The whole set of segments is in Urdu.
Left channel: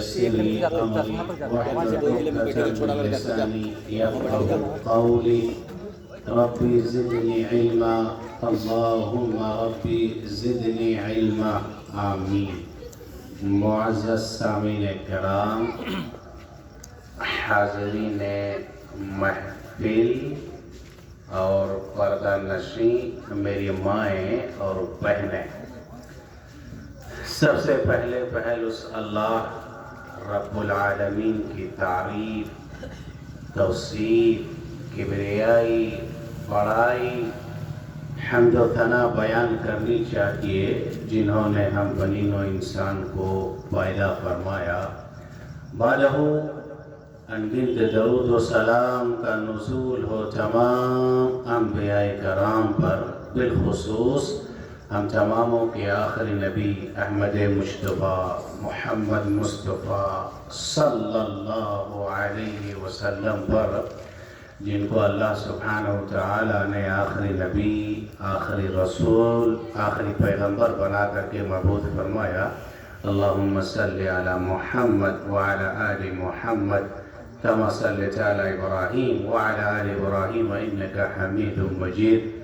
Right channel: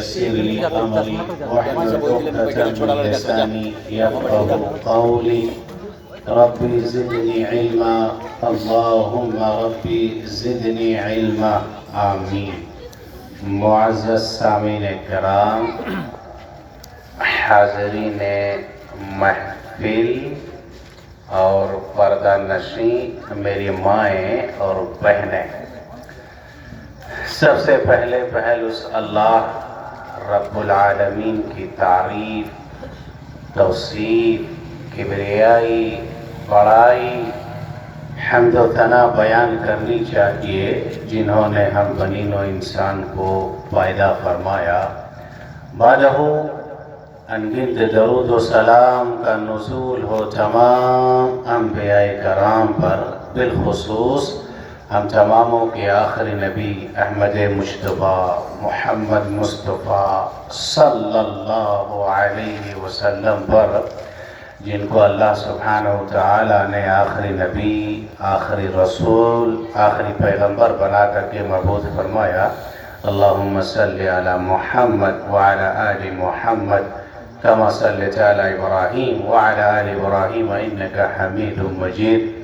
يسر لي أمري واحلل عقدة من لساني يفقهوا قولي ربي زدني علما اللهم ربي زدني علما آمین. معزز سامعین کرام، حاضرین محفل اور پردہ نشین میری مائیں اور بہنیں، سب سے پہل اس اللہ رب العالمین کی تعریف، توصیف، کبریائی، بڑائی، حمد و ثنا بیان کرنی چاہیے جنہوں نے ہم بنین و انسان کو پیدا فرمایا. بعدہ انگنت درود و سلام کا نزول ہو تمام انبیاء کرام پر، بالخصوص ہم تماموں کے آخری نبی احمد مصطفیٰ محمد مصطفیٰ صلی اللہ علیہ وسلم پر، جن کو اللہ سبحانہ وتعالی نے آخری نبی، آخری رسول، آخری پیغمبر بنا کر کے مبعوث فرمایا. اللہم صلی علی محمد وعلی آل محمد کما صلیت علی ابراہیم وعلی آل ابراہیم انکا حمید مجید.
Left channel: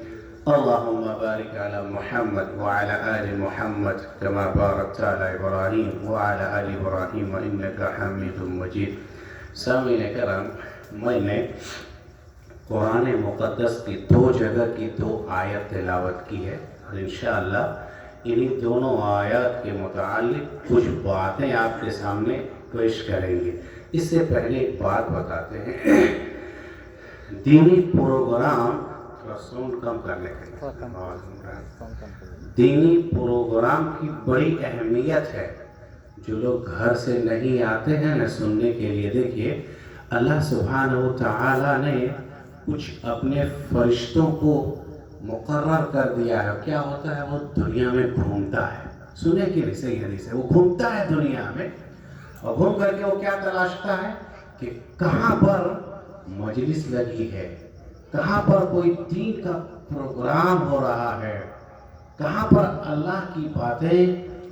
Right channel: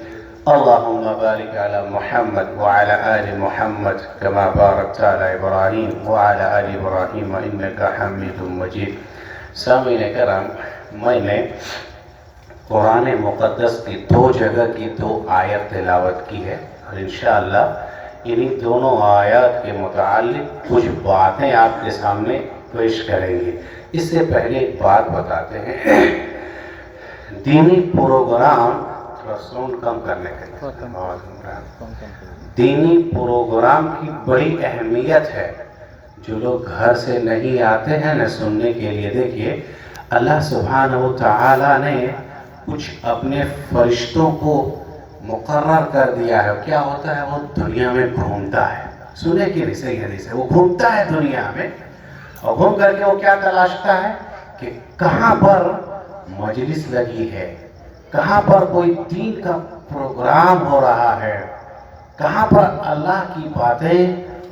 اللہم بارک علی محمد وعلی آل محمد کما بارکت علی ابراہیم وعلی آل ابراہیم انکا حمید مجید. سامعین کرام، میں نے قرآن مقدس کی 2 جگہ کی 2 آیت تلاوت کی ہے، اور انشاءاللہ انہی دونوں آیات کے متعلق کچھ باتیں آپ کے سامنے پیش کریں گے. اس سے پہلے ایک بات بتاتے ہیں، دینی پروگرام ساؤنڈ کم کرنے کے لیے، دینی پروگرام کی بڑی اہمیت ہے. جو لوگ گھر سے نہیں آتے ہیں نہ سننے کے لیے، دیکھیے اللہ سبحانہ وتعالی نے کچھ اپنے فرشتوں کو مقرر کر دیا ہے. کیا ہوتا ہے؟ وہ دنیا میں گھومتا ہے. سنے کہ نہیں؟ صحیح حدیث ہے، وہ گھومتا ہے دنیا میں، اور گھوم کر کے وہ کیا تلاشتا ہے کہ کہاں پر مجلس لگی ہے، کہاں پر کوئی دین کا پروگرام ہو رہا ہے، کہاں پر اللہ کی باتیں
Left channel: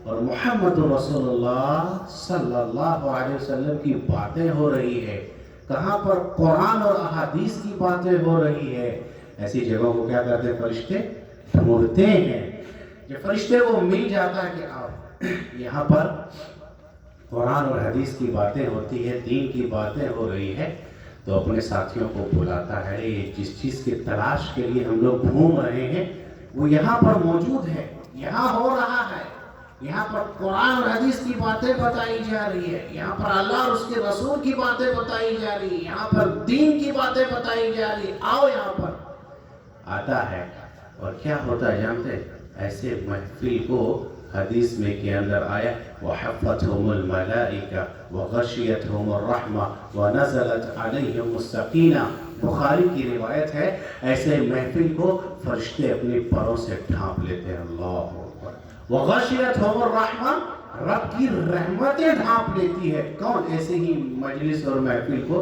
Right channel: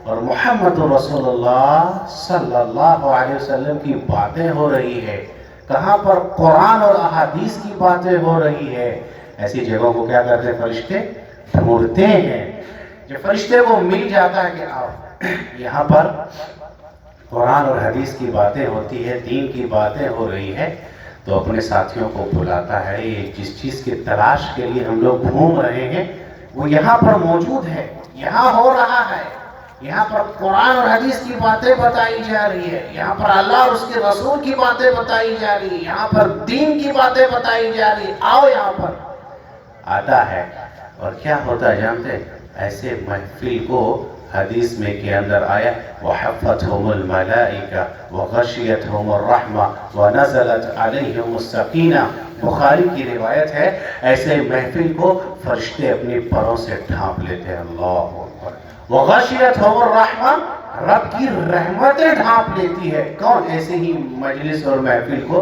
اور محمد رسول اللہ صلی اللہ علیہ وسلم کی باتیں ہو رہی ہے، کہاں پر قرآن اور احادیث کی باتیں ہو رہی ہے. ایسی جگہوں کو کیا کرتے ہیں؟ فرشتے ڈھونڈتے ہیں. جب فرشتے کو مل جاتا ہے کہ آؤ یہاں پر قرآن اور حدیث کی باتیں ہوتی ہے، دین کی باتیں ہو رہی ہے، تو اپنے ساتھیوں کو بلاتا ہے. یہ جس چیز کی تلاش کے لیے ہم لوگ گھوم رہے ہیں وہ یہاں پر موجود ہے، یہاں ہو رہا ہے. یہاں پر قرآن اور حدیث کی باتیں بتائی جا رہی ہے، یہاں پر اللہ اور اس کے رسول کی باتیں بتائی جا رہی ہے، یہاں پر دین کی باتیں بتائی جا رہی ہے. آؤ یہاں پر. آتا ہے اور کیا ہوتا ہے جانتے ہیں؟ ایسے محفل کو حدیث میں کے اندر آیا وَحَفَّتْهُمُ الْمَلَائِكَةُ وَغَشِيَتْهُمُ الرَّحْمَةُ وَنَزَلَتْ عَلَيْهِمُ السَّكِينَةُ. بخاری کی روایت ہے، ایسے محفل کو فرشتے اپنی پروں سے ڈھانپ لیتے ہیں. اللہ اکبر. وَغَشِيَتْهُمُ الرَّحْمَةُ، رب کی رحمتیں ڈھانپ لیتی ہے. کون؟ ایسے ہی مجلس اور محفل کو.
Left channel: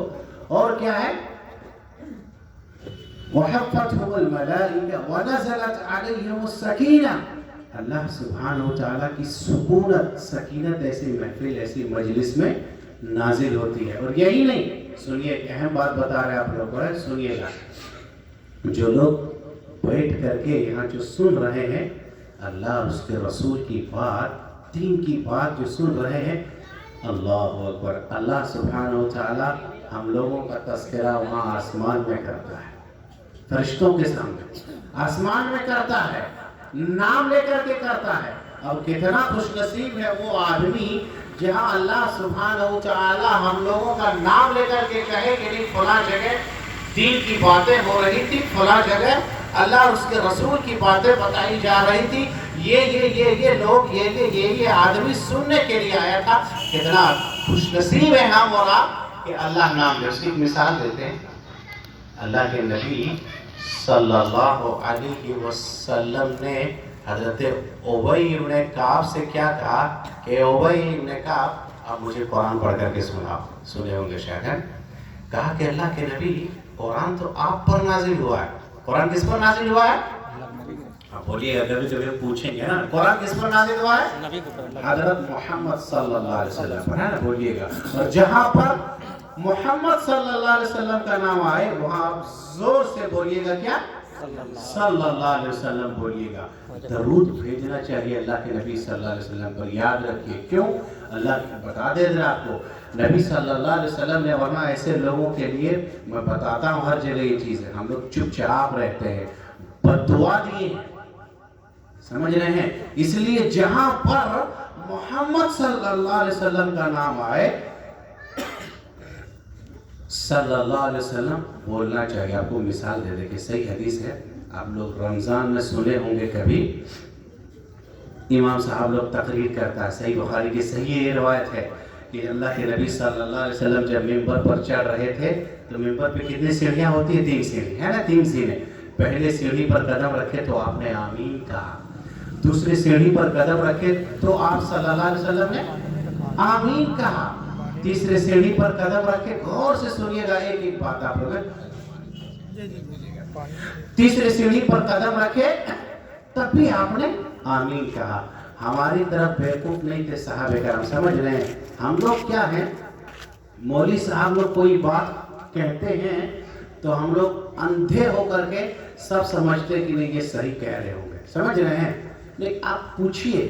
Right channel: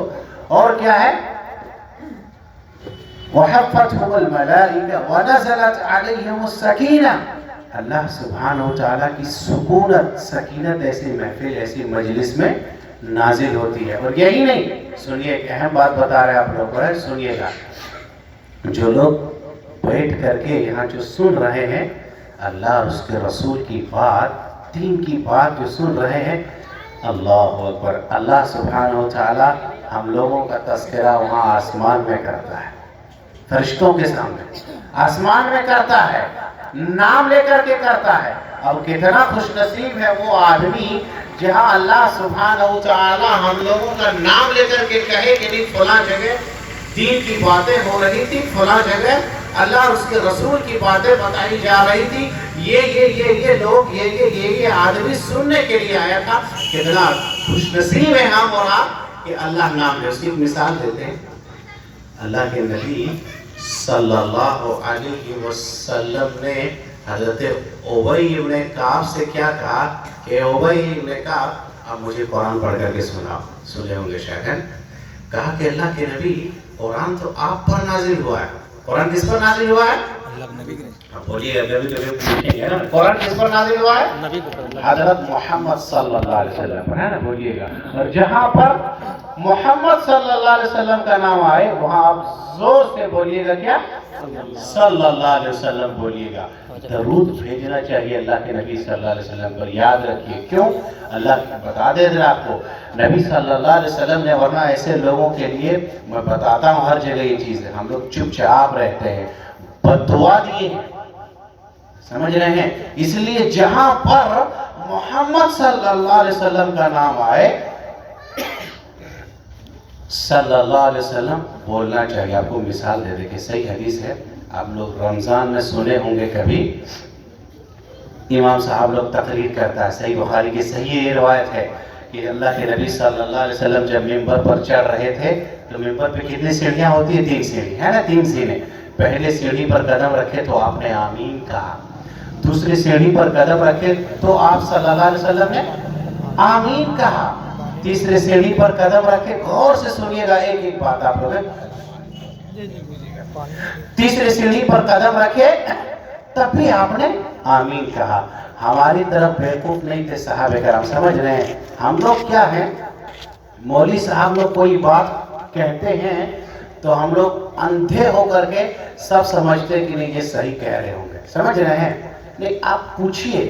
اور کیا ہے؟ وَحَفَّتْهُمُ الْمَلَائِكَةُ وَنَزَلَتْ عَلَيْهِمُ السَّكِينَةُ. اللہ سبحانہ وتعالیٰ کی سکونت، سکینت ایسی محفل، ایسی مجلس میں نازل ہوتی ہے. اور یہی نہیں، سنیے ایک اہم بات بتا رہے ہیں آپ لوگوں کو، سنیے گا. جو لوگ بیٹھ کر کے یہاں جو سن رہے ہیں اللہ اور اس کے رسول کی بات، دین کی بات جو سن رہے ہیں، اللہ اکبر، اللہ سبحانہ وتعالیٰ ہم لوگوں کا تذکرہ وہاں آسمان میں کرتا ہے، فرشتوں کے سامنے آسمان میں کرتا ہے، نام لے کر کے کرتا ہے. اب کتنا خوش نصیب ہے وہ آدمی جہاں اللہ سبحانہ وتعالی ہم لوگوں کا نام لے کر کے کہے کہ نہیں فلاں جگہ دین کی باتیں ہو رہی تھی، فلاں جگہ اللہ اور اس کے رسول کی باتیں بتائی جا رہی تھی، یہ لوگ یہ آدمی سننے کے لیے آیا تھا. کتنا خوش نصیب ہے ہم اور آپ کہ اللہ نام لے. اس کی مثال دیتے ہیں. اللہ کے نبی صلی اللہ علیہ وسلم نے حضرت ابی بن کعب سے کیا کہا کہ ابی بن کعب اب مجھے قرآن پڑھ کر کے سناؤ. سنے ہوں گے شاید. کہا کہ اللہ کے نبی قرآن تو آپ پر نازل ہوا ہے. قرآن کس پر نازل ہوا ہے؟ اللہ کے نبی. اب بولیے کبھی کبھی پوچھیں گے نا قرآن کس پر نازل ہوا ہے؟ حضرت محمد صلی اللہ علیہ وسلم پر ہے نا، بولیے گا. اور جہاں پر محمد صلی اللہ علیہ وسلم کا نام آئے وہاں آپ زور سے بولیے گا کیا؟ صلی اللہ علیہ وسلم بولیے گا. درود بھیجنا چاہیے اللہ کے نبی صلی اللہ علیہ وسلم پر. یاد رکھیے کیوں؟ اللہ بتا دے دے آپ کو، نبی صلی اللہ علیہ وسلم نے، ورنہ ایسے لوگوں کے لیے میں بتاتا ہوں ہر جگہ یہ چیز ہے، ہم لوگ چپ چاپ رہتے ہیں، بد دعا دیے ہیں، سمجھ رہے ہیں؟ اس لیے جہاں پر محمد صلی اللہ علیہ وسلم کا نام آئے صلی اللہ علیہ وسلم بولنا چاہیے. آپ کو مثال دے دے کہ صحیح حدیث ہے، آپ لوگ رمضان میں سنے ہوں گے کبھی، امام صاحب لوگ تقریر کرتا ہے، صحیح بخاری کی صحیح یہ روایت ہے کہ اللہ کے نبی صلی اللہ علیہ وسلم جب ممبر پر چڑھ رہے تھے تو ممبر پہ کتنی سیڑھیاں ہوتی ہیں؟ 3 سیڑھی ہے نا، 3 سیڑھی. پہلے سیڑھی پر قدم رکھے تو آپ نے آمین کہا، دوسری سیڑھی پر قدم رکھے تو آپ صلی اللہ علیہ وسلم نے آمین کہا، تیسرے سیڑھی پر قدم رکھے، غور سے سنیے گا ایک ایک بات آپ لوگ، تیسرے سیڑھی پر قدم رکھے تب بھی آپ نے آمین کہا. ہماری طرف بیوقوف نہیں تھے صحابہ کرام، سمجھ رہے ہیں؟ ہم لوگ کیا ہیں، مولوی صاحب لوگ کوئی بات کہتے ہیں تو ہم لوگ اندھے ہو کر کے سب سمجھتے کہ نہیں یہ صحیح کہہ رہے ہوں گے، سمجھ رہے ہیں؟ لیکن آپ پوچھئے،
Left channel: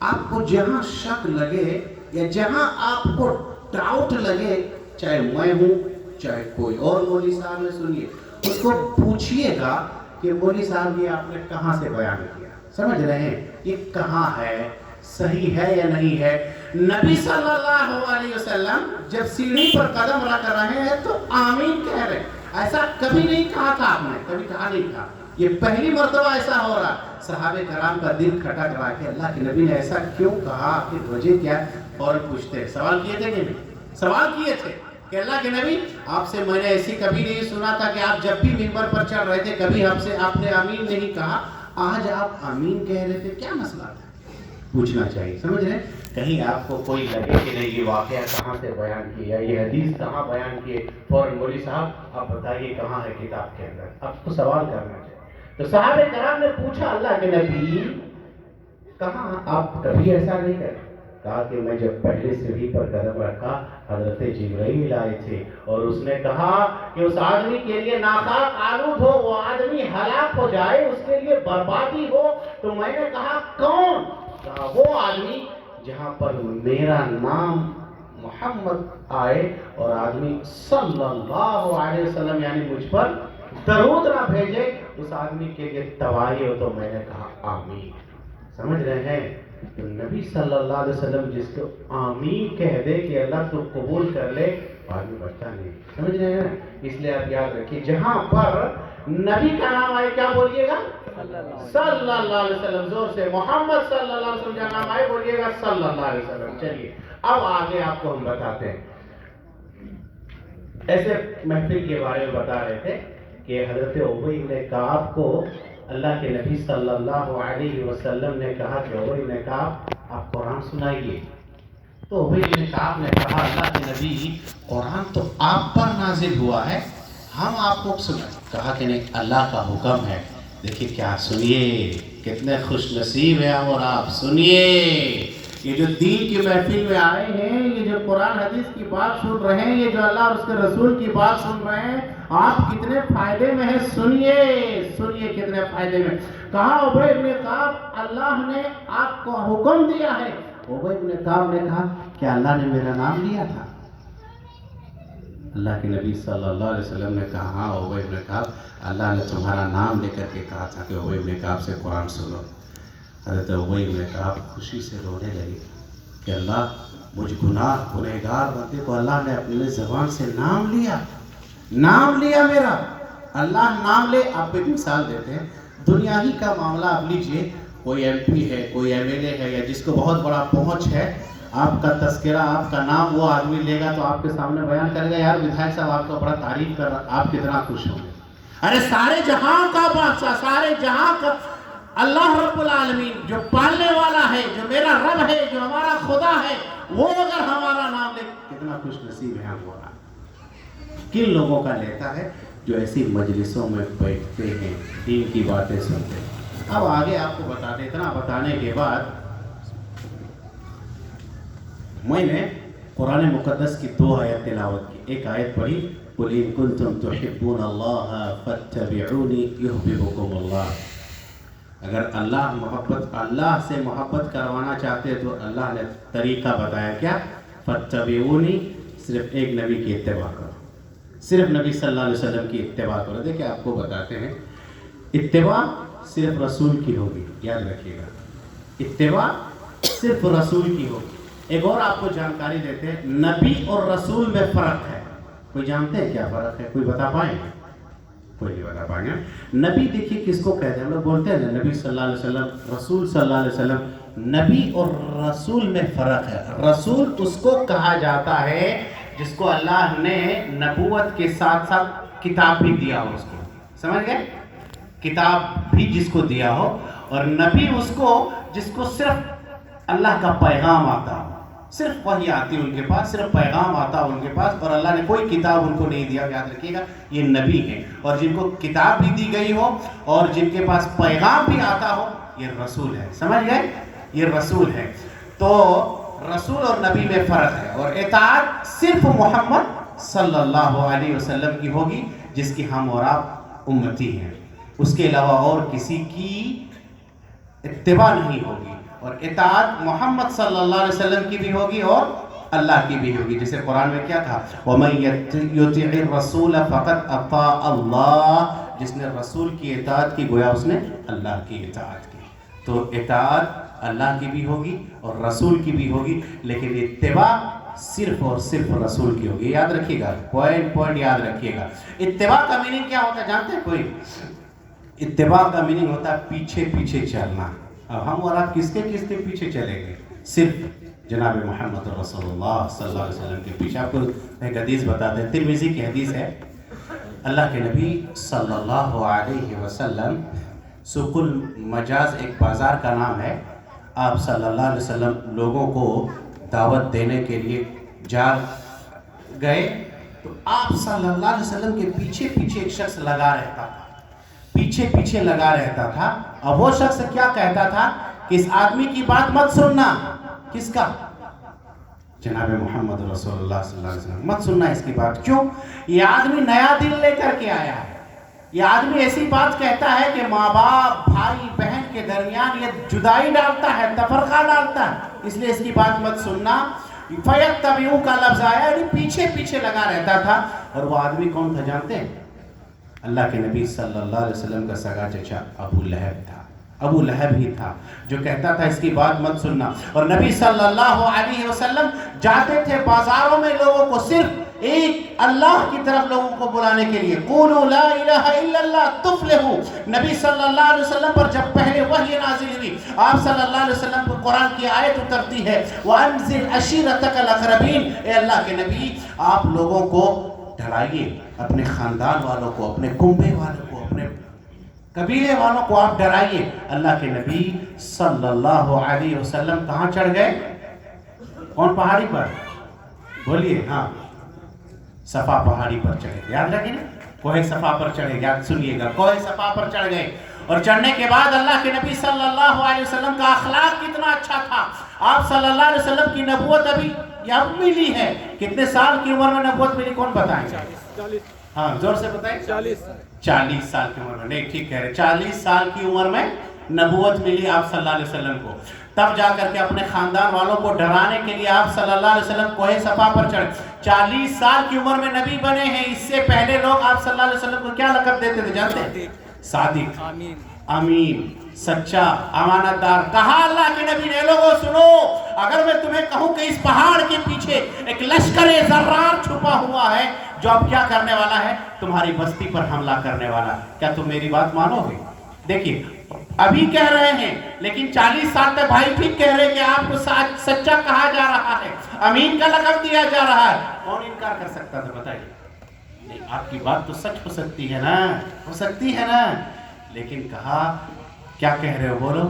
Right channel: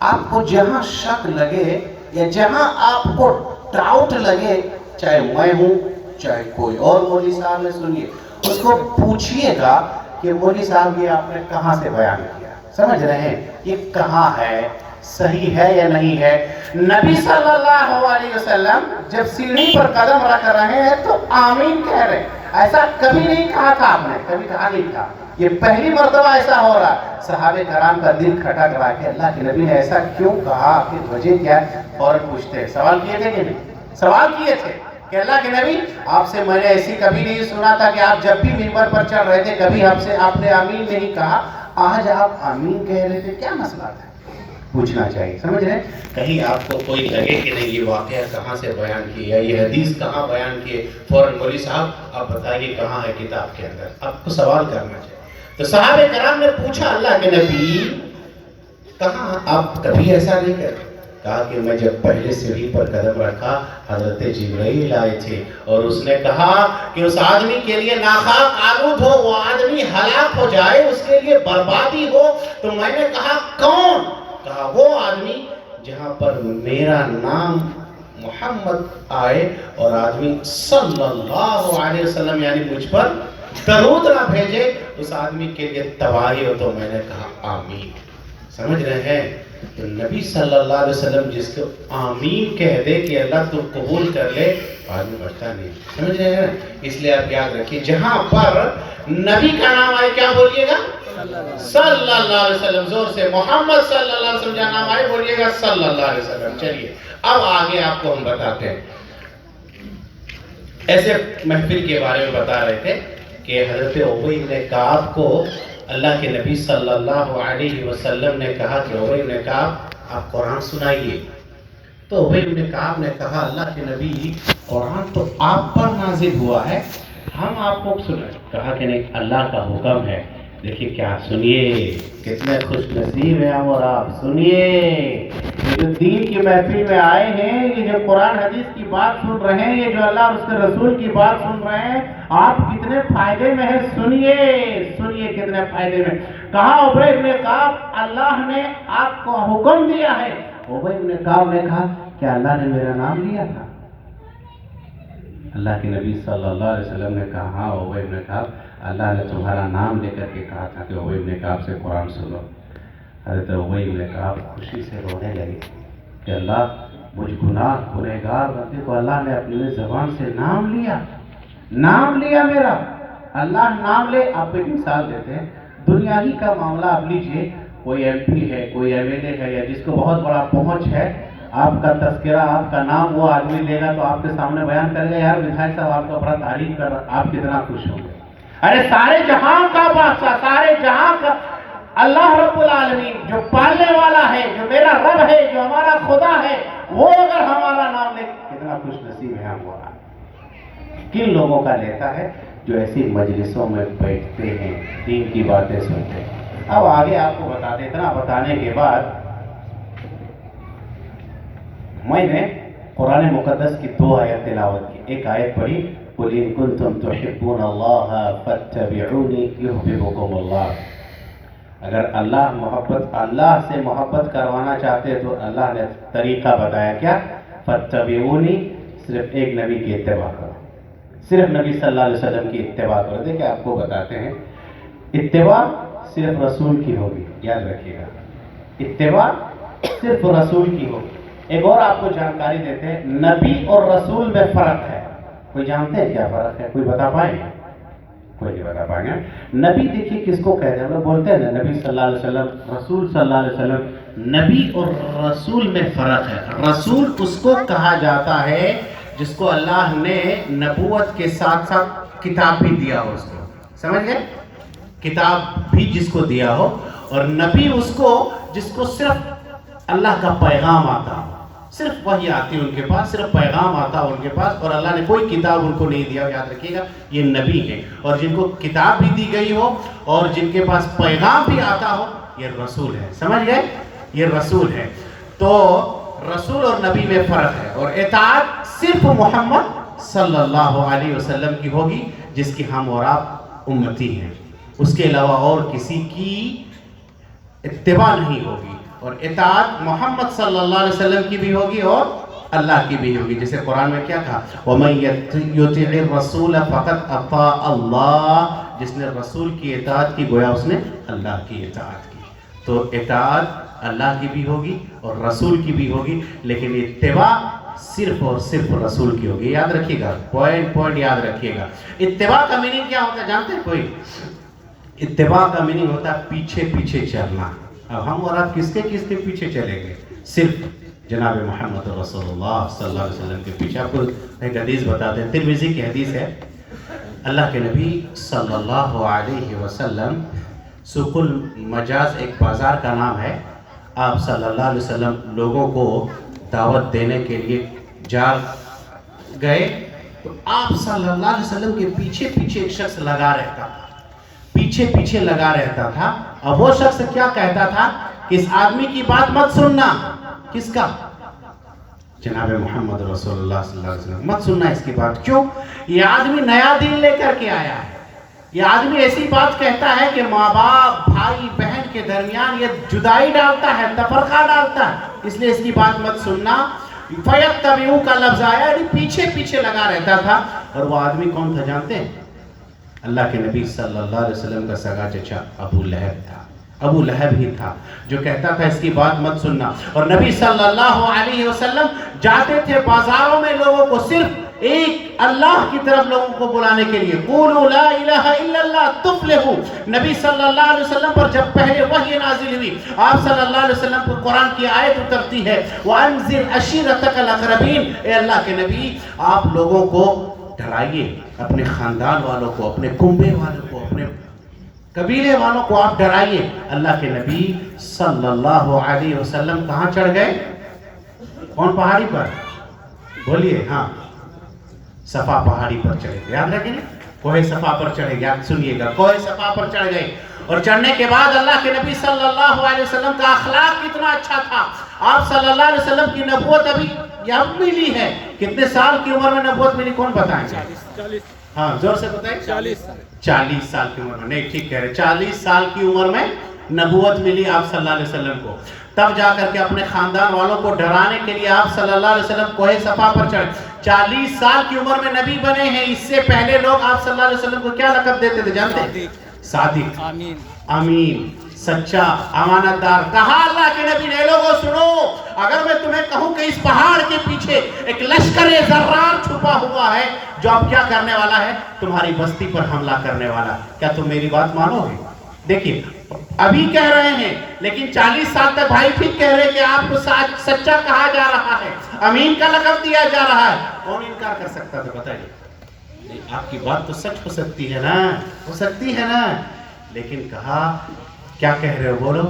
آپ کو جہاں شک لگے یا جہاں آپ کو ڈاؤٹ لگے، چاہے میں ہوں چاہے کوئی اور مولوی صاحب نے، سنیے اس کو پوچھئے گا کہ مولوی صاحب یہ آپ نے کہاں سے بیان کیا، سمجھ رہے ہیں؟ یہ کہاں ہے، صحیح ہے یا نہیں ہے؟ نبی صلی اللہ علیہ وسلم جب سیڑھی پر قدم رکھ رہے ہیں تو آمین کہہ رہے ہیں. ایسا کبھی نہیں کہا تھا آپ نے، کبھی کہا نہیں تھا، یہ پہلی مرتبہ ایسا ہو رہا. صحابہ کرام کا دل کھٹک رہا کہ اللہ کے نبی نے ایسا کیوں کہا، کہ وجہ کیا ہے؟ فوراً پوچھتے ہیں. سوال کیے تھے کہ نہیں؟ سوال کیے تھے کہ اللہ کے نبی آپ سے میں نے ایسی کبھی نہیں سنا تھا کہ آپ جب بھی منبر پر چڑھ رہے تھے کبھی آپ نے آمین نہیں کہا، آج آپ آمین کہہ رہے تھے، کیا مسئلہ تھا؟ پوچھنا چاہیے، سمجھ رہے ہیں؟ کہیں آپ کو کوئی لگے کہ نہیں یہ واقعہ کہاں سے بیان کیا، یہ حدیث کہاں بیان کیے، فوراً مولوی صاحب آپ بتائیے کہاں ہے کتاب کے اندر، آپ کو سوال کرنا چاہیے. تو صحابہ کرام نے پوچھا اللہ کے نبی کہاں، آپ کبھی ایسا نہیں کرتے؟ کہا کہ میں جب پہلے سیڑھی پر قدم رکھا حضرت جبرائیل آئے تھے اور اس نے کہا کہ اس آدمی کے لیے ناخاک آلود ہو، وہ آدمی ہلاک ہو جائے، اس کے لیے بربادی ہو. تو میں نے کہا کون؟ کہا وہ آدمی جہاں پر میرا نام محمد آئے اور آدمی صلی اللہ علیہ وسلم یعنی مجھ پر درود نہ بھیجے، اس آدمی کے لیے تباہی ہو. تو میں نے کہا آمین. سمجھ رہے ہیں؟ تو نبی صلی اللہ علیہ وسلم جس کو آمین کہہ دے کہ اللہ تو قبول کر لے، آدمی بچتا نہیں. سمجھ رہے ہیں؟ اس لیے آپ یاد رکھیے جہاں پر نبی کا نام آئے کیا بولیے گا؟ صلی اللہ علیہ وسلم. زور سے محمد صلی اللہ علیہ وسلم کا نام آئے بولیے گا صلی اللہ علیہ وسلم. چلیے اب آگے آپ کو ہم بتاتے ہیں. ایسے محفل کے بارے میں بتا رہے تھے کہ حضرت ابی بن کعب کو اللہ کے نبی صلی اللہ علیہ وسلم نے کہا کہ ابی بن کعب آپ قرآن سنائیے. تو ابی بن کعب نے کہا اللہ کے نبی قرآن تو آپ پر نازل ہوا ہے، ہم آپ کو سنائیں. کہا کہ نہیں اللہ کا حکم ہے. دیکھیے کیا، سنیے کتنے خوش نصیب ہیں ہم اور آپ. سنیے یہ جو دین کی محفل میں آئے ہیں، یہ جو قرآن حدیث کی بات سن رہے ہیں، یہ جو اللہ اور اس کے رسول کی بات سن رہے ہیں، آپ کتنے فائدے میں ہیں. سنیے سنیے کتنے فائدے میں. کہا ابی بن کعب اللہ نے آپ کو حکم دیا ہے. ابی بن کعب نے کہا کہ اللہ نے میرا نام لیا تھا. اللہ کے نبی صلی اللہ علیہ وسلم نے کہا ہاں ابی بن کعب اللہ نے تمہارا نام لے کر کے کہا تھا کہ ابی بن کعب سے قرآن سنو. حضرت ابی بن کعب خوشی سے رونے لگے کہ اللہ مجھ گنہگار بندے کو اللہ نے اپنی زبان سے نام لیا میرا. اللہ نام لے. آپ کو ایک مثال دیتے ہیں، دنیا ہی کا معاملہ آپ لیجئے، کوئی ایم پی ہے، کوئی ایم ایل اے ہے، یا جس کو بہت بڑا پہنچ ہے، آپ کا تذکرہ آپ کا نام وہ آدمی لے گا تو آپ کے سامنے بیان کرے گا یار ودھائک صاحب آپ کا بڑا تعریف کر رہا، آپ کتنا خوش ہوں گے. ارے سارے جہاں کا بادشاہ، سارے جہاں کا اللہ رب العالمین جو پالنے والا ہے، جو میرا رب ہے، جو ہمارا خدا ہے، وہ اگر ہمارا نام لے کتنا خوش نصیب ہے ہم. وہ کن لوگوں کا لیتا ہے جو ایسی مجلسوں میں بیٹھتے ہیں، دین کی باتیں سنتے ہیں. اب آگے آپ کو بتا دیں، اتنا بتانے کے بعد میں نے قرآن مقدس کی 2 آیت تلاوت کی. ایک آیت پڑھی قُلْ إِن كُنتُمْ تُحِبُّونَ اللَّهَ فَاتَّبِعُونِي يُحْبِبُكُمُ اللَّهُ. اگر اللہ سے محبت کروانا چاہتے تو اللہ نے طریقہ بتایا کیا؟ فَاتَّبِعُونِي، صرف ایک نبی کی اتباع کرو، صرف نبی صلی اللہ علیہ وسلم کی اتباع کرو. دیکھیں آپ کو بتاتے ہیں، اتباع صرف رسول کی ہوگی، یاد رکھیے گا، اتباع صرف رسول کی ہوگی. ایک اور آپ کو جانکاری دیتے ہیں، نبی اور رسول میں فرق ہے. کوئی جانتے ہیں کیا فرق ہے؟ کوئی بتا پائیں گے؟ کوئی نہیں بتا پائیں گے. نبی دیکھیے کس کو کہتے ہیں؟ ہم لوگ بولتے ہیں نا نبی صلی اللہ علیہ وسلم، رسول صلی اللہ علیہ وسلم. نبی اور رسول میں فرق ہے. رسول اس کو کہا جاتا ہے جس کو اللہ نے نبوت کے ساتھ ساتھ کتاب بھی دیا ہو. اس کو سمجھ گئے؟ کتاب بھی جس کو دیا ہو. اور نبی اس کو جس کو صرف اللہ کا پیغام آتا، صرف وحی آتی ان کے پاس، صرف پیغام آتا ان کے پاس، اور اللہ نے کوئی کتاب ان کو نہیں دیا. یاد رکھیے گا یہ نبی ہے. اور جن کو کتاب بھی دی گئی ہو اور جن کے پاس پیغام بھی آتا ہو، یہ رسول ہے. سمجھ گئے؟ یہ رسول ہے. تو رسول اور نبی میں فرق ہے. اور اطاعت صرف محمد صلی اللہ علیہ وسلم کی ہوگی جس کی ہم اور آپ امتی ہیں. اس کے علاوہ اور کسی کی اتباع نہیں ہوگی. اور اطاعت محمد صلی اللہ علیہ وسلم کی بھی ہوگی اور اللہ کی بھی ہوگی. جیسے قرآن میں کیا کہا؟ وَمَن يُطِعِ الرَّسُولَ فَقَدْ أَطَاعَ اللَّهَ. جس نے رسول کی اطاعت کی گویا اس نے اللہ کی اطاعت کی. تو اطاعت اللہ کی بھی ہوگی اور رسول کی بھی ہوگی، لیکن اتباع صرف اور صرف رسول کی ہوگی. یاد رکھیے گا، پوائنٹ یاد رکھیے گا. اتباع کا میننگ کیا ہوتا ہے جانتے ہیں کوئی؟ اتباع کا میننگ ہوتا ہے پیچھے پیچھے چلنا. اب ہم اور آپ کس کے پیچھے چلیں گے؟ صرف جناب محمد رسول اللہ صلی اللہ علیہ وسلم کے پیچھے. آپ کو ایک حدیث بتاتے ہیں، ترمذی کی حدیث ہے. اللہ کے نبی صلی اللہ علیہ وسلم، سوق المجاز ایک بازار کا نام ہے، آپ صلی اللہ علیہ وسلم لوگوں کو دعوت دینے کے لیے جا گئے تو آپ صلی اللہ علیہ وسلم کے پیچھے پیچھے ایک شخص لگا رہتا تھا، پیچھے پیچھے لگا رہتا تھا. اب وہ شخص کیا کہتا تھا کہ اس آدمی کی بات مت سننا. کس کا؟ جناب محمد رسول اللہ صلی اللہ علیہ وسلم. مت سننا اس کی بات. کیوں؟ یہ آدمی نیا دین لے کر کے آیا ہے. یہ آدمی ایسی بات کہتا ہے کہ ماں باپ بھائی بہن کے درمیان یہ جدائی ڈالتا ہے، تفرقہ ڈالتا ہے، اس لیے اس کی بات مت سننا. فَيَتَّبِعُوا کا لفظ آیا، یعنی پیچھے پیچھے لگا رہتا تھا. اور وہ آدمی کون تھا جانتے ہیں؟ اللہ کے نبی صلی اللہ علیہ وسلم کا سگا چچا ابو لہب تھا. ابو لہب ہی تھا جو کہتا تھا اس کی بات مت سننا. اور نبی صلی اللہ علیہ وسلم جاتے تھے بازاروں میں لوگوں کو صرف ایک اللہ کی طرف لوگوں کو بلانے کے لیے. قولوا لا الہ الا اللہ تفلحوا. نبی صلی اللہ علیہ وسلم پر جب پہلے وحی نازل ہوئی، آپ صلی اللہ علیہ وسلم پر قرآن کی آیت اترتی ہے، وَأَنذِرْ عَشِيرَتَكَ الْأَقْرَبِينَ. اے اللہ کے نبی آپ لوگوں کو ڈرائیے، اپنے خاندان والوں کو، اپنے کنبے والوں کو، اپنے قبیلے والوں کو آپ ڈرائیے. اللہ کے نبی صلی اللہ علیہ وسلم کہاں چڑھ گئے؟ کون پہاڑی پر؟ بولیے. ہاں، صفا پہاڑی پر چڑھے. یاد رکھیں، کوہ صفا پر چڑھے. یاد سنیے گا، کوہ صفا پر چڑھ گئے. اور چڑھنے کے بعد اللہ کے نبی صلی اللہ علیہ وسلم کا اخلاق کتنا اچھا تھا. آپ صلی اللہ علیہ وسلم کی نبوت ابھی یہاں ملی ہے. کتنے سال کی عمر میں نبوت ملی؟ کون بتائیں گے؟ ہاں زور سے بتائیں. 40 سال کی عمر میں. نہیں، ٹھیک کہہ رہے. 40 سال کی عمر میں نبوت ملی آپ صلی اللہ علیہ وسلم کو. تب جا کر کے اپنے خاندان والوں کو ڈرانے کے لیے آپ صلی اللہ علیہ وسلم کوہ صفا پر چڑھے. 40 سال کی عمر میں نبی بنے ہیں. اس سے پہلے لوگ آپ صلی اللہ علیہ وسلم کو کیا لقب دیتے تھے جانتے ہیں؟ صادق، امین، سچا، امانت دار. کہا اللہ کے نبی نے، لوگوں سنو، اگر میں تمہیں کہوں کہ اس پہاڑ کے پیچھے ایک لشکر زرار چھپا ہوا ہے جو اب کیا کرنے والا ہے؟ تمہاری بستی پر حملہ کرنے والا. کیا تم میری بات مانو گے؟ دیکھیے ابھی کہہ رہے ہیں، لیکن 40 سال تک بھائی ٹھیک کہہ رہے ہیں کہ آپ کو سچا کہا جا رہا ہے، امین کا لقب دیا جا رہا ہے. کون انکار کر سکتا تھا؟ بتائیے. نہیں، آپ کی بات تو سچ ہو سکتی ہے نا، ہو سکتی ہے نا. لیکن کہا کیا کہہ رہے ہو؟ بولو.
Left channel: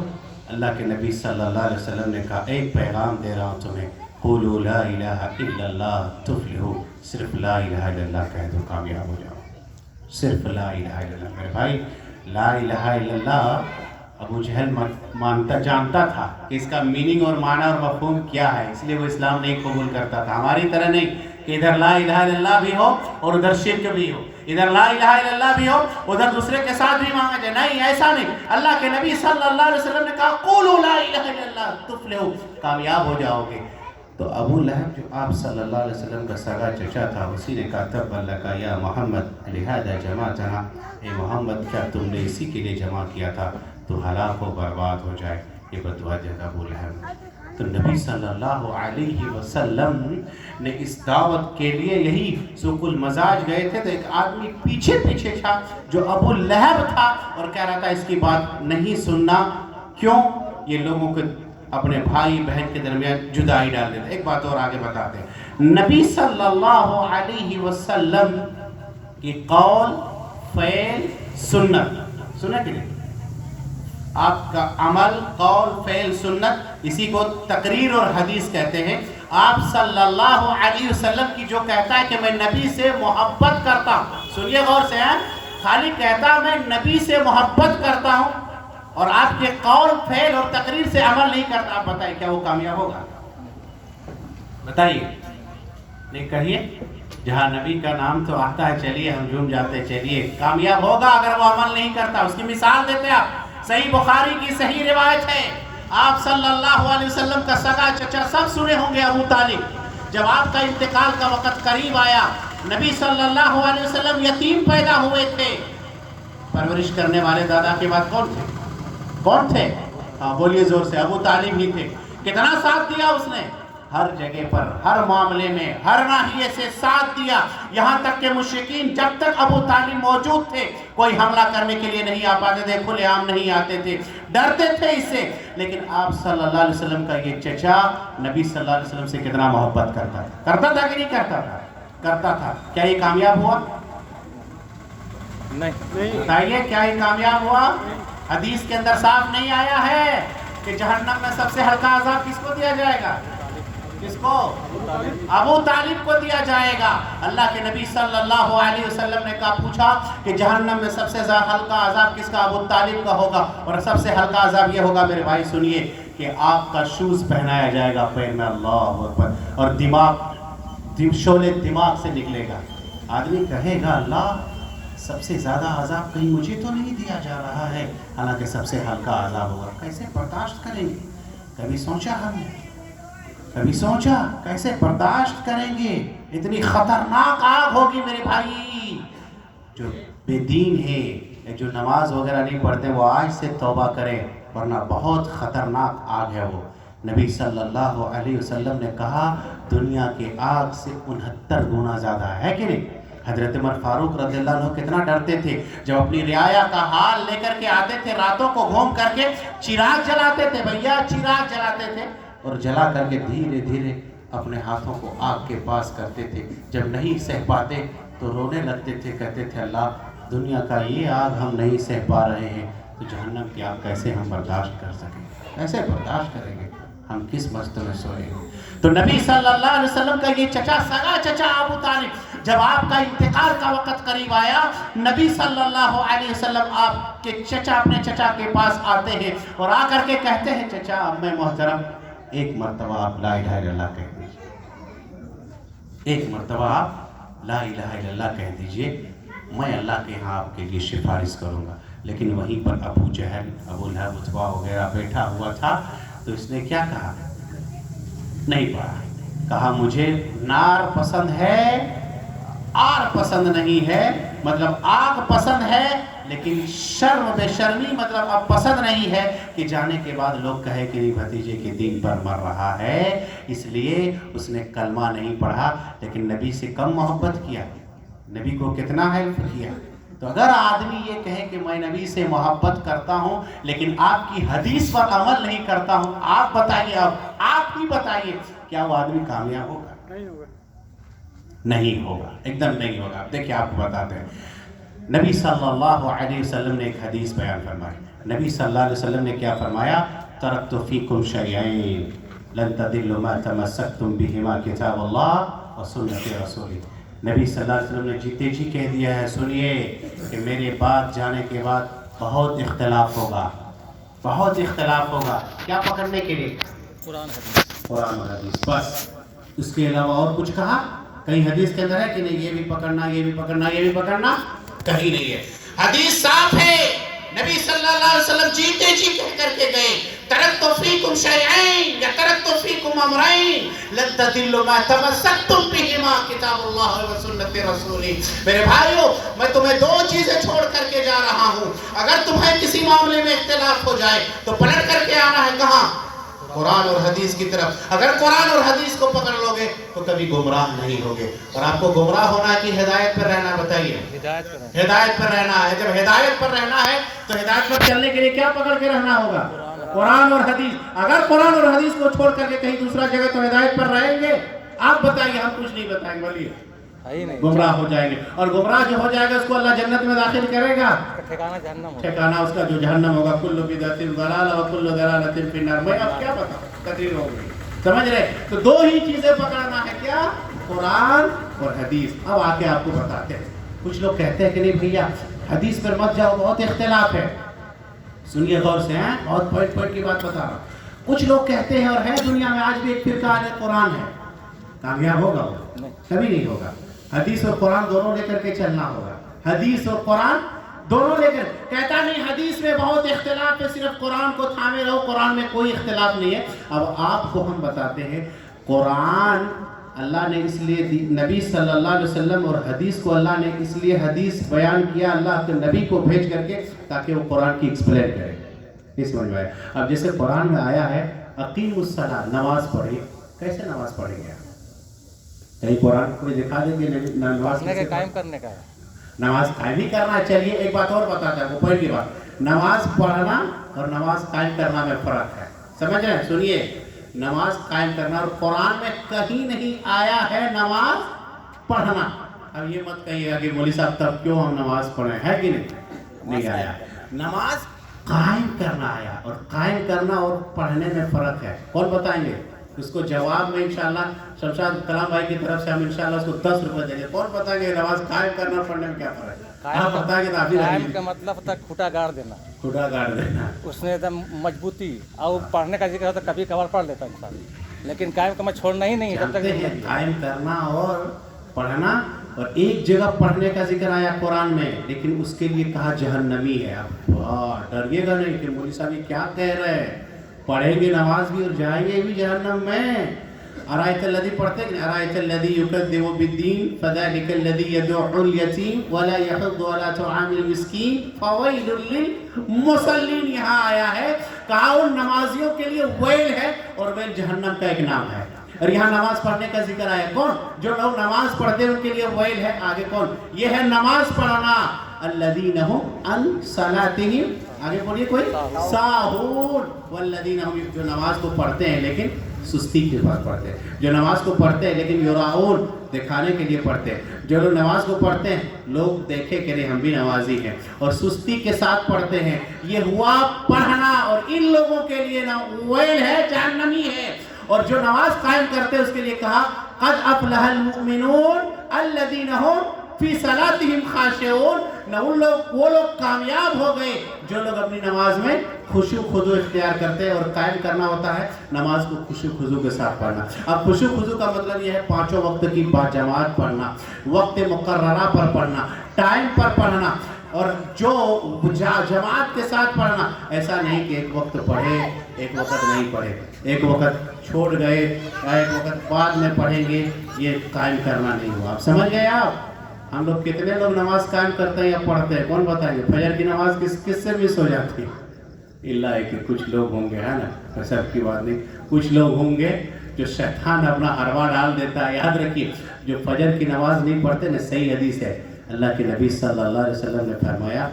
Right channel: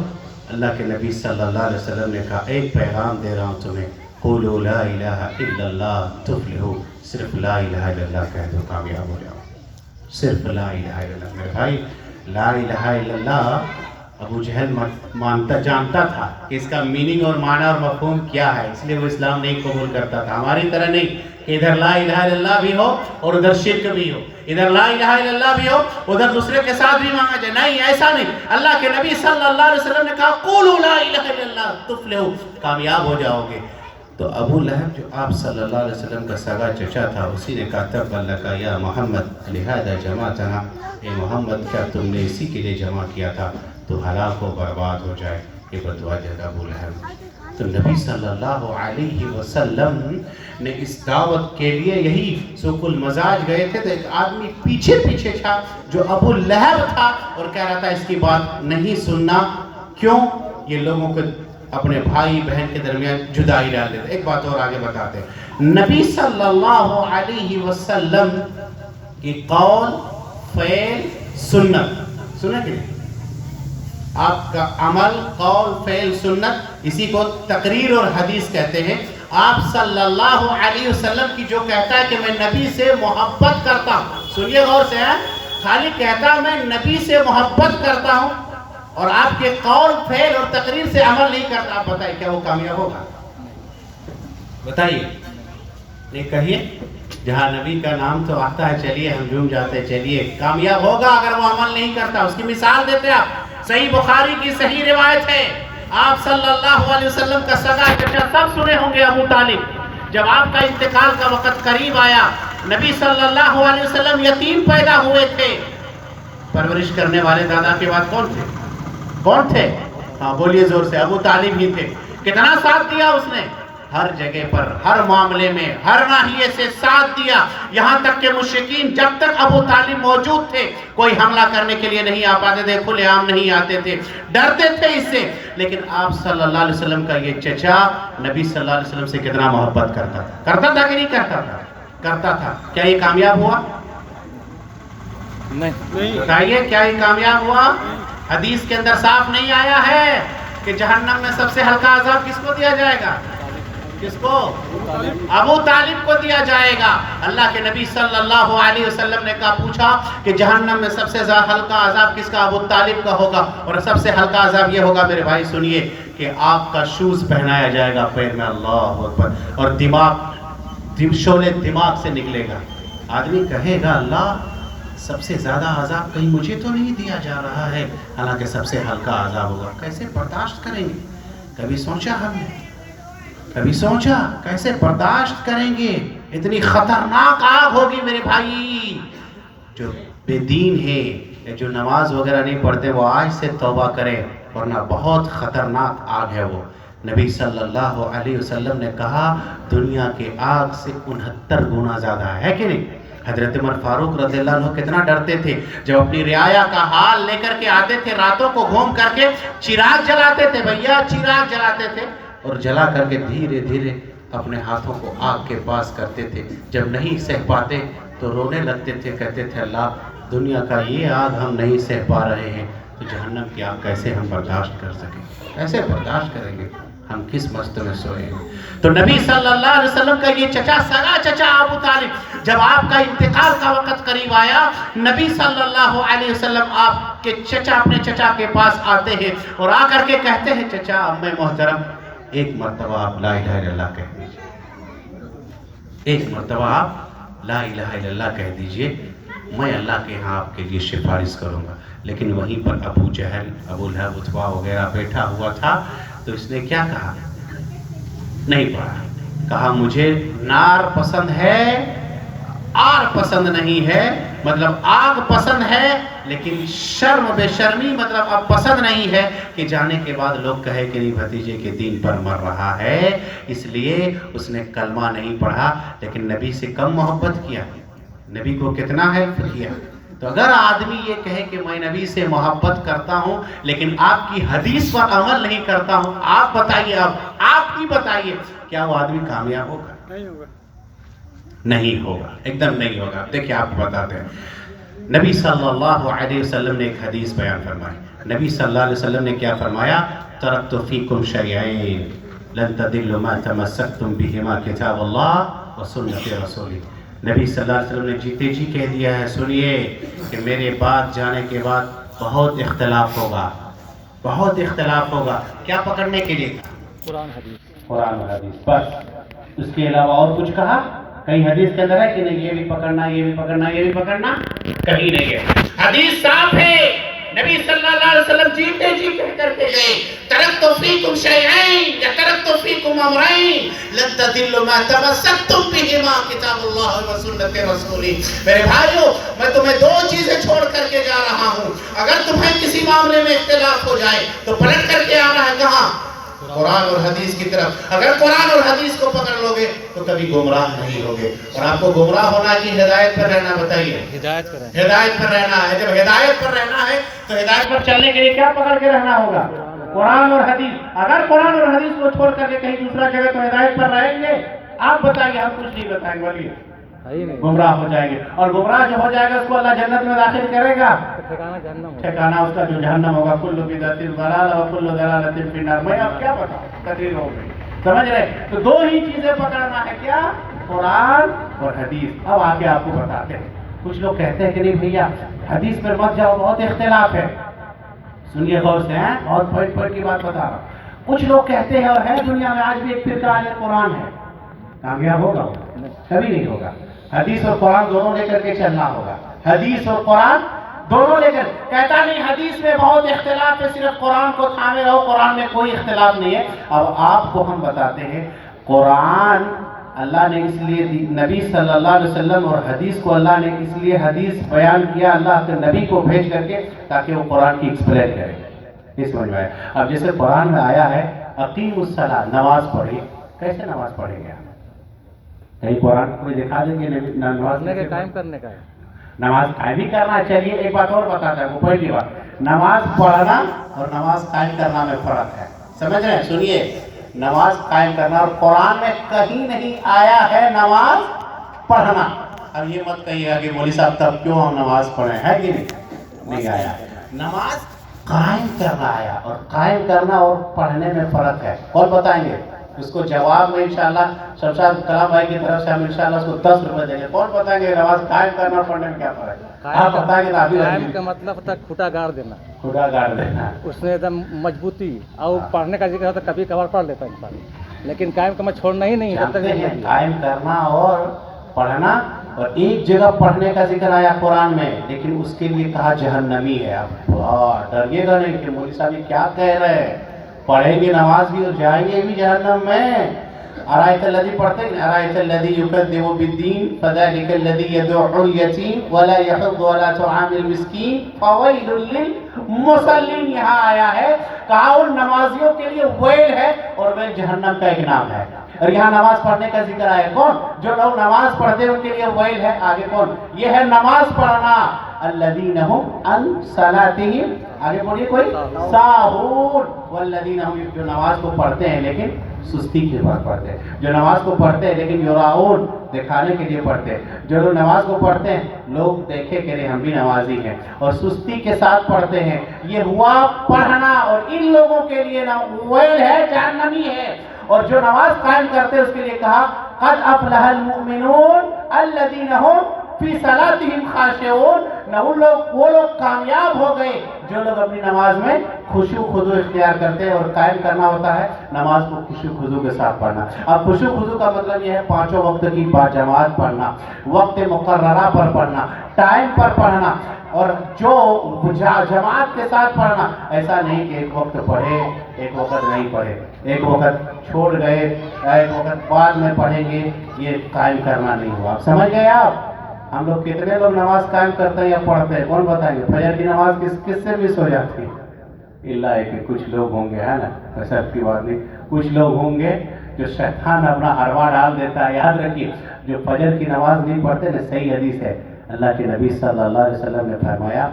اللہ کے نبی صلی اللہ علیہ وسلم نے کہا ایک پیغام دے رہا ہوں تمہیں، قولوا لا الہ الا اللہ تفلحوا. صرف لا الہ الا اللہ کہہ دو، کامیاب ہو جاؤ. صرف لا الہ الا اللہ. میرے بھائی، لا الہ الا اللہ ابو جہل جانتا تھا کہ اس کا میننگ اور معنی اور مفہوم کیا ہے، اس لیے وہ اسلام نہیں قبول کرتا تھا. ہماری طرح نہیں کہ ادھر لا الہ الا اللہ بھی ہو اور ادھر شرک بھی ہو، ادھر لا الہ الا اللہ بھی ہو ادھر دوسرے کے ساتھ بھی مانگا جائے. نہیں، ایسا نہیں. اللہ کے نبی صلی اللہ علیہ وسلم نے کہا قولوا لا الہ الا اللہ تفلحوا، کامیاب ہو جاؤ گے. تو ابو لہب جو آپ صلی اللہ علیہ وسلم کا سگا چچا تھا، اسی نے کہا تب لک یا محمد لہذا جمعتنا، اے محمد کیا تم نے اسی کے لیے جمع کیا تھا تو ہلاک و برباد ہو جائے. یہ بدعا دیتا ابو لہب. تو نبی صلی اللہ علیہ وسلم نے اس دعوت کے لیے یہی سوق المزاج گئے تھے تو ایک آدمی پیچھے تھا جو ابو لہب تھا اور کہہ رہا تھا اس کی بات نہیں سننا. کیوں؟ یہ لوگوں کو اپنے بھائی بہن کے درمیان جدائی ڈال دیتے. ایک بات اور آگے بتاتے ہیں، نبی صلی اللہ علیہ وسلم کی قول فعل سنت، سنیں کہ آپ کا عمل قول فعل سنت، اسی کو تقریر اور حدیث کہتے ہیں. آپ صلی اللہ علیہ وسلم کی جو کہتا ہے کہ میں نبی سے محبت کرتا ہوں، سنیے غور سے، خالی کہتا میں نبی سے محبت کرتا ہوں اور آپ کے قول فعل اور تقریر سے عمل نہیں کرتا، آپ بتائیے کیا وہ کامیاب ہوگا؟ بتائیے، نہیں کہیے. جہاں نبی کا نام تو آتا ہے چلیے ہم جھوم جاتے، چلیے کامیاب ہوگا اگر وہ عمل نہیں کرتا. اس کی مثال دیتے آپ، صحیح بخاری کی صحیح روایت ہے، آپ صلی اللہ علیہ وسلم کا سگا چچا سب سنے ہوں گے ابو طالب، جب آپ کا انتقال کا وقت قریب آیا، نبی صلی اللہ علیہ وسلم یتیم پیدا ہوئے تھے. پرورش کرنے والے دادا کے بعد کون تھے؟ کون تھے؟ ہاں بولیے زور سے. ابو طالب ہی تھے. کتنا ساتھ دیا اس نے؟ ہر جگہ پر، ہر معاملے میں، ہر ناحیے سے ساتھ دیا. یہاں تک کہ مشرکین جب تک ابو طالب موجود تھے کوئی حملہ کرنے کے لیے نہیں آ پاتے تھے، کھلے عام نہیں آتے تھے، ڈرتے تھے اس سے. لیکن آپ صلی اللہ علیہ وسلم کا یہ چچا نبی صلی اللہ علیہ وسلم سے کتنا محبت کرتا تھا. کرتا تھا کہ نہیں کرتا تھا؟ کرتا تھا. کیا یہ کامیاب ہوا؟ نہیں. بتائیے کیا یہ کامیاب ہوا؟ حدیث کے اندر صاف نہیں آیا ہے کہ جہنم میں سب سے ہلکا عذاب کس کو دیا جائے گا؟ کس کو؟ ابو طالب کو دیا جائے گا. اللہ کے نبی صلی اللہ علیہ وسلم نے کہا، پوچھا کہ جہنم میں سب سے ہلکا عذاب کس کا؟ ابو طالب کا ہوگا. اور سب سے ہلکا عذاب یہ ہوگا میرے بھائی سنیے کہ آپ کا شوز پہنایا جائے گا پیر میں، اللہ اکبر، اور شعلے دماغ سے نکلے گا. آدمی کہے گا اللہ سب سے زیادہ عذاب کہیں مجھے تو نہیں دیا جا رہا ہے، حالانکہ سب سے ہلکا عذاب ہوگا. کیسے برداشت کریں گے؟ کبھی سوچا ہم نے؟ کبھی سوچا کیسے برداشت کریں گے؟ اتنی خطرناک آگ ہوگی میرے بھائی. جو بے دین ہے، جو نماز وغیرہ نہیں پڑھتے، وہ آج سے توبہ کریں، ورنہ بہت خطرناک آگ ہے وہ. نبی صلی اللہ علیہ وسلم نے کہا دنیا کے آگ سے 69 گنا زیادہ ہے کہ نہیں؟ حضرت عمر فاروق رضی اللہ عنہ کتنا ڈرتے تھے جب اپنی رعایا کا حال لے کر کے آتے تھے، راتوں کو گھوم کر کے چراغ جلاتے تھے. بھیا چراغ جلاتے تھے اور جلا کر کے دھیرے دھیرے اپنے ہاتھوں کو آگ کے پاس کرتے تھے. جب نہیں سہ پاتے تو رونے لگتے تھے، کہتے تھے اللہ دنیا کا یہ آگ ہم نہیں سہ پا رہے ہیں تو جہنم کی آگ کیسے ہم برداشت کر سکیں؟ کیسے برداشت کریں گے؟ ہم کس مست میں سوئے ہیں؟ تو نبی صلی اللہ علیہ وسلم کا یہ چچا، سگا چچا ابو طالب، جب آپ کا انتقال کا وقت قریب آیا، نبی صلی اللہ علیہ وسلم آپ کے چچا، اپنے چچا کے پاس آتے ہیں اور آ کر کے کہتے ہیں چچا امی محترم ایک مرتبہ آپ لا الہ الا اللہ کہہ دیجئے، ایک مرتبہ آپ لا الہ الا اللہ کہہ دیجئے، میں اللہ کے ہاں آپ کے لیے سفارش کروں گا. لیکن وہیں پر ابو جہل، ابو لہب، عتبہ وغیرہ بیٹھا ہوا تھا تو اس نے کیا کہا؟ نہیں پڑھا. کہا مجھے نار پسند ہے، آگ پسند نہیں ہے. مطلب آگ پسند ہے لیکن شرم بے شرمی مطلب اب پسند نہیں ہے کہ جانے کے بعد لوگ کہے کہ نہیں بھتیجے کے دین پر مر رہا ہے. اس لیے اس نے کلمہ نہیں پڑھا لیکن نبی سے کم محبت کیا، نبی کو کتنا ہیلپ کیا. تو اگر آدمی یہ کہے کہ میں نبی سے محبت کرتا ہوں لیکن آپ کی حدیث پر عمل نہیں کرتا ہوں، آپ بتائیے، آپ ہی بتائیے کیا وہ آدمی کامیاب ہوگا؟ نہیں ہوگا. نہیں ہوگا، ایک دم نہیں ہوگا. دیکھیں آپ بتاتے ہیں نبی صلی اللہ علیہ وسلم نے ایک حدیث بیان فرمائی. نبی صلی اللہ علیہ وسلم نے کیا فرمایا؟ ترکت فیکم شیئین لن تضلوا ما تمسکتم بہما کتاب اللہ و سنت رسولی. نبی صلی اللہ علیہ وسلم نے جیتے جی کہہ دیا ہے، سنیے کہ میرے بعد جانے کے بعد بہت اختلاف ہوگا. بہت اختلاف ہوگا. کیا پکڑنے کے لیے؟ قرآن حدیث. قرآن اور حدیث بس. اس کے علاوہ اور کچھ کہا؟ کہیں حدیث کے اندر ہے کہ نہیں یہ بھی پکڑنا یہ بھی پکڑنا یہ بھی پکڑنا؟ کہیں نہیں ہے. حدیث صاف ہے. نبی صلی اللہ علیہ وسلم جیتے جی کہہ کر کے گئے ترکت فیکم شیئین یا ترکت فیکم امرین لن تضلوا ما تمسکتم بہما کتاب اللہ و سنت رسولہ. میرے بھائیو میں تمہیں دو چیزیں چھوڑ کر کے جا رہا ہوں. اگر تمہیں کسی معاملے میں اختلاف ہو جائے تو پلٹ کر کے آنا ہے کہاں؟ قرآن اور حدیث کی طرف. اگر قرآن اور حدیث کو پکڑ لو گے تو کبھی گمراہ نہیں ہوگے. اور آپ کو گمراہ ہونا کہ ہدایت پر رہنا بتائیے؟ ہدایت پر. ہدایت پر رہنا ہے. جب ہدایت پر رہنا ہے تو ہدایت پر چلنے کے لیے کیا پکڑ کے رہنا ہوگا؟ قرآن اور حدیث. اگر قرآن اور حدیث کو چھوڑ کر کے کہیں دوسرا جگہ تو ہدایت پر رہیں گے. آپ بتائیے, ہم کچھ نہیں بتائیں گے, بولیے. گمراہ ہو جائیں گے. اور گمراہ جو ہو جائے گا اس کو اللہ جنت میں داخل کرے گا. ٹھکانہ جہنم ہوگا. ٹھکانہ اس کا جو جہنم ہوگا. کل بدعۃ ضلالہ وکل ضلالۃ فی النار. میں اب کیا بتاؤں, تقریر ہو گئی. سمجھ رہے؟ تو دو ہی چیزیں پکڑنا ہے. کیا؟ قرآن اور حدیث. اب آگے آپ کو بتاتے ہیں. کچھ لوگ کہتے ہیں کہ نہیں بھیا حدیث پر مت جاؤ, بہت اختلاف ہے. سنیے غور سے, ہیں بہت پوائنٹ پوائنٹ کی بات بتا رہا ہوں. کچھ لوگ کہتے ہیں, اور ہے دنیا میں آج بھی ایک فرقہ اہل قرآن ہے. کامیاب ہوگا؟ کبھی نہیں ہوگا. حدیث اور قرآن دونوں لے کر کے چلنا ہوگا. حدیث اور قرآن دونوں لے کر. کہتا نہیں حدیث میں بہت اختلاف ہے, صرف قرآن کو تھامے رہو, قرآن میں کوئی اختلاف نہیں ہے. اب آپ کو ہم بتاتے ہیں قرآن اللہ نے اس لیے نبی صلی اللہ علیہ وسلم اور حدیث کو اللہ نے اس لیے حدیث بیان کیا اللہ کے نبی کو بھیج کر کے تاکہ وہ قرآن کی ایکسپلین کرے. اس سمجھ میں آئے. اب جیسے قرآن میں آیا ہے اقیم الصلاۃ, نماز پڑھی. کیسے نماز پڑھیں گے آپ؟ کہیں قرآن کوئی دکھا دیں گے نماز پڑھنے کا قائم کرنے کا ہے. نماز قائم ہی کرنا. چلیے ایک بات اور بتاتا ہے, وہ پہلی بات, نماز پڑھنا اور نماز قائم کرنا میں فرق ہے. سمجھ رہے ہیں؟ سنیے, نماز قائم کرنا اور قرآن میں کہیں نہیں آیا ہے نماز پڑھنا. اب یہ مت کہیے گا کہ مولوی صاحب تب کیوں ہم نماز پڑھیں, ہے کہ نہیں آیا. نماز قائم کرنا آیا, اور قائم کرنا اور پڑھنے میں فرق ہے. کون بتائیں گے اس کو؟ جواب میں انشاءاللہ شمشاد کلام بھائی کی طرف سے ہم انشاءاللہ اس کو 10 روپے دیں گے. کون بتائیں گے نماز قائم کرنا اور پڑھنے میں کیا فرق ہے؟ آپ بتائیں گے. قائم کا مطلب ہوتا ہے کھوٹا گاڑ دینا. کھوٹا گاڑ دینا, اس میں ایک دم مضبوطی. اور پڑھنے کا ذکر ہوتا ہے کبھی کبھار پڑھ لیتا انسان, لیکن قائم کا میں چھوڑنا ہی نہیں. قائم کرنا اور پڑھنا. اور ایک جگہ پڑھنے کا ذکر آیا قرآن میں, لیکن اس کے لیے کہا جہنمی ہے. آپ ڈریے گا نہیں کہ مولوی صاحب یہ کیا کہہ رہے ہیں, پڑھیں گے نماز بھی اور جائیں گے بھی جہنم میں. ارایت الذی پڑھتے ہیں, ارایت الذی یکذب بالدین فذلک الذی یدعو الیتیم ولا یحض علی طعام المسکین فویل للمصلین. یہاں آیا ہے, کہا ان نمازیوں کے لیے ویل ہے, اور ویل جہنم کا ایک نام ہے. اور یہاں نماز پڑھنے کا ذکر آیا, کون؟ جو لوگ نماز پڑھتے ہیں ان کے لیے ویل ہے. آگے کون؟ یہ ہے نماز پڑھنا. الذین هم عن صلاتهم, آگے بولیے کوئی, ساہون. والذین هم, جو نماز کو پڑھتے ہیں لیکن سستی کے بعد پڑھتے ہیں. جو نماز کو پڑھتے ہیں لیکن یراؤن, دکھانے کے لیے پڑھتے ہیں. جو لوگ نماز کو پڑھتے ہیں لوگ دیکھے کہ ہم بھی نمازی ہیں, اور سستی کے ساتھ پڑھتے ہیں. یہ ہوا پڑھنا, اور ان لوگوں کے لیے نا ویل ہے, جہنمی ہے. اور جو نماز قائم کرتے ہیں اس کے لیے کہا قد افلح المؤمنون الذین هم فی صلاتهم خاشعون. نہ وہ لوگ کامیاب ہو گئے جو لوگ اپنی نماز میں خشوع خضوع اختیار کرتے ہیں. اور قائم کرنا ہوتا ہے نماز کو خشوع خضوع کے ساتھ پڑھنا. اب خشوع خضوع کا مطلب یہ ہے پانچوں وقت کی باجماعت پڑھنا, وقت مقررہ پر پڑھنا, ٹائم پر پڑھنا, اور جو جماعت کے ساتھ پڑھنا. ایسا نہیں کہ ایک وقت پڑھے ایک وقت نہیں پڑھے, ایک وقت چھوڑ گئے ایک وقت بعد میں پڑھیں گے, یہ قائم کرنا نہیں ہوا. آپ سمجھ گئے؟ آپ ہم لوگ کتنے لوگ نماز قائم کرتے ہیں یا پڑھتے ہیں؟ کون بتائیں گے؟ فجر کی نماز کس سے مس ہو جاتی ہے؟ اللہ ہے کہ کچھ لوگ ہوں گے, ہے نا, سب کی بات نہیں, کچھ لوگ ہوں گے جو شیطان اپنا ہروا ڈال دیتا ہے. یاد رکھیے جو فجر کی نماز نہیں پڑھتے نا, صحیح حدیث ہے, اللہ کے نبی صلی اللہ علیہ وسلم نے فرمایا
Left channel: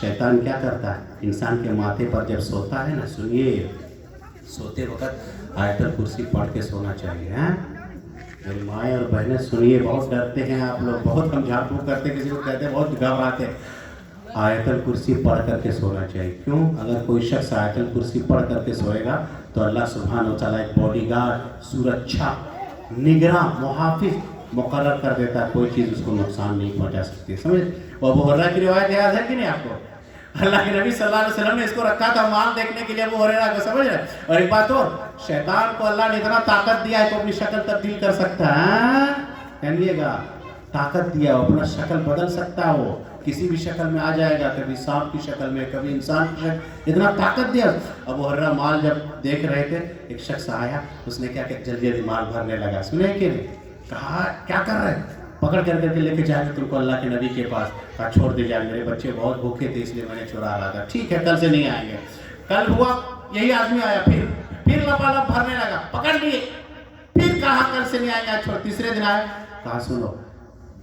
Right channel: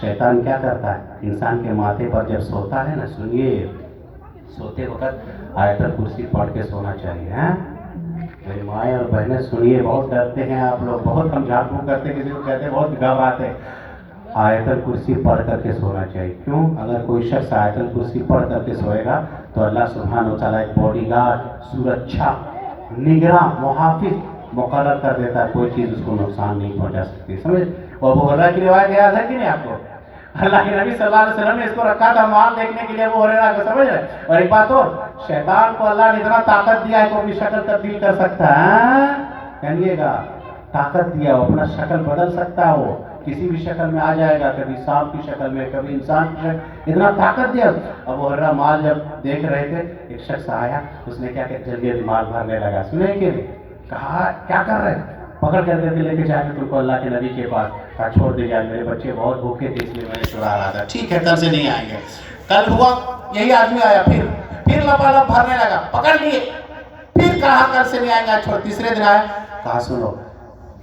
شیطان کیا کرتا ہے, انسان کے ماتھے پر جب سوتا ہے نا, سنیے, سوتے وقت آیت الکرسی پڑھ کے سونا چاہیے. ہیں میری مائیں اور بہنیں سنیے, بہت ڈرتے ہیں آپ لوگ, بہت ہم جھاڑ پھوک کرتے, کسی کو کہتے ہیں بہت گھبراتے. آیت الکرسی پڑھ کر کے سونا چاہیے. کیوں؟ اگر کوئی شخص آیت الکرسی پڑھ کر کے سوئے گا تو اللہ سبحانہ و تعالیٰ ایک باڈی گارڈ, سرکشا, نگراں, محافظ مقرر کر دیتا ہے, کوئی چیز اس کو نقصان نہیں پہنچا سکتی. سمجھ؟ اور ابو ہریرہ کی روایت یاد ہے کہ نہیں آپ کو؟ اللہ کے نبی صلی اللہ علیہ وسلم نے اس کو رکھا تھا مال دیکھنے کے لیے ابو ہریرہ کو, سمجھ رہے. اور ایک بات اور, شیطان کو اللہ نے اتنا طاقت دیا ہے کہ اپنی شکل تبدیل کر سکتا ہے. کہیے گا طاقت دیا, وہ اپنا شکل بدل سکتا ہے, وہ کسی بھی شکل میں آ جائے گا, کبھی سانپ کی شکل میں, کبھی انسان کی شکل, اتنا طاقت دیا. ابو ہریرہ مال جب دیکھ رہے تھے, ایک شخص آیا, اس نے کیا کہ جلدی جلدی مال بھرنے لگا. سنے کہ کہا کیا کر رہے, پکڑ کر کے لے کے جا کے تم کو اللہ کے نبی کے پاس. کہا چھوڑ دے جائے, میرے بچے بہت بھوکے تھے اس لیے میں نے چھڑا رہا تھا. ٹھیک ہے کل سے نہیں آئیں گے. کل ہوا یہی آدمی آیا, پھر لپالپ بھرنے لگا, پکڑ لیے, پھر کہا کل سے نہیں آئیں گے. چھوڑ, تیسرے دن آیا, کہا سنو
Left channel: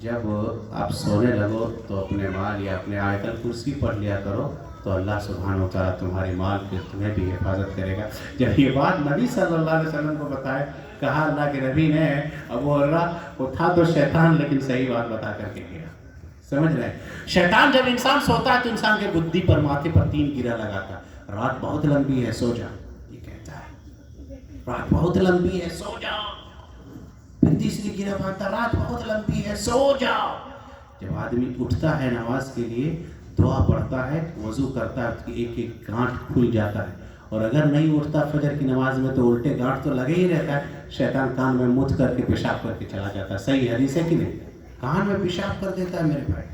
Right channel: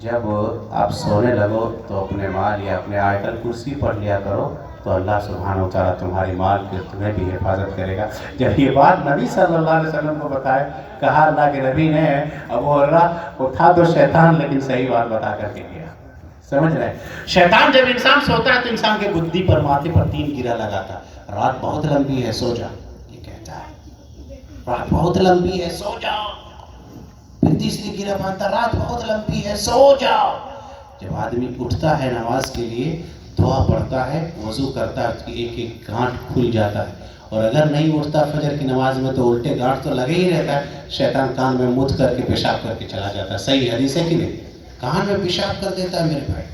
جب آپ سونے لگو تو اپنے مال یا اپنے آیت الکرسی پڑھ لیا کرو, تو اللہ سبحانہ و تعالیٰ تمہاری مال کی تمہیں بھی حفاظت کرے گا. جب یہ بات نبی صلی اللہ علیہ وسلم کو بتائے, کہا اللہ کے نبی نے ابو ہریرہ کو تھا تو شیطان, لیکن صحیح بات بتا کر کے گیا. سمجھ رہے, شیطان جب انسان سوتا ہے تو انسان کے گدی پر, ماتھے پر 3 گرہ لگاتا. رات بہت لمبی ہے سو جا, یہ کہتا ہے رات بہت لمبی ہے سو جا. پھر تیسری گرہ مانتا, رات بہت لمبی ہے سو جاؤ. جب آدمی اٹھتا ہے نماز کے لیے, دعا پڑھتا ہے, وضو کرتا ہے, اس کی ایک ایک گانٹھ کھل جاتا ہے. اور اگر نہیں اٹھتا فجر کی نماز میں تو الٹے گانٹھ تو لگے ہی رہتا ہے. شیطان کان میں مت کر کے پیشاب کر کے چلا جاتا ہے. صحیح حدیث ہے کہ نہیں, کان میں پیشاب کر دیتا ہے میرے بھائی.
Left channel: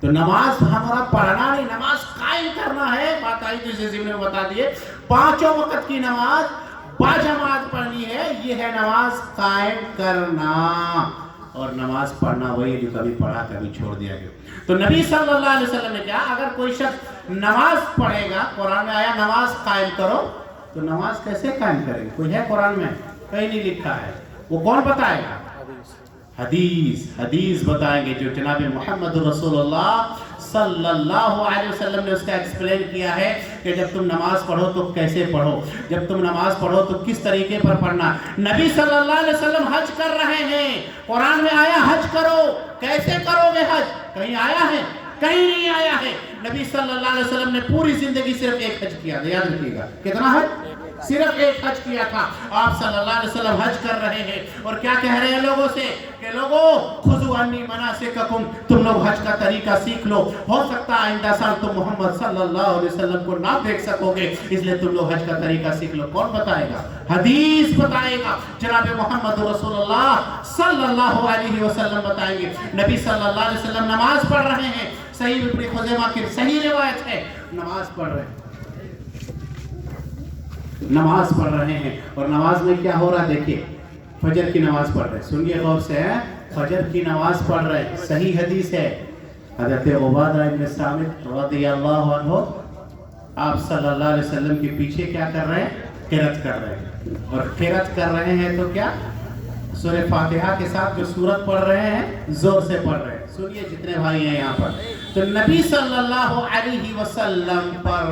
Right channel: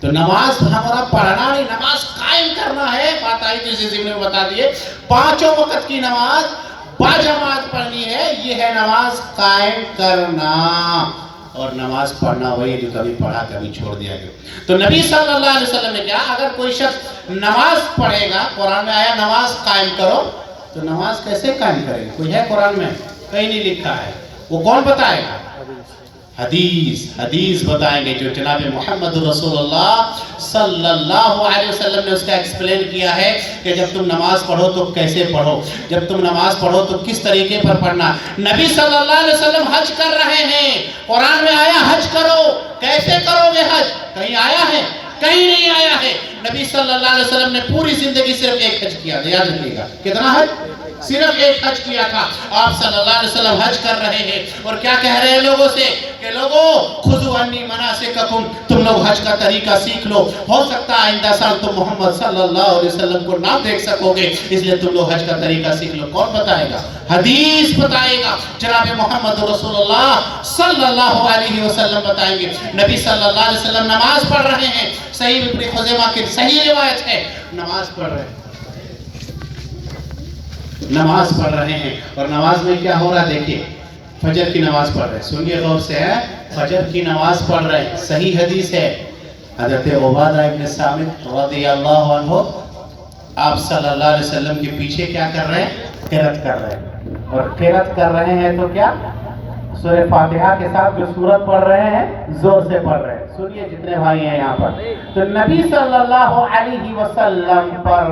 تو نماز ہمارا پڑھنا نہیں, نماز قائم کرنا ہے. بات آئی تو اسے ضمن میں بتا دیے, 5 وقت کی نماز باجماعت پڑھنی ہے, یہ ہے نماز قائم کرنا. اور نماز پڑھنا وہی جو کبھی پڑھا کبھی چھوڑ دیا گیا. تو نبی صلی اللہ علیہ وسلم نے کہا, اگر کوئی شخص نماز پڑھے گا, قرآن میں آیا نماز قائم کرو, تو نماز کیسے قائم کرے گی؟ کوئی ہے قرآن میں؟ کہیں نہیں لکھا ہے. وہ کون بتائے گا؟ حدیث بتائیں گے, جو جناب محمد رسول اللہ صلی اللہ علیہ وسلم نے اس کا ایکسپلین کیا ہے کہ جب تم نماز پڑھو تو کیسے پڑھو, جب تم نماز پڑھو تو کس طریقے پر پڑھنا. نبی صلی اللہ علیہ وسلم حج کر رہے ہیں, قرآن میں آیا حج کرو, کیسے کرو گے حج؟ کہیں آیا ہے؟ کہیں نہیں آیا ہے. نبی صلی اللہ علیہ وسلم نے پوری زندگی صرف ایک حج کیا, یاد رکھیے گا. کتنا حج؟ صرف ایک حج کیا تھا. آپ صلی اللہ علیہ وسلم حج کر رہے ہیں اور کیا کہہ رہے ہیں لوگوں سے کہ لوگوں خذوا عنی مناسککم, تم لوگ حج کا طریقہ سیکھ لو. ہو سکتا ہے آئندہ سال تم محمد صلی اللہ علیہ وسلم کو نہ دیکھ سکو گے, اس لیے تم لوگ حج کا طریقہ سیکھ لو. کون بتائے گا؟ حدیث بتائے گا, جناب محمد رسول اللہ صلی اللہ علیہ وسلم بتائیں گے. نبی صلی اللہ علیہ وسلم نماز پڑھ رہے ہیں, صحیح ابن خزیمہ کی صحیح روایت ہے, نماز پڑھ رہے ہیں, نماز پڑھ رہے ہیں. اور نماز میں کیا ہو رہا ہے دیکھیے, فجر کی نماز پڑھ رہے ہیں, سنیے غور سے, ہے فجر کی نماز پڑھ رہے ہیں. صحیح حدیث ہے, حضرت عبادہ ابن صامت رضی اللہ عنہ آپ صلی اللہ علیہ وسلم کے پیچھے کیا کر رہے ہیں؟ قرات کر رہے ہیں. اور قرات کر رہے ہیں تو کیا سورہ فاتحہ کے ساتھ جو سورت پڑھ رہے ہیں زور سے پڑھ رہے ہیں. سنیے جتنے بھائی ہیں یہاں پر, تو نبی صلی اللہ علیہ وسلم پر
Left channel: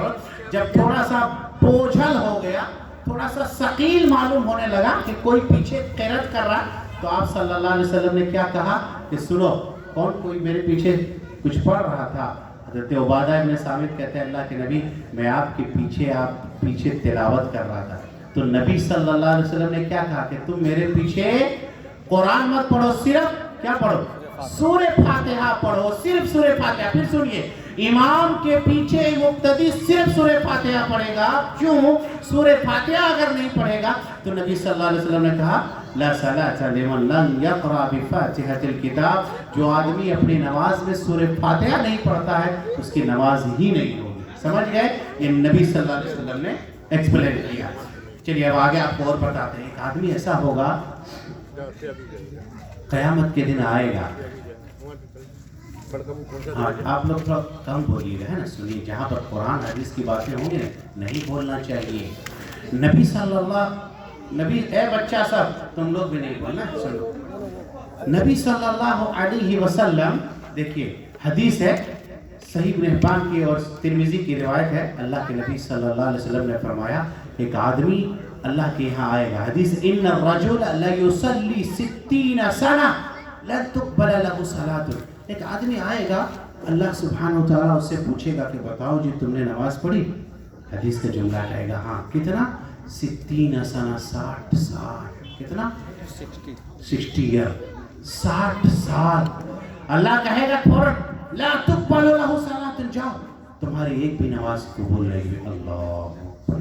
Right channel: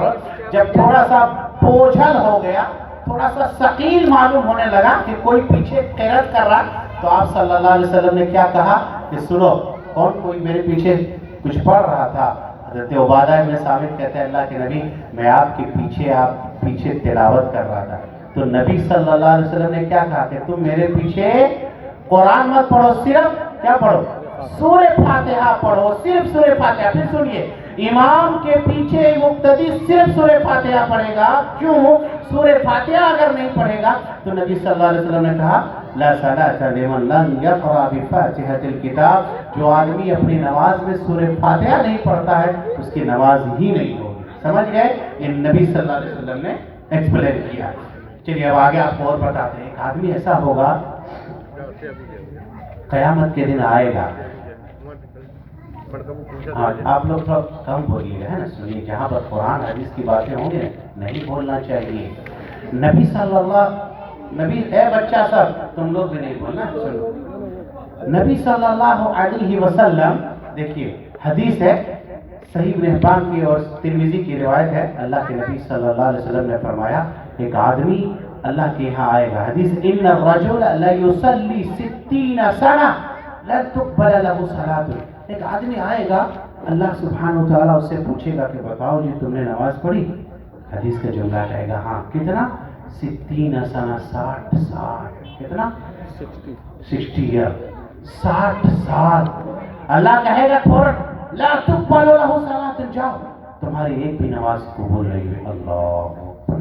جب تھوڑا سا بوجھل ہو گیا, تھوڑا سا ثقیل معلوم ہونے لگا کہ کوئی پیچھے قرات کر رہا, تو آپ صلی اللہ علیہ وسلم نے کیا کہا کہ سنو, کوئی میرے پیچھے کچھ پڑھ رہا تھا. حضرت عبادہ ابن صامت کہتے ہیں اللہ کے نبی, میں آپ پیچھے تلاوت کر رہا تھا. تو نبی صلی اللہ علیہ وسلم نے کیا کہا کہ تم میرے پیچھے قرآن مت پڑھو, صرف کیا پڑھو؟ سورہ فاتحہ پڑھو, صرف سورہ فاتحہ. پھر سنیے, امام کے پیچھے مقتدی صرف سورہ فاتحہ پڑھے گا. کیوں؟ سورہ فاتحہ اگر نہیں پڑھے گا تو نبی صلی اللہ علیہ وسلم نے کہا لا صلاۃ لمن لم یقرأ بفاتحۃ الکتاب, جو آدمی اپنی نماز میں سورہ فاتحہ نہیں پڑھتا ہے اس کی نماز ہی نہیں ہوگی. سمجھ گئے؟ یہ نبی صلی اللہ علیہ وسلم نے ایکسپلین کیا. چلیے اب آگے آپ کو اور بتاتے ہیں. ایک آدمی ایسا ہوگا قیامت کے دن آئے گا, آپ لوگ تھوڑا کم بولیے گا, ہے نا, سنیے, جہاں پر قرآن حدیث کی باتیں ہوں گے نہیں بولنا چاہیے. نبی صلی اللہ اے بچہ سب تم لوگ بھی نہیں بولنا, سنو. نبی صلی اللہ علیہ وسلم, دیکھیے حدیث ہے صحیح ابن حبان کی اور ترمذی کی روایت ہے, اللہ کے نبی صلی اللہ علیہ وسلم نے فرمایا ایک آدمی اللہ کے یہاں آئے گا. حدیث ان الرجل لیصلی 60 سنہ لن تقبل له صلاۃ. ایک آدمی آئے گا, اللہ سبحانہ و تعالیٰ اس سے پوچھے گا کہ بتاؤ جی تم نے نماز پڑھی؟ حدیث کا جملہ کہے گا ہاں. کتنا؟ 60 سنہ, 60 سال. کتنا؟ 60 سال. اللہ کہے گا فوراً لا تقبل له صلاۃ, جاؤ تمہاری ایک بھی نماز قبول نہیں ہوئی، اللہ اکبر،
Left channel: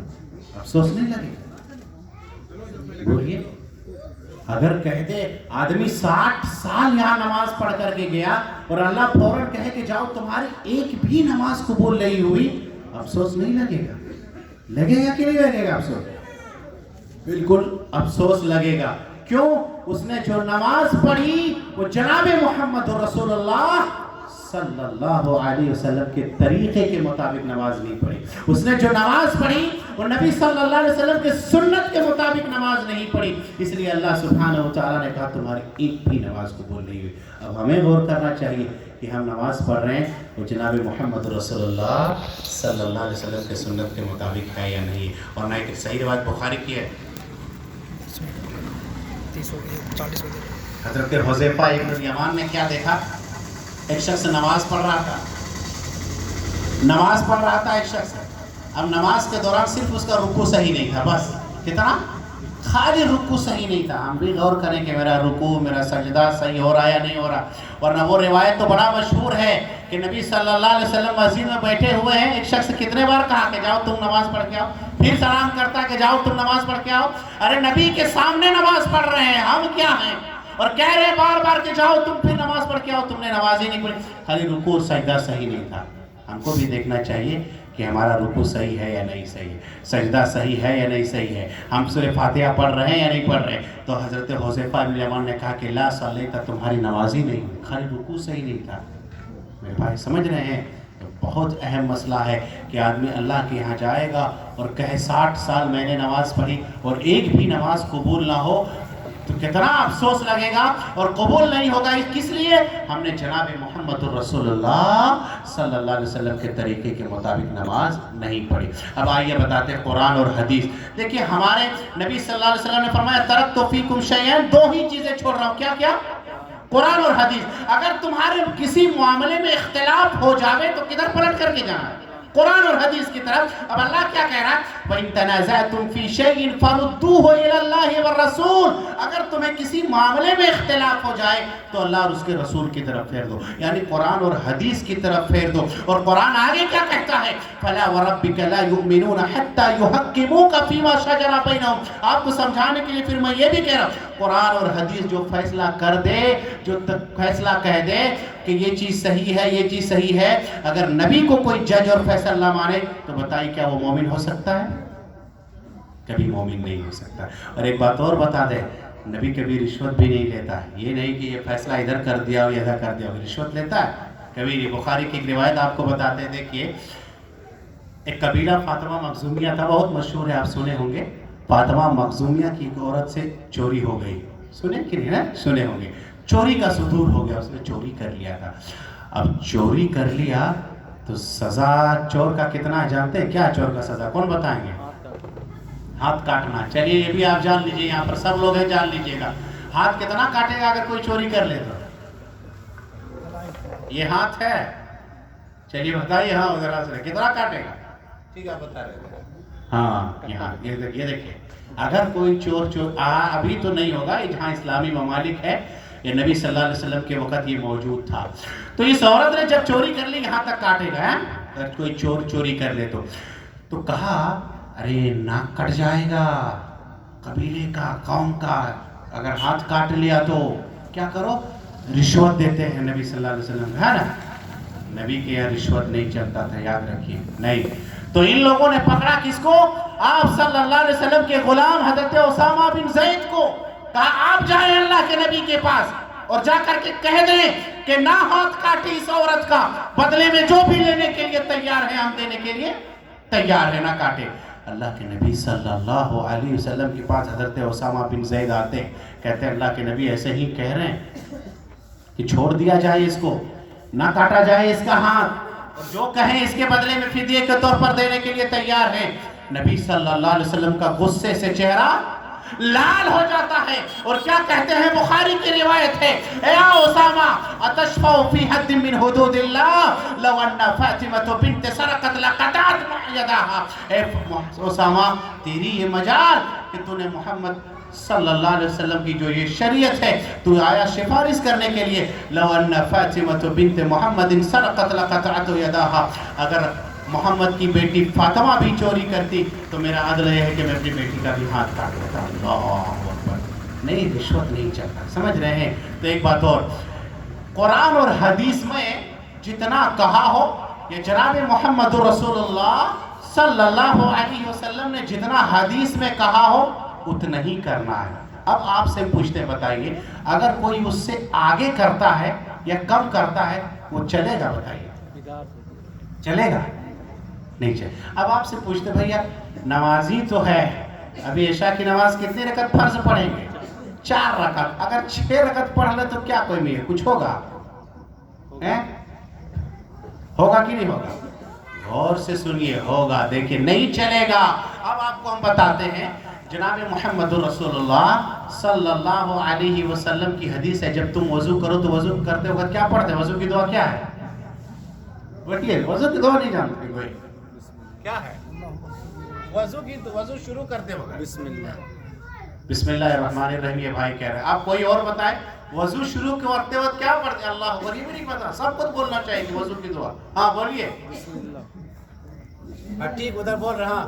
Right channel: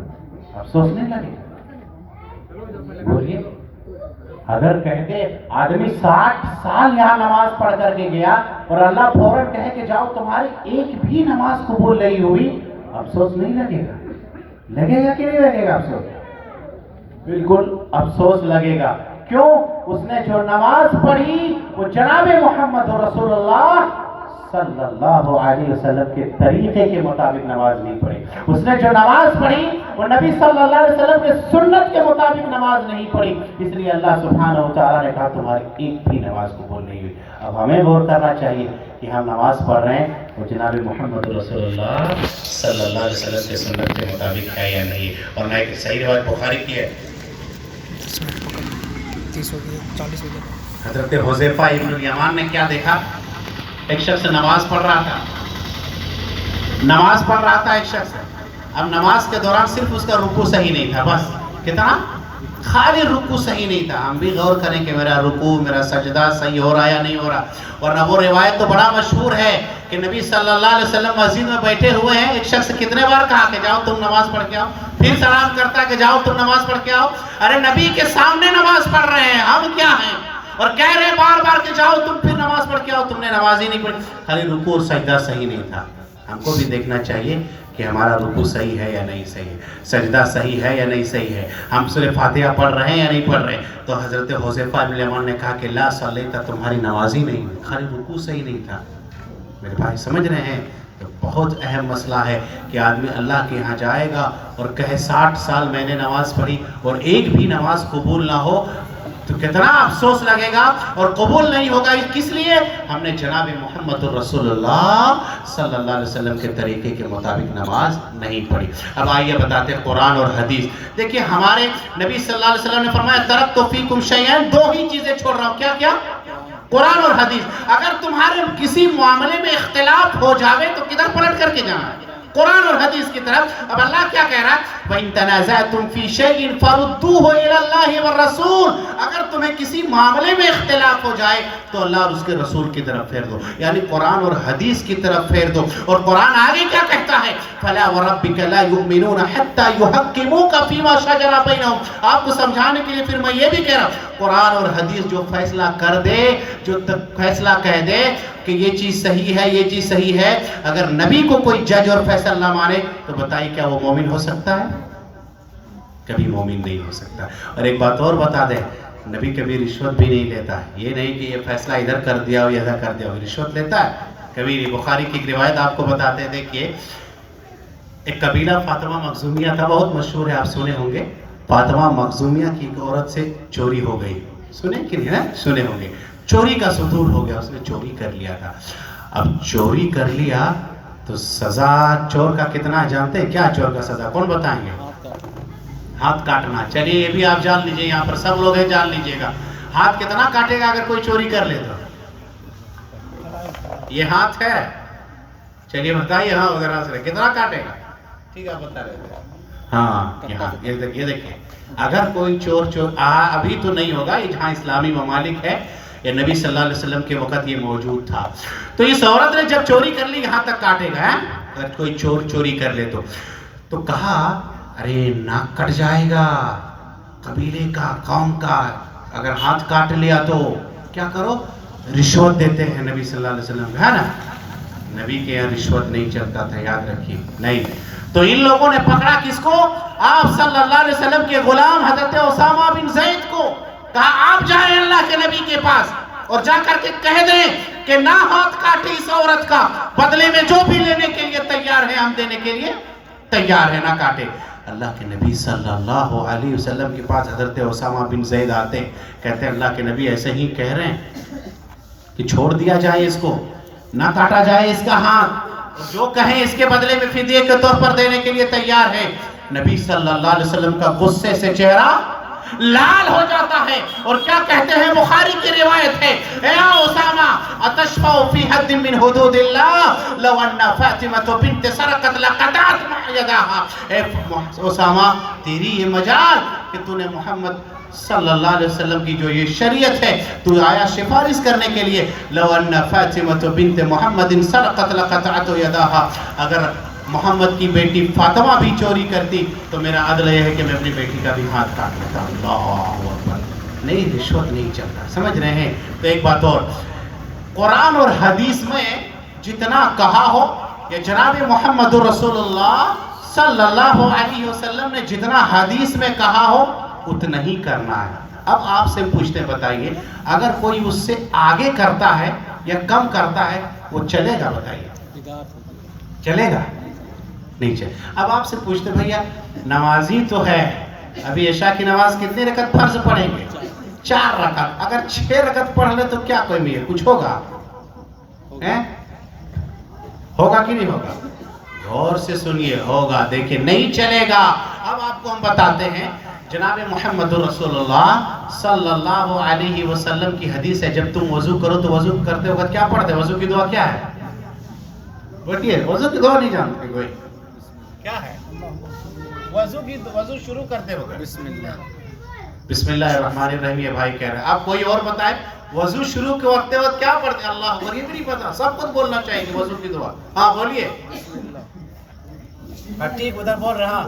افسوس نہیں لگے؟ بولیے، اگر کہتے آدمی 60 سال یہاں نماز پڑھ کر کے گیا اور اللہ فوراً کہے کہ جاؤ تمہاری ایک بھی نماز قبول نہیں ہوئی، افسوس نہیں لگے گا؟ لگے گا کہ نہیں لگے گا افسوس؟ بالکل افسوس لگے گا۔ کیوں؟ اس نے جو نماز پڑھی وہ جناب محمد رسول اللہ صلی اللہ علیہ وسلم کے طریقے کے مطابق نماز نہیں پڑھی۔ اس نے جو نماز پڑھی وہ نبی صلی اللہ علیہ وسلم کے سنت کے مطابق نماز نہیں پڑھی، اس لیے اللہ سبحانہ وتعالی نے کہا تمہاری ایک بھی نماز قبول نہیں ہوئی۔ اب ہمیں غور کرنا چاہیے کہ ہم نماز پڑھ رہے ہیں وہ جناب محمد رسول اللہ صلی اللہ علیہ وسلم کے سنت کے مطابق ہے یا نہیں۔ اور میں ایک صحیح روایت بخاری کی ہے، 30 ہو گئے 40 ہو گئے۔ حضرت حذیفہ ابن یمان نے کیا دیکھا؟ ایک شخص نماز پڑھ رہا تھا، ایک شخص، اب نماز کے دوران صرف اس کا رکوع صحیح نہیں تھا، بس کتنا؟ خالی رکوع صحیح نہیں تھا۔ ہم بھی غور کریں کہ میرا رکوع، میرا سجدہ صحیح ہو رہا یا نہیں ہو رہا، ورنہ وہ روایت تو بڑا مشہور ہے کہ نبی صلی اللہ علیہ وسلم مسجد میں بیٹھے ہوئے ہیں، ایک شخص کتنے بار کہا کہ جاؤ تم نماز پڑھ کے آؤ، پھر سلام کرتا کہ جاؤ تم نماز پڑھ کے آؤ۔ ارے نبی کے سامنے نماز پڑھ رہے ہیں، ہم کیا ہیں؟ اور کہہ رہے بار بار کہ جاؤ تم پھر نماز پڑھ کے آؤ، تم نے نماز ہی نہیں پڑھی، خالی رکوع اور سجدہ صحیح نہیں تھا۔ ہم کو بھی دیکھنا چاہیے کہ ہمارا رکوع صحیح ہے یا نہیں صحیح ہے، سجدہ صحیح ہے یا نہیں صحیح ہے، ہم سورہ فاتحہ پڑھ رہے ہیں یا نہیں پڑھ رہے ہیں۔ تو حضرت حذیفہ بن یمان نے کہا کہ لا صلیت، تمہاری نماز ہی نہیں ہوئی، خالی رکوع صحیح نہیں تھا۔ میرے بھائی سمجھ رہے ہیں؟ تو بہت اہم مسئلہ ہے کہ آدمی اللہ کے یہاں جائے گا اور کہے 60 سال میں نے نماز پڑھی اور ایک بھی نماز قبول نہ ہو، تو کتنا افسوس لگے گا اور قبول نہیں ہوگا۔ کس لیے؟ ہم نے جناب محمد رسول اللہ صلی اللہ علیہ وسلم کے طریقے کے مطابق نماز نہیں پڑھی۔ اب آئیے بتاتے ہیں قرآن اور حدیث۔ دیکھیے ہمارے نبی صلی اللہ علیہ وسلم نے فرمایا ترکت فیکم شیئین، دو ہی چیزیں چھوڑ رہا ہوں، کیا کیا؟ قرآن اور حدیث۔ اگر تمہارے کسی معاملے میں اختلاف ہو جاوے تو کدھر پلٹ کر کے جانا ہے؟ قرآن اور حدیث کی طرف۔ اب اللہ کیا کہہ رہا ہے؟ وَإِن تَنَازَعْتُمْ فِي شَيْءٍ فَرُدُّوهُ إِلَى اللَّهِ وَالرَّسُولِ، اگر تمہیں کسی معاملے میں اختلاف ہو جائے تو اللہ اور اس کے رسول کی طرف پھیر دو، یعنی قرآن اور حدیث کی طرف پھیر دو۔ اور قرآن آگے کیا کہتا ہے؟ فَلَا وَرَبِّكَ لَا يُؤْمِنُونَ حَتَّى يُحَكِّمُوكَ فِي مَا شَجَرَ بَيْنَهُمْ۔ آپ کو سمجھانے کے لیے پھر میں یہ بھی کہہ رہا ہوں، قرآن اور حدیث جو فیصلہ کر دے، جو فیصلہ کہہ دے کہ یہ چیز صحیح ہے، یہ چیز صحیح ہے، اگر نبی کو کوئی جج اور فیصلہ نہ مانے تو بتائیے کیا وہ مومن ہو سکتا ہے؟ کبھی مومن نہیں ہو سکتا۔ اور ایک بات اور بتا دیں، نبی کبھی رشوت بھی نہیں لیتا ہے، یہ نہیں کہ یہ فیصلہ ادھر کر دیا ہو یا ادھر کر دیا ہو، رشوت لیتا ہے کبھی نہیں۔ بخاری کی ایک روایت آپ کو بتاتے ہیں، دیکھیے ایک قبیلہ فاطمہ مخزومیہ تھا، بہت مشہور ہے، آپ سنے ہوں گے۔ فاطمہ مخزومیہ کی ایک عورت سے چوری ہو گئی، سنے کہ نہیں نا؟ سنے ہوں گے۔ چوری کا صدور ہو گیا، اس نے چوری کر لیا تھا۔ اب چوری کر لیا تو سزا چور کا کتنا جانتے ہیں؟ کیا چور کا سزا کون بتائیں گے؟ ہاتھ کاٹنا۔ چلیے یہ بھی آپ جان لیجئے، یہاں پر سب لوگ ہیں، جان لیجئے گا ہاتھ کتنا کاٹے گا اگر کوئی چوری کر لے تو؟ یہ ہاتھ ہے، چلیے بتائیے، ہاں وغیرہ سے کتنا کاٹے گا؟ ٹھیک ہے بتا رہے تھے۔ ہاں یہ دیکھیں، اگر کوئی چور ابھی تو نہیں ہوگا، یہ جہاں اسلامی ممالک ہے، یہ نبی صلی اللہ علیہ وسلم کے وقت یہ موجود تھا، تو اس عورت نے جب چوری کر لی یہاں تک کاٹے گا۔ اگر کوئی چور چوری کر لے تو کہا ارے ناک کٹ جائے گا قبیلے کا، قوم کا، اگر ہاتھ کاٹ لیا تو کیا کرو؟ رشوت دیتے ہیں نبی صلی اللہ علیہ وسلم، ہے نا؟ نبی کے یہاں رشوت نہیں چلتا تھا، یاد رکھیے، نہیں۔ تو ان لوگوں نے پکڑا کس کو؟ آپ صلی اللہ علیہ وسلم کے غلام حضرت اسامہ بن زید کو، کہا آپ جائیں اللہ کے نبی کے پاس اور جا کر کے کہہ دیں کہ نہ ہاتھ کاٹی اس عورت کا، بدلے میں جو بھی لینے کے لیے تیار ہے ہم دینے کے لیے تیار ہے، نہ کاٹے۔ اللہ کے نبی صلی اللہ علیہ وسلم کے پاس حضرت اسامہ بن زید آتے، کہتے ہیں اللہ کے نبی ایسے ہی کہہ رہے ہیں کہ چھوڑ دیا جائے اس کو، نہ کاٹا جائے اس کا ہاتھ، جو کہیں اس کے بدلے میں فدیے کے طور پر دینے کے لیے تیار ہے۔ نبی صلی اللہ علیہ وسلم کا غصے سے چہرہ لال ہو جاتا ہے اور کیا کہتے ہیں؟ بخاری کی روایت ہے، اے اسامہ اتشفع فی حد من حدود اللہ لو ان فاطمہ بنت سرقت لقطعت یداہا۔ اے اسامہ تیری یہ مجال کہ تو نے محمد صلی اللہ علیہ وسلم کی جو یہ شریعت ہے تو آیا سفارش کرنے کے لیے، لو ان فاطمہ بنت محمد سرقت لقطعت یداہا، اگر محمد کی بیٹی فاطمہ بھی چوری کرتی تو میرا عدل یہ ہے کہ میں اپنی بیٹی کا بھی ہاتھ کاٹ لیتا ہوں. اللہ اکبر. نہیں, رشوت نہیں چلتا. سمجھ رہے ہیں؟ تو ایک بات اور, قرآن اور حدیث میں جتنا کہا ہو, یا جناب محمد رسول اللہ صلی اللہ علیہ وسلم نے جتنا حدیث میں کہا ہو اتنا ہی کرنا ہے. اب آپ سے پوچھتے بتائیے, اگر کوئی اس سے آگے کرتا ہے یا کم کرتا ہے وہ چلے گا؟ بتائیے, چلے گا؟ نہیں چلے. اب آپ سے پوچھتے بھیا نمازی تو ہے, ابھی عشاء کی نماز کتنی رکعت فرض پڑھیں گے؟ 4 رکعت. اگر 6 رکعت پڑھ لے تو کیا کوئی بھی ہے, کچھ ہوگا؟ ہوگا کہ نہیں ہوگا؟ غور سے سنیے, ہوگا. دیکھیں نہیں چلے گا. اب آپ کو ہم بتاتے ہیں, جناب محمد رسول اللہ صلی اللہ علیہ وسلم کی حدیث ہے, جب تم وضو کرو تو وضو کرتے وقت کیا پڑھتے؟ وضو کی دعا کیا ہے؟ بتائیے, وضو کی دعا نہیں جانتے کوئی؟ کیا ہے وضو شروع کرتے وقت بسم اللہ الرحمن الرحیم. یہ بھائی کہہ رہے ہیں. آپ کوئی اور بتائیں وضو شروع کرتے وقت کیا پڑھتے ہیں؟ اللہ اکبر. یہ بھی نہیں پتا, سب کچھ بولنا چاہیے کہ وضو کی دعا. ہاں بولیے. ٹھیک, ادھر بول رہا.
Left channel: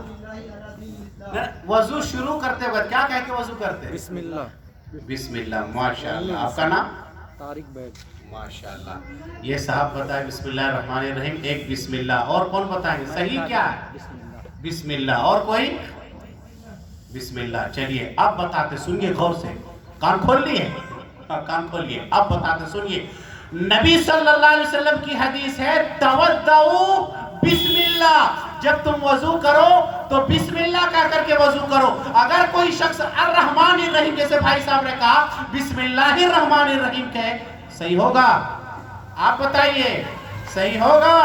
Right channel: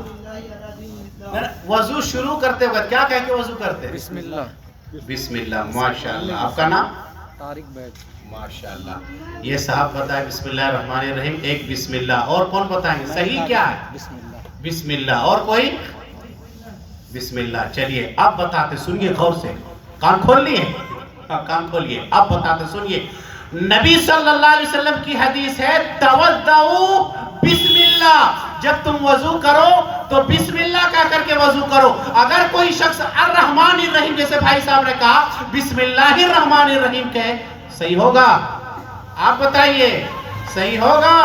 وضو شروع کرتے وقت کیا کہہ کے وضو کرتے ہیں؟ بسم اللہ. بسم اللہ. ماشاءاللہ. آپ کا نام؟ طارق بیگ. ماشاءاللہ. یہ صاحب بتائیں بسم اللہ الرحمن الرحیم, ایک بسم اللہ. اور کون بتائیں صحیح کیا ہے؟ بسم اللہ. بسم اللہ. اور کوئی؟ بسم اللہ. چلیے اب بتاتے, سنیے غور سے, کان کھول لیے, کان کھولیے. اب بتاتے سنیے, نبی صلی اللہ علیہ وسلم کی حدیث ہے تودعوا بسم اللہ. جب تم وضو کرو تو بسم اللہ کہہ کر کے وضو کرو. اگر کوئی شخص الرحمن الرحیم, جیسے بھائی صاحب نے کہا بسم اللہ الرحمن الرحیم کہے, صحیح ہوگا؟ آپ بتائیے, صحیح ہوگا؟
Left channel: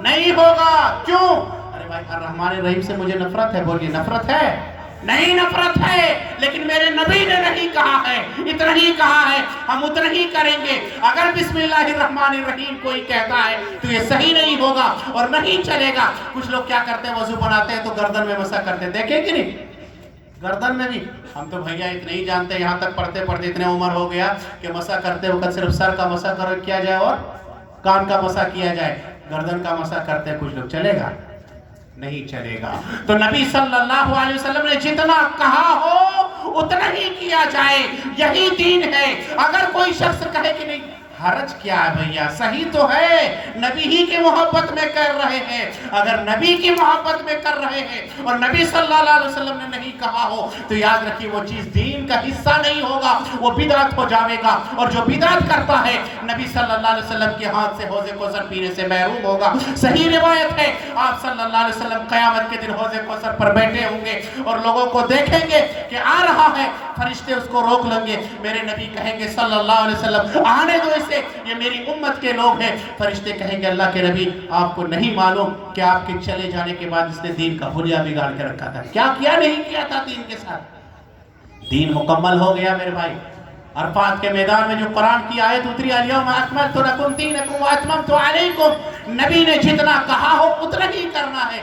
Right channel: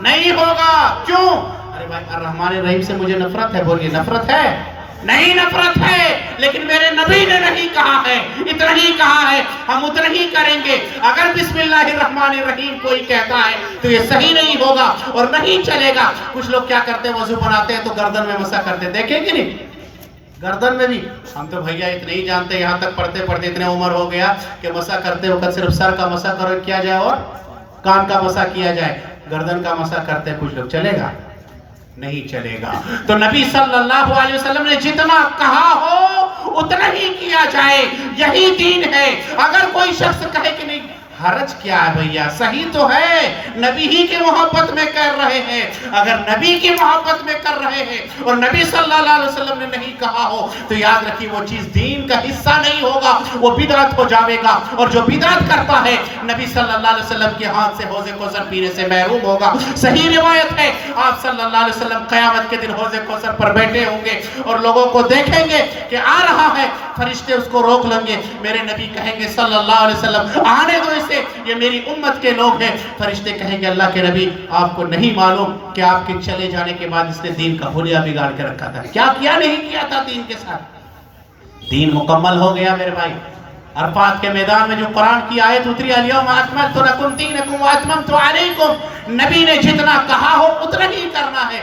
نہیں ہوگا. کیوں؟ ارے بھائی الرحمن الرحیم سے مجھے نفرت ہے. بولیے, نفرت ہے؟ نہیں نفرت ہے, لیکن میرے نبی نے نہیں کہا ہے, اتنا ہی کہا ہے, ہم اتنا ہی کریں گے. اگر بسم اللہ الرحمن الرحیم کوئی کہتا ہے تو یہ صحیح نہیں ہوگا اور نہیں چلے گا. کچھ لوگ کیا کرتے ہیں, وضو بناتے ہیں تو گردن میں مسح کرتے ہیں. دیکھیں کہ نہیں, گردن میں بھی. ہم تو بھیا اتنے ہی جانتے, یہاں تک پڑھتے پڑھتے اتنے عمر ہو گیا کہ مسح کرتے وقت صرف سر کا مسح کرو کیا جائے اور کان کا مسح کیا جائے, گردن کا مسح کرتے ہیں کچھ لوگ. چلے گا؟ نہیں چلے گا. تو نبی صلی اللہ علیہ وسلم نے جتنا کہا ہو اتنا ہی کیا جائے, یہی دین ہے. اگر کوئی شخص کہے کہ نہیں, حرج کیا ہے بھیا, صحیح تو ہے, نبی ہی کی محبت میں کر رہے ہیں. اگر نبی کی محبت میں کر رہے ہیں اور نبی صلی اللہ علیہ وسلم نے نہیں کہا ہو تو یاد رکھیے وہ چیز دین کا حصہ نہیں ہوگا, وہ بدعت ہو جاوے گا. اور جو بدعت کرتا ہے نبی صلی اللہ علیہ وسلم کے ہاتھ سے حوض کوثر پینے سے محروم ہوگا. صحیح روایت ہے, آپ صلی اللہ علیہ وسلم قیامت کے دن حوض کوثر پر بیٹھے ہوں گے اور لوگوں کو دیکھیں گے کہ آ رہا ہے, فرشتے اس کو روک لیں گے. میرے نبی کہیں گے صلی اللہ علیہ وسلم آنے دو اسے, یہ میری امت کے لوگ ہیں. فرشتے کہیں گے اللہ کے نبی آپ کو نہیں معلوم کہ آپ کے چلے جانے کے بعد اس نے دین کا حلیہ بگاڑ کے رکھا تھا. کیا کیا نہیں کیا تھا دین کے ساتھ. دین مکمل ہو گیا میرے بھائی. عرفات کے میدان میں جو قرآن کی آیت اتری, الیوم اکملت لکم دینکم واتممت علیکم, نبی نے جتنا کہا ہو اتنا ہی کرنا ہے.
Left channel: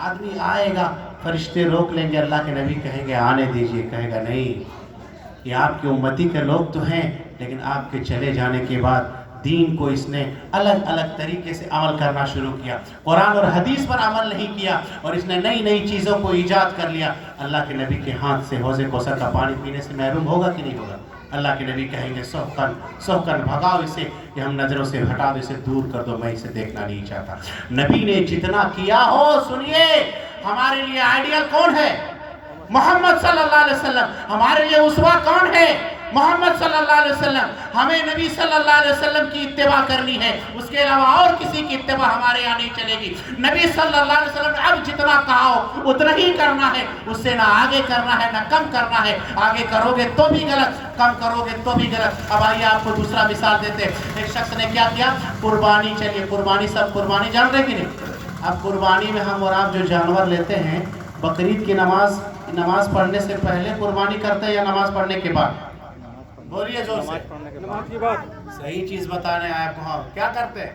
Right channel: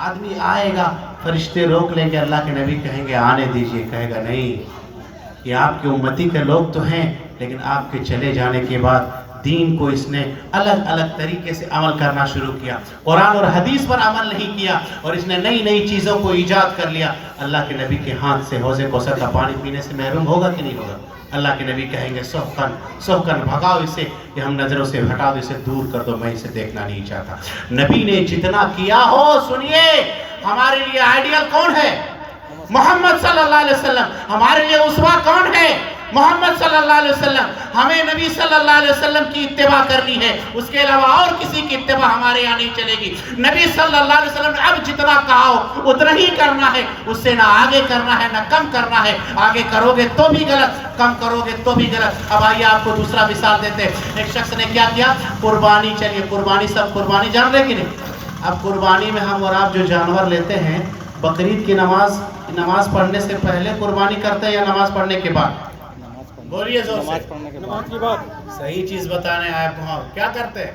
آدمی آئے گا, فرشتے روک لیں گے, اللہ کے نبی کہیں گے آنے دیجئے. کہے گا نہیں, یہ آپ کے امتی کے لوگ تو ہیں, لیکن آپ کے چلے جانے کے بعد دین کو اس نے الگ الگ طریقے سے عمل کرنا شروع کیا, قرآن اور حدیث پر عمل نہیں کیا, اور اس نے نئی نئی چیزوں کو ایجاد کر لیا. اللہ کے نبی کے ہاتھ سے حوض کوثر کا پانی پینے سے محروم ہوگا کہ نہیں ہوگا؟ اللہ کے نبی کہیں گے سحقن سحقن, بھگاؤ اسے, کہ ہم نظروں سے ہٹا دو, اسے دور کر دو, میں اسے دیکھنا نہیں چاہتا. نبی نے جتنا کیا ہو, سنیے, ہمارے لیے آئیڈیل کون ہے؟ محمد صلی اللہ علیہ وسلم. ہمارے لیے اسوہ کون ہے؟ محمد صلی اللہ علیہ وسلم. ہمیں نبی صلی اللہ علیہ وسلم کی اتباع کرنی ہے, اس کے علاوہ اور کسی کی اتباع ہمارے یہاں نہیں چلے گی. نبی صلی اللہ علیہ وسلم نے اب جتنا کہا ہو اتنا ہی کرنا ہے, اس سے نہ آگے کرنا ہے نہ کم کرنا ہے. آگے کرو گے تو بھی غلط, کم کرو گے تو بھی غلط. اب آئیے آپ کو دوسرا مثال دیتے ہیں. ایک شخص نے کیا کیا, قربانی. چلیے قربانی, سب قربانی جان رہے کہ نہیں؟ اب قربانی میں ہم اور آپ جو جانور لیتے ہیں, بقرعید کی نماز پڑھنے سے پہلے قربانی کرتے ہیں یا نماز پڑھنے کے بعد؟ بولیے زور سے. نماز کے بعد. صحیح چیز بتانے آئے آپ کو. کیا کرتے ہیں,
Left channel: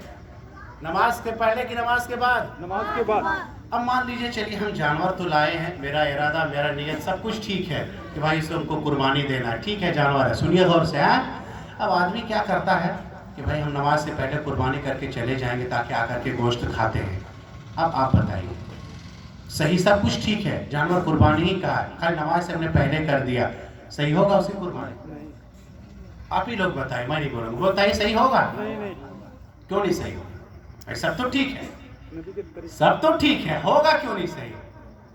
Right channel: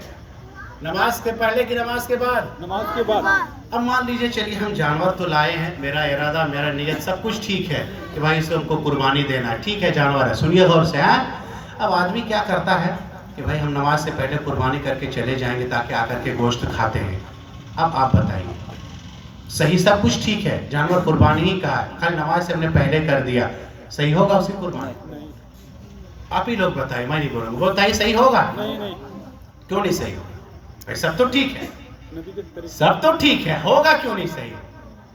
نماز کے پہلے کی نماز کے بعد؟ نماز کے بعد. اب مان لیجئے چلیے ہم جانور تو لائے ہیں, میرا ارادہ میرا نیت سب کچھ ٹھیک ہے کہ بھائی اسے ہم کو قربانی دینا ہے, ٹھیک ہے, جانور ہے. سنیے غور سے. اب آدمی کیا کرتا ہے کہ بھائی ہم نماز سے پہلے قربانی کر کے چلے جائیں گے تاکہ آ کر کے گوشت کھاتے ہیں. اب آپ بتائیے صحیح سب کچھ ٹھیک ہے جانور قربانی ہی کہا ہے خالی نماز سے ہم نے پہلے کر دیا صحیح ہوگا اسی قربانی آپ ہی لوگ بتائیں میں نہیں بولوں بتائیے صحیح ہوگا کیوں نہیں صحیح ہوگا سب تو ٹھیک ہے سب تو ٹھیک ہے ہوگا کیوں نہیں صحیح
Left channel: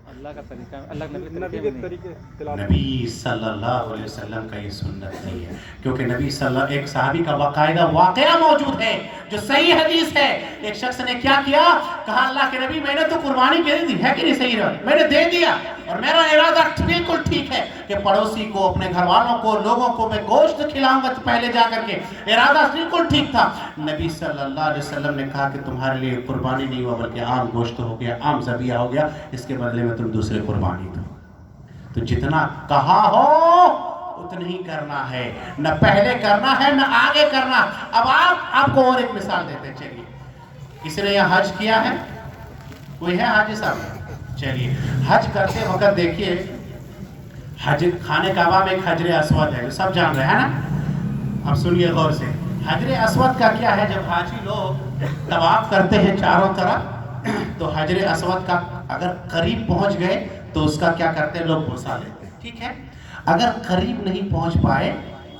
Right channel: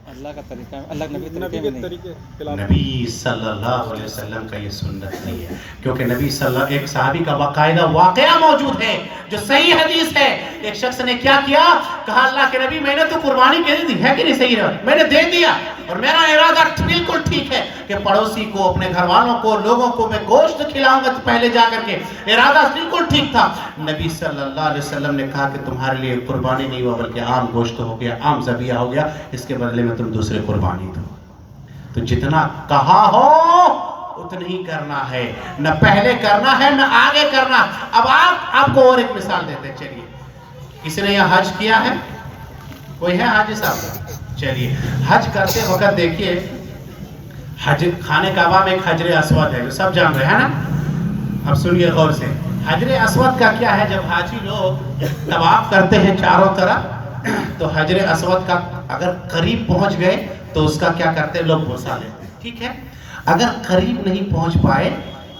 اللہ کا طریقہ اللہ نبی کے طریقے نبی صلی اللہ علیہ وسلم کا یہ سنت نہیں ہے کیونکہ نبی صلی اللہ ایک صحابی کا باقاعدہ واقعہ موجود ہے جو صحیح حدیث ہے ایک شخص نے کیا کیا کہا اللہ کے نبی میں نے تو قربانی کے دی ہے کہ نہیں صحیح ہے میں نے دے دیا اور میرا ارادہ بالکل ٹھیک ہے کہ پڑوسی کو اپنے گھر والوں کو لوگوں کو میں گوشت کھلاؤں گا پہلے جا کر کے ارادہ بالکل ٹھیک تھا نبی صلی اللہ علیہ وسلم نے کہا کہ تمہارے لیے قربانی نہیں ہوا بلکہ عام گوشت ہو گیا عام ذبیحہ ہو گیا اس کے بدلے میں تم دوسرے قربانی دو تو جتنا کہا ہو اتنا ہی کرنا ہے نہ پہلے کرنا ہے نہ آگے کرنا اب آپ کو اور ایک مثال دیتے ہیں چلیے کسی نے یہاں حج کیا ہے کوئی ہے حاجی صاحب چلیے حج کرتے وقت دیکھیے حج خانہ کعبہ میں ایک حجر اسود ہے جو سب جان رہے ہیں نا اب سنیے غور سے حجر اسود کا کیا ہے جب حاجی لوگ طواف کرتے ہیں چاروں طرف تو حجر اسود کا اگر قریب پہنچ گئے تو اس کا کیا کرتے ہیں لوگ بوسا لیتے ہیں ٹھیک ہے اگر قریب نہیں پہنچ پائے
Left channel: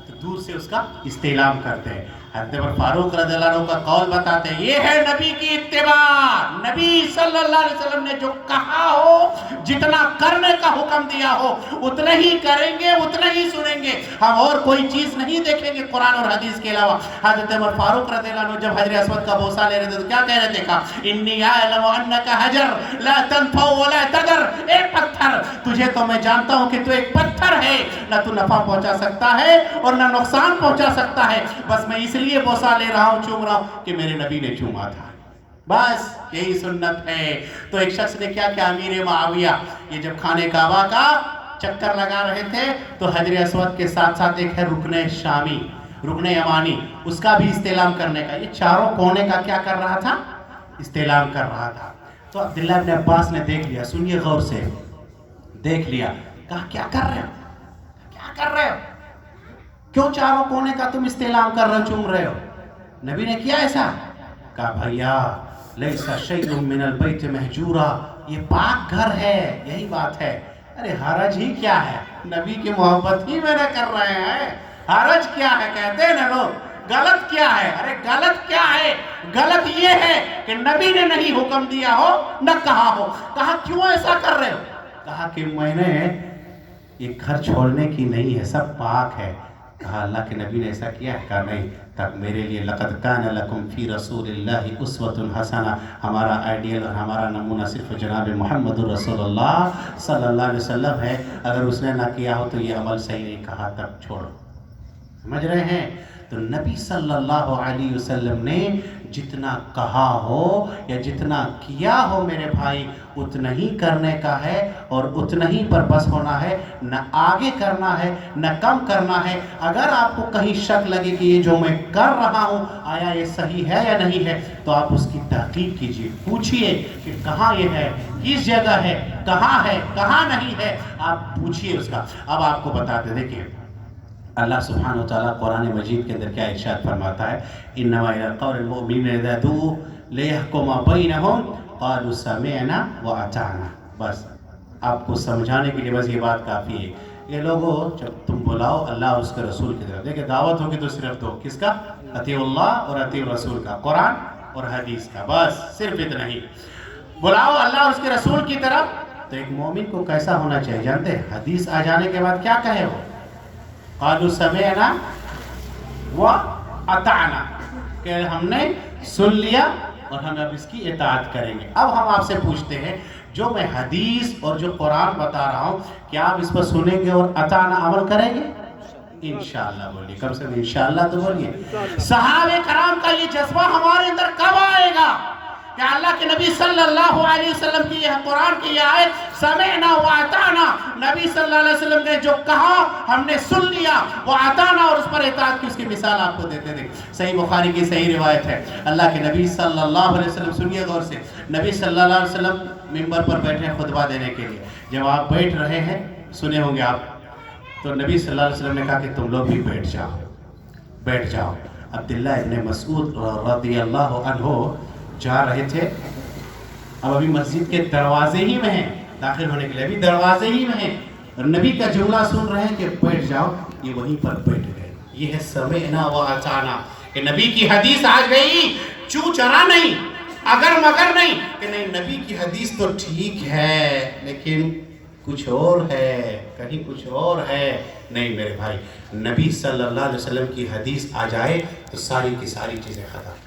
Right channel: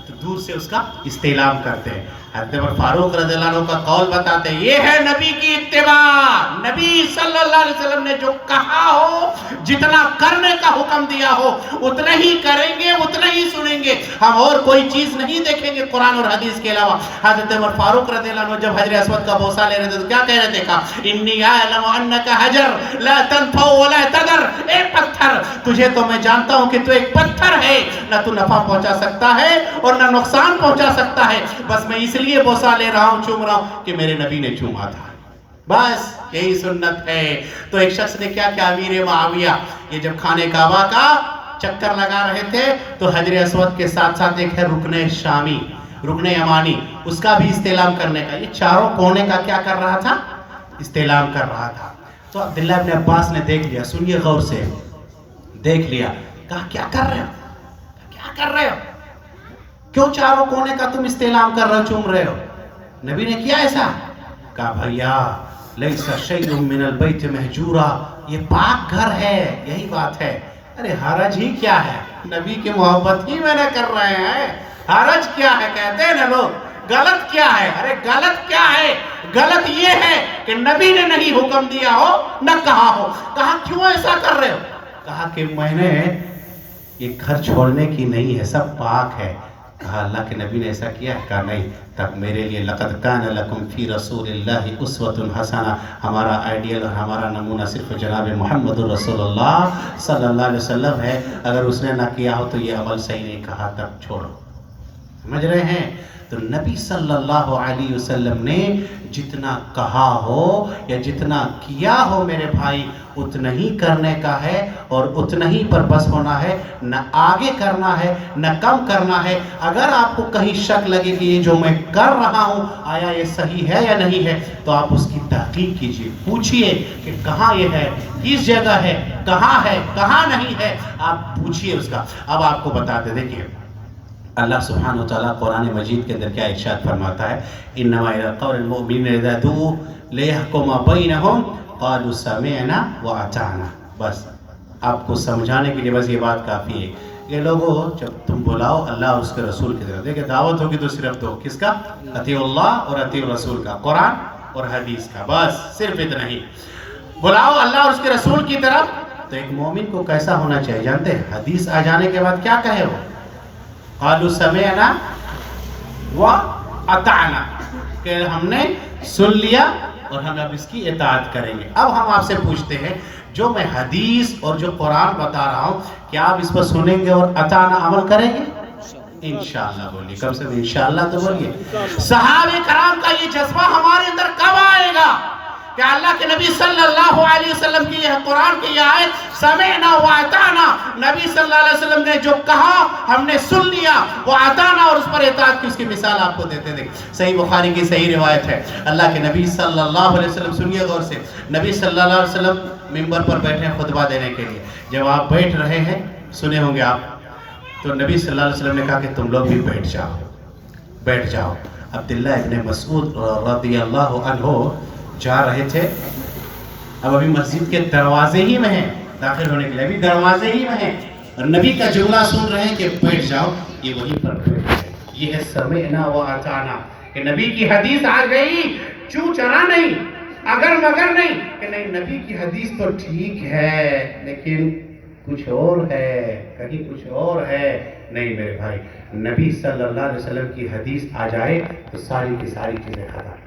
تو دور سے اس کا استعلام کرتے ہیں حضرت عمر فاروق رضی اللہ عنہ کا قول بتاتے ہیں یہ ہے نبی کی اتباع نبی صلی اللہ علیہ وسلم نے جو کہا ہو جتنا کرنے کا حکم دیا ہو اتنا ہی کریں گے اتنا ہی سنیں گے ہم اور کوئی چیز نہیں دیکھیں گے قرآن اور حدیث کے علاوہ حضرت عمر فاروق رضی اللہ عنہ جب حجر اسود کا بوسہ لے رہے تھے تو کیا کہہ رہے تھے کہا انی اعلم انک حجر لا تنفع ولا تضر اے پتھر تجھے تو میں جانتا ہوں کہ تو ایک پتھر ہے نہ تو نفع پہنچا سکتا ہے اور نہ نقصان پہنچا سکتا ہے بس میں اس لیے بوسہ لے رہا ہوں چوم رہا ہوں کہ میرے نبی نے چوما تھا بس یہی سنت ہے تو ایک شخص نے کیا کہ امیر معاویہ یہ جب خانہ کعبہ کا چکر لگا رہے تھے تو حجر اسود کے ساتھ ساتھ ایک ہے رکن شامی رکن یمانی اس کا بھی استعلام کرنے کا یہ چاروں کونے کا کیا کر رہا تھا استعلام کر رہا تھا تو عبداللہ ابن عباس نے دیکھ لیا سنیے غور سے دیکھ لیا کہا کیا کر رہے ہو کیا کر رہے ہو کیوں چاروں کونے کا تم استعلام کر رہے ہو چوم رہے ہو نبی نے کیا ایسا کہا بھائیا لیسا شیء من البیت محجورا یہ پاک گھر ہے یہی بات ہے ارے حرج ہی کیا ہے نبی کی محبت ہی میں نے کر رہے ہیں حرج کیا ہے کہتے ہیں نا لوگ غلط کیا ہے ارے غلط کیا ہے غلط یہ ہے کہ نبی نے نہیں حکم دیا ہو نہ کہا ہو کہا کیوں ایسا کر رہے ہو کہا کہ میں نے یہ گھر چھوڑنے کی نہیں ہے سب پاک ہے کہا اللہ کے نبی نے ایسا کیا ہے کہا نہیں تب میرے لیے لقد کان لکم فی رسول اللہ اسوۃ حسنہ ہمارا آئیڈیل اور ہمارا نمونہ صرف جناب محمد رسول اللہ صلی اللہ علیہ وسلم ہے اگر اس نے نہ کیا ہو تو یہ عمل صحیح نہیں کہا تب چھوڑو سمجھ رہے ہیں تو نبی صلی اللہ علیہ وسلم نے جتنا کہا ہو یا جتنا کیا ہو میرے بھائی اتنا ہی کرنے کا ہے اور اتنا ہی پر بس ہونا ہے نہ آگے کرنا ہے نہ کم کرنا ہے اگر آپ کو کہیں شک لگے کہ یہ جو میں کر رہا ہوں آیا یہ صحیح ہے یا نہیں ہے تو آپ اس کی تحقیق کیجئے پوچھئے کہ کہاں یہ ہے کس جگہ ہے کہاں نہیں ہے آپ پوچھئے اس کا اب آپ کو بتاتے دیکھئے اللہ سبحانہ وتعالیٰ قرآن مجید کے اندر کیا ارشاد فرماتا ہے انما الی قول المؤمنین اذا دعوا لیحکم بینہم قالوا سمعنا واطعنا بس آپ کو سمجھانے کے لیے بس یہ بات کافی ہے یہ لوگوں جب تم بلاؤ اللہ اور اس کے رسول کی طرف دیکھیں دعوت ہوگی تو صرف دو کس کا اطیعوا اللہ اور اطیعوا الرسول کا قرآن اور حدیث کا بس صرف اتنا ہی بلاؤ اللہ اور اس کے رسول کی طرف تو ایک مومن کو کیسا ہونا چاہیے جانتے ہیں حدیث آ جانے کے بعد کیا کہے ہو قالوا سمعنا واطعنا کہ ہم نے سن لیا اور ہم اب اس کی اطاعت کریں گے اب ہم آپ سے پوچھتے ہیں جو میں حدیث اور جو قرآن بتا رہا ہوں کیا آپ اس پر سنیں گے اور اطاعنا عمل کریں گے انشاءاللہ بولیے کم سے کم انشاءاللہ تو بولیے صحابہ کرام کا یہ جذبہ ہمارے اندر کب آئے گا کہ اللہ کے نبی صلی اللہ علیہ وسلم کی یہ قرآن کی یہ آیت سمعنا واطعنا نبی صلی اللہ علیہ وسلم نے جو کہا ہم نے سن لیا واطعنا اور اس پر اطاعت کی اس کی مثال آپ کو دیتے تھے صحیح بخاری کی صحیح روایت ہے اللہ کے نبی صلی اللہ علیہ وسلم سنیے غور سے نبی صلی اللہ علیہ وسلم منبر پر بیٹھے ہیں خطبہ دینے کے لیے جب آپ بیٹھ رہے ہیں سنے ہوں گے آپ تو نبی صلی اللہ علیہ وسلم نے کہا کہ تم لوگ بھی بیٹھ جاؤ عبداللہ ابن مسعود رضی اللہ عنہ جا رہے تھے اب ابھی مسجد کے دروازے ہی میں ہیں، داخل ہونے کے لیے ابھی دروازے ہی میں ہیں، اور نبی کا جملہ سن رہے ہیں کہ بیٹھ جاؤ، یہ وہیں پر بیٹھ گئے۔ یہ ہے سمعنا و اطعنا، کہ نبی کی حدیث آ گئی، چوں چرا نہیں، اگر مگر نہیں، کہ نہیں نبی کی حدیث تو ٹھیک ہے لیکن کچھ اور ہے، کہیں کچھ اور ہے۔ نہیں میرے بھائی، نبی صلی اللہ علیہ وسلم کی حدیث آ جائے تو ساری کی ساری چیزیں ختم،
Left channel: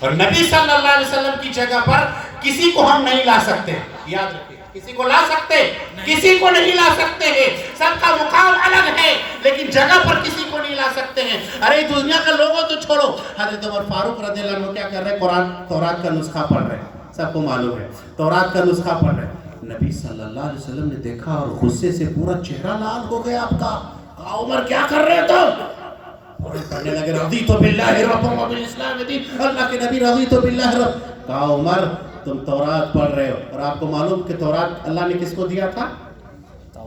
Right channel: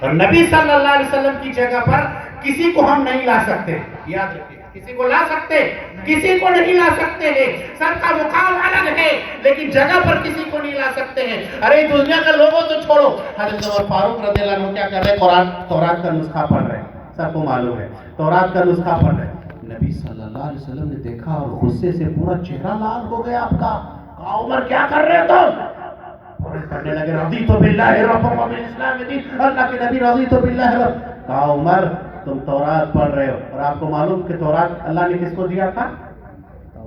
اور نبی صلی اللہ علیہ وسلم کی جگہ پر کسی کو ہم نہیں لا سکتے، یاد رکھیں، کسی کو لا سکتے، کسی کو نہیں لا سکتے ہیں، سب کا مقام الگ ہے، لیکن جگہ پر کسی کو نہیں لا سکتے ہیں۔ ارے دنیا کا لوگوں تو چھوڑو، حضرت عمر فاروق رضی اللہ عنہ کیا کر رہے ہیں؟ تورات کا نسخہ پڑھ رہے ہیں، سب کو معلوم ہے، تورات کا نسخہ پڑھ رہے ہیں۔ نبی صلی اللہ علیہ وسلم نے دیکھا اور غصے سے پورا چہرہ لال ہو گیا آپ کا۔ کہا عمر کیا کر رہے تم؟ اور پڑھنے لگے رضیت باللہ ربا وبالاسلام دین، اللہ کے نبی رضیت باللہ رب۔ کہا عمر تم تورات پڑھ رہے ہو، اور آپ کو معلوم کہ تورات اللہ نے کس کو دیا تھا؟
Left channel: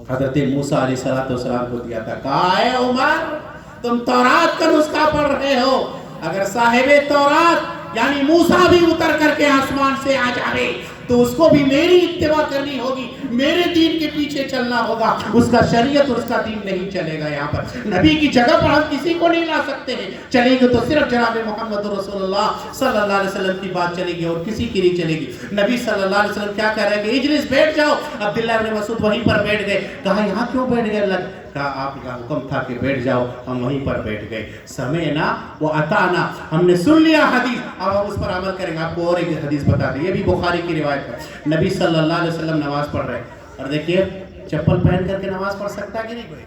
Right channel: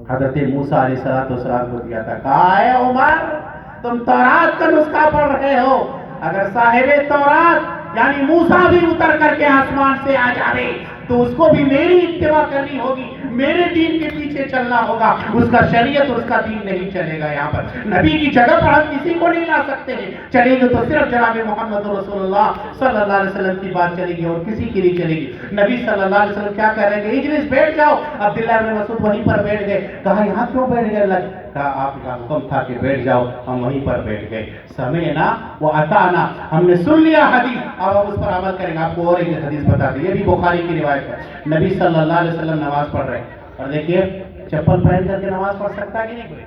حضرت موسیٰ علیہ السلام کو دیا تھا۔ کہا اے عمر تم تورات کا نسخہ پڑھ رہے ہو، اگر صاحب تورات یعنی موسیٰ بھی اتر کر کے آسمان سے آ جائے تو اس کو بھی میری اتباع کرنی ہوگی، میرے دین کے پیچھے چلنا ہوگا، اس کا شریعت اور اس کا دین نہیں چلے گا۔ یہاں پر نبی کی جگہ پر ہم کسی کو نہیں لا سکتے ہیں، چلے گے تو صرف جناب محمد رسول اللہ صلی اللہ علیہ وسلم کی بات چلے گی اور کسی کی نہیں چلے گی۔ نبی صلی اللہ علیہ وسلم کیا کہہ رہے ہیں کہ اجلس بیٹھ جاؤ، عبداللہ بن مسعود وہیں پر بیٹھ گئے۔ کہا یہاں کیوں بیٹھ گئے؟ اللہ کہا آپ کا حکم تھا کہ بیٹھ جاؤ، ہم وہیں پر بیٹھ گئے۔ سمعنا و اطعنا، ہم نے سن لیا حدیث، اب ہم اس پر عمل کریں گے۔ آپ کو اور ایک حدیث بتا دیں، یہ بھی بخاری کی روایت ہے۔ نبی صلی اللہ علیہ وسلم نماز پڑھ رہے ہیں، اور دیکھیے چپل پہن کر کے نماز پڑھ سکتا ہے کہ نہیں کوئی؟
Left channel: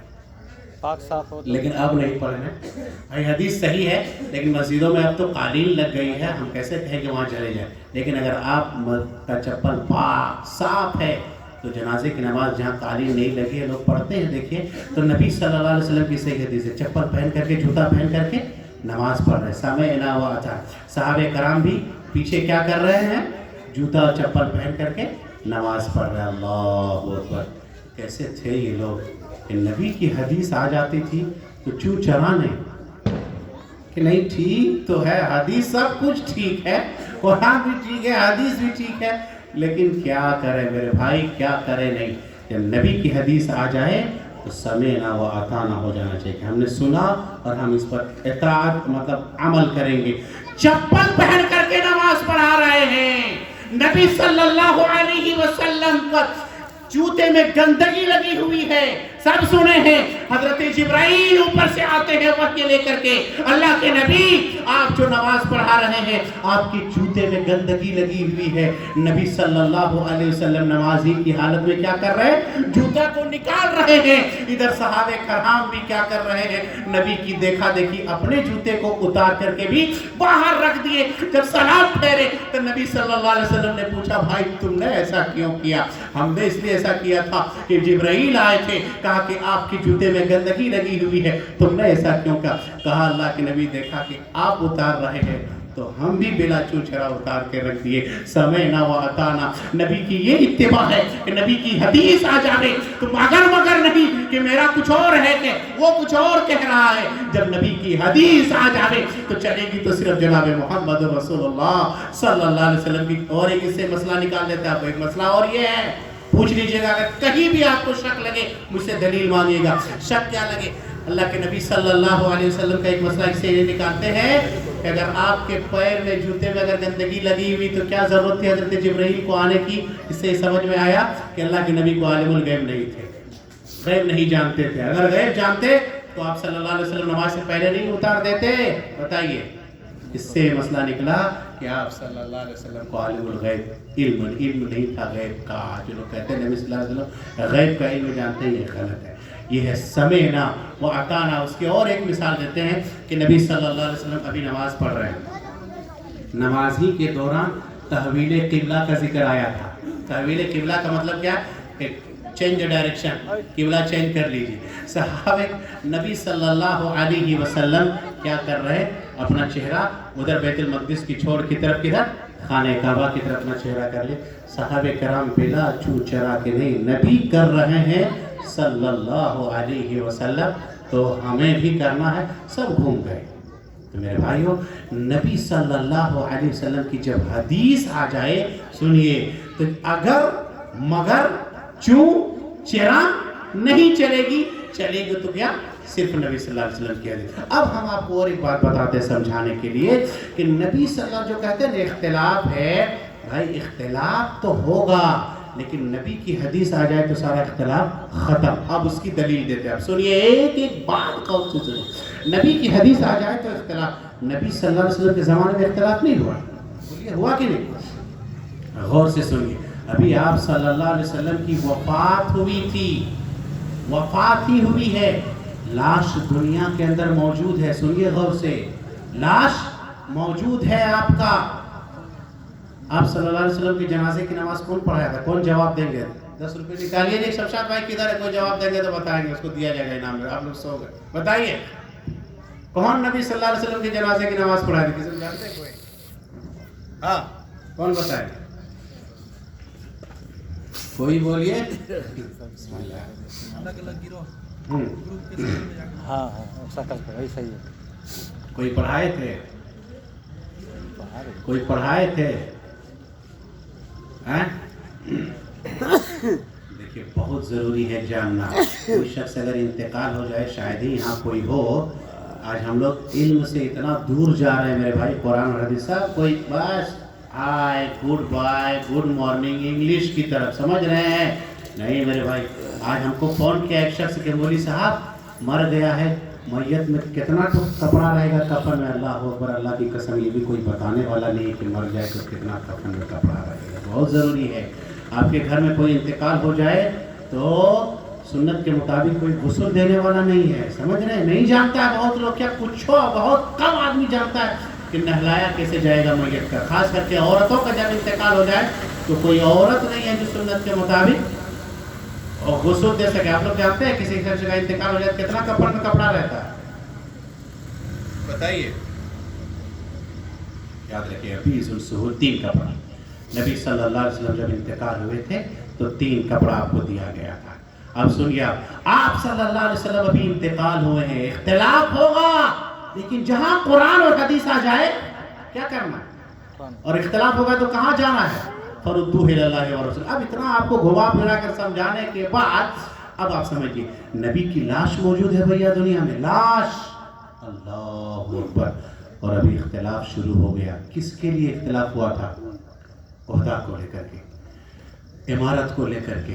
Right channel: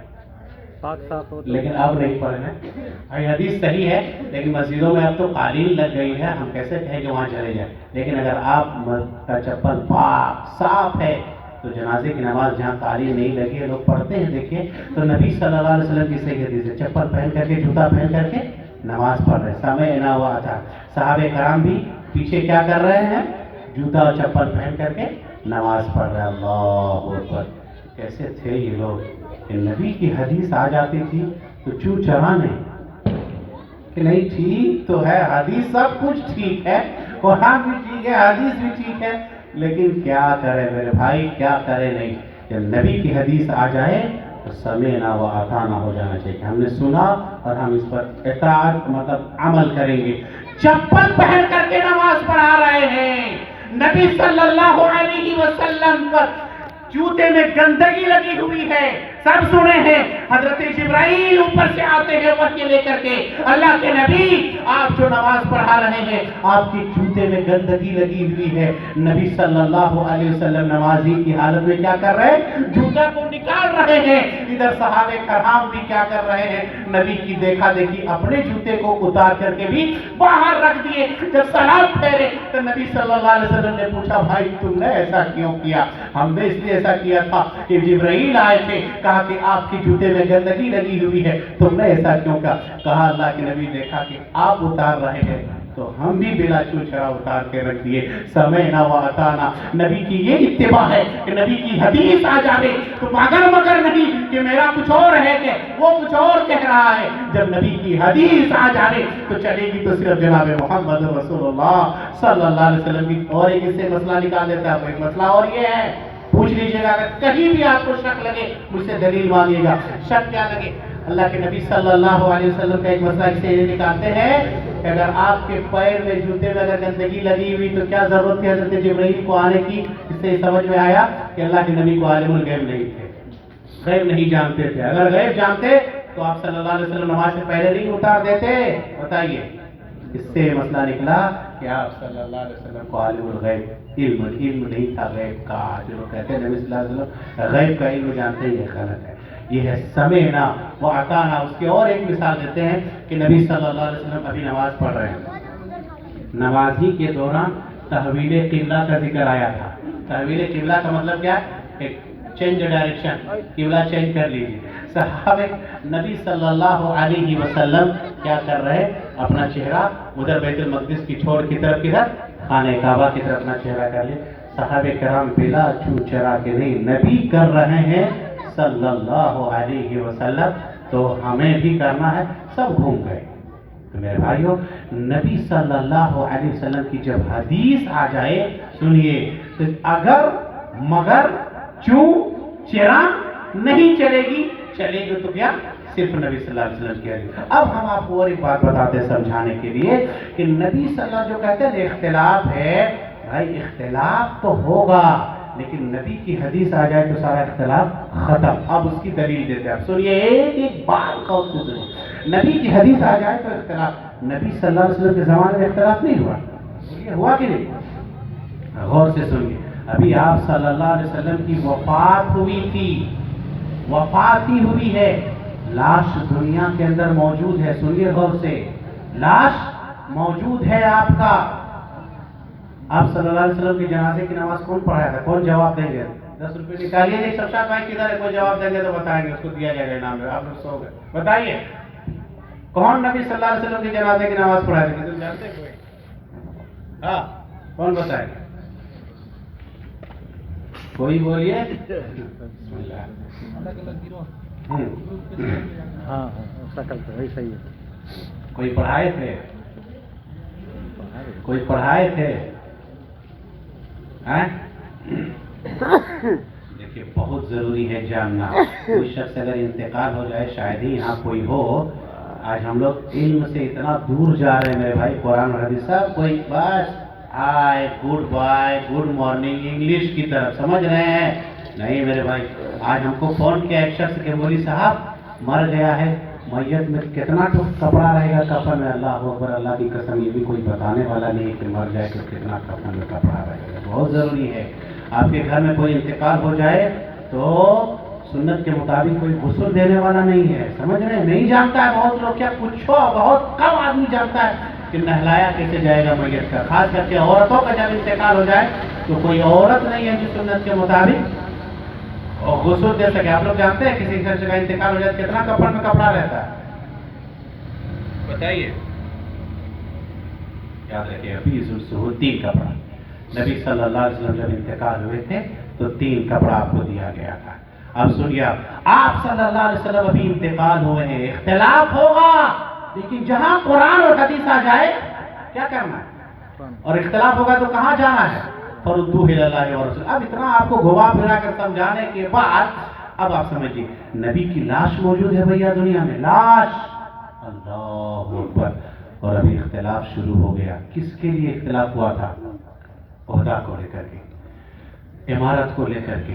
پاک صاف ہو، لیکن اب نہیں پڑھنا۔ یہ حدیث صحیح ہے، لیکن مسجدوں میں اب تو قالین لگ گئی ہے، ہم کیسے کہیں کہ وہاں چلے جائیں؟ لیکن اگر آپ کا چپل پاک صاف ہے تو جنازے کی نماز جہاں قالین نہیں لگی ہے لوگ پڑھتے ہیں۔ دیکھیے تو نبی صلی اللہ علیہ وسلم کی صحیح حدیث ہے، چپل پہن کر کے، جوتا پہن کر کے نماز پڑھ رہے ہیں۔ سمعنا و اطعنا، صحابہ کرام بھی پیچھے کیا کر رہے ہیں؟ جوتا اور چپل پہن کر کے نماز پڑھ رہے ہیں۔ اللہ اکبر، کیسے تھے یہ لوگ کہ نبی کی حدیث آ جاتی تھی تو چوں چرا نہیں، کہ نہیں ٹھیک تو ہے حدیث، سب کچھ ٹھیک ہے، قرآن بھی ٹھیک ہے، حدیث بھی ٹھیک ہے، لیکن کیا کرے میرے بھائی، کیا کرے؟ نہیں، جب نبی کی حدیث آ جائے تو سمعنا و اطعنا ہو جانا چاہیے کہ ہم نے سنا اور ہم اس پر اطاعت مطلب عمل کریں گے۔ چپل پہن کر کے نماز پڑھا رہے ہیں، نبی صلی اللہ علیہ وسلم کا جوتے میں گندگی لگی ہوئی ہے، سب سنے ہیں، حضرت جبرائیل اوپر سے آتے ہیں وحی لے کر کے، اللہ کے نبی آپ جو نماز پڑھا رہے ہیں آپ کے جوتے میں گندگی لگی ہوئی ہے۔ نبی صلی اللہ علیہ وسلم نمازی کی حالت میں کیا کر رہے ہیں؟ جوتے کو نکال رہے ہیں۔ ادھر صحابہ کرام بھی کیا کر رہے ہیں؟ نبی کی دیکھا دیکھی اپنے جوتے کو اتار کر کے بھی باہر رکھ دیے۔ جب سلام پھیرے تو نبی صلی اللہ علیہ وسلم نے پوچھا بھائی تم نے ایسا کیوں کیا؟ ہم نے اس لیے ایسا کیا تھا کہ جبرائیل آئے تھے، کہا کہ آپ کی جوتے میں گندگی لگی ہوئی ہے، تم نے ایسا کیوں کہا؟ کہا اللہ کے نبی دیکھا کہ آپ اتار رہے ہیں تو ہم بھی بلا چوچھڑا اتار کے رکھ دیے۔ سمعنا و اطعنا، نبی کی یہ اتباع ہے کہ نبی کی حدیث آ جائے تو مگر مگر نہیں کہ میرا کچھ اور ہے کہ وہ کچھ اور کہہ رہا ہے۔ جب نبی کی حدیث آ جائے تو چلے گی تو صرف جناب محمد رسول اللہ صلی اللہ علیہ وسلم کی۔ اور ایک اس سے مسئلہ نکال دیتا ہے، ایک مسئلہ اور یہ ہے، پوچھ لیجئے گا اگر کہیں بھی آپ کو شک لگے مجھ سے دلیل مانگیے گا۔ شک کیا لگے؟ اللہ کے نبی صلی اللہ علیہ وسلم کا ایک مسئلہ اس سے یہ نکالتے ہیں کہ اگر آپ کے پیر میں جوتے میں اگر گندگی لگی ہوئی تو کیا ضرورت تھی حضرت جبرائیل کو آنے کی؟ اس سے سمجھ میں آیا کہ اللہ کے نبی کو عالم الغیب نہیں تھے، غیب نہیں جانتے تھے۔ اگر غیب جانتے تو آپ صلی اللہ علیہ وسلم نماز سے پہلے نہیں اتار دیتے؟ بتائیے۔ اس سے مسئلہ نکلا کہ آپ صلی اللہ علیہ وسلم کو عالم الغیب علم نہیں تھا غیب کا۔ جو لوگ کہتے ہیں نبی صلی اللہ علیہ وسلم غیب کا علم جانتے ہیں، یہ غلط ہے۔ یہ ہے سمعنا و اطعنا۔ اس کی اور ایک مثال دیتے ہیں کہ نبی صلی اللہ علیہ وسلم ابھی نماز پڑھ رہے ہیں، نماز ہی کے دوران تحویل قبلہ کا ذکر آیا تھا۔ تحویل قبلہ کا مطلب کیا ہے؟ چینج ڈائریکشن، قبلہ چینج کر لیجیے۔ صحابہ نبی صلی اللہ علیہ وسلم کیا کر رہے ہیں؟ اپنا چہرہ ادھر بیت المقدس کی چھوڑ کی طرف، کدھر؟ خانہ کعبہ کی طرف اپنا چہرہ کر لے۔ صحابہ کرام بلا چوں چرا کے نہیں، نبی کر رہے ہیں صلی اللہ علیہ وسلم تو ہمیں بھی کرنا ہے۔ سب گھوم گئے تو میرے بھائیوں نبی صلی اللہ علیہ وسلم کی جب حدیث آ جائے سنیے تو اگر مگر چوں چرا نہیں چلے گی، چلے گی تو کیا صرف نبی صلی اللہ علیہ وسلم کی حدیث۔ اب ہم آپ کو اور ایک بات بتاتے ہیں سمجھانے کے لیے کہ نبی صلی اللہ علیہ وسلم جو کہتے ہیں اختلاف ہے، بھائی اختلاف تو ہوگا لیکن نبی کی حدیث آ جائے تو سارا اختلاف ختم۔ اب اس کی دلیل دیتے ہیں، اب سنیے ایک بات غور سے سنیے، نبی کی حدیث آ جائے تو اختلاف، نبی صلی اللہ علیہ وسلم کے زمانے میں اختلاف نہیں ہوا، ہوا کہ نہیں؟ غور سے سنیے، ابھی آپ صلی اللہ علیہ وسلم کی وفات ہوئی تھی، وفات ہی ہوئی ہے، لاش دنیا کے اندر موجود ہے، سنیے غور سے، لاش موجود ہے آپ کا۔ آپ صلی اللہ علیہ وسلم کی جنازے کی نماز کون پڑھایا تھا؟ کون جواب دیں گے؟ 10 روپے نکالیے، ایک شمشاد بھائی کدھر ہے؟ کوئی جواب دیں گے تو بتائیں گے، اس کو دیا جائے گا انعام میں۔ آپ لوگ سو گئے، بتائیے کون نبی صلی اللہ علیہ وسلم کی جنازے کی نماز پڑھایا تھا؟ کسی کو جانتے ہیں کوئی؟ ہاں کون بتائے گا؟ کوئی بولیے۔ الگ الگ گروہ ہاں ہاں شکل پہ وہی صحیح ہے۔ کوئی پڑھائے تھے؟ کوئی پڑھائے تھے؟ دیکھیے بہت ضروری ہے جاننا، کوئی شخص اگر انتقال ہو جائے، شاید ہی یہاں کوئی ہو، آج ہم لوگ علم سے اتنا دور جا رہے ہیں میرے بھائی، قرآن اور حدیث صاحب کوئی بس hi good bye good morning English کی طرف سمجھ رہے ہیں؟ نہیں میرے بھائی، آج ہم کو فون کیا ایک شخص کہ مولوی صاحب مر گیا ہے، میت میں کتنا کپڑا رہے گا کفن میں؟ اللہ اکبر، اللہ کی قسم یہ بھی کوئی بتانے والا نہیں کہ مر جائے تو کتنا کفن میں کپڑا رہے گا۔ بہت ضروری ہے، آپ کے گھر میں کوئی انتقال ہو جائے تو سنت کے مطابق کوئی غسل دینے والا نہیں ہے، سمجھ رہے ہیں؟ نہیں جانتا ہے بہت لوگ، کیا کچھ ہو، بہت کم آدمی جانتا ہے کہ نہلایا کیسے جائے گا میت کا، خاص کر کے عورتوں کا جب انتقال ہو جائے تو کوئی عورت نہیں ہے جو سنت کے مطابق اور غسل دے سکے۔ آپ لوگ جانتے ہیں کسی شخص کا انتقال ہو جائے کتنا کفن میں کپڑا رہتا ہے؟ بتائیے، یاد رکھیے ابھی ظلسہور 3 کپڑا، نبی صلی اللہ علیہ وسلم جب انتقال ہوئے تھے تو 3 کپڑا آپ کو دیا گیا تھا۔ اب سنیے، آپ صلی اللہ علیہ وسلم ابھی انتقال ہوئے ہیں، اختلاف ہوگا لیکن جہاں قرآن اور حدیث آ جائے کیا کرنا ہے؟ اور اختلاف ہوگا تو کہاں جانا ہے؟ فردوہ الی اللہ ورسول۔ اب اتنا آپ کو گھما پھرا کر سمجھانے کے بعد اب آپ سمجھیے، نبی کی لاش موجود ہے بھیا دنیا میں، لاش، اللہ اکبر، اور ابھی اختلاف شروع ہو گیا۔ کس کے لیے اختلاف ہوا تھا؟ عہدہ کو لے کر کے، عمارت کو لے کر کے،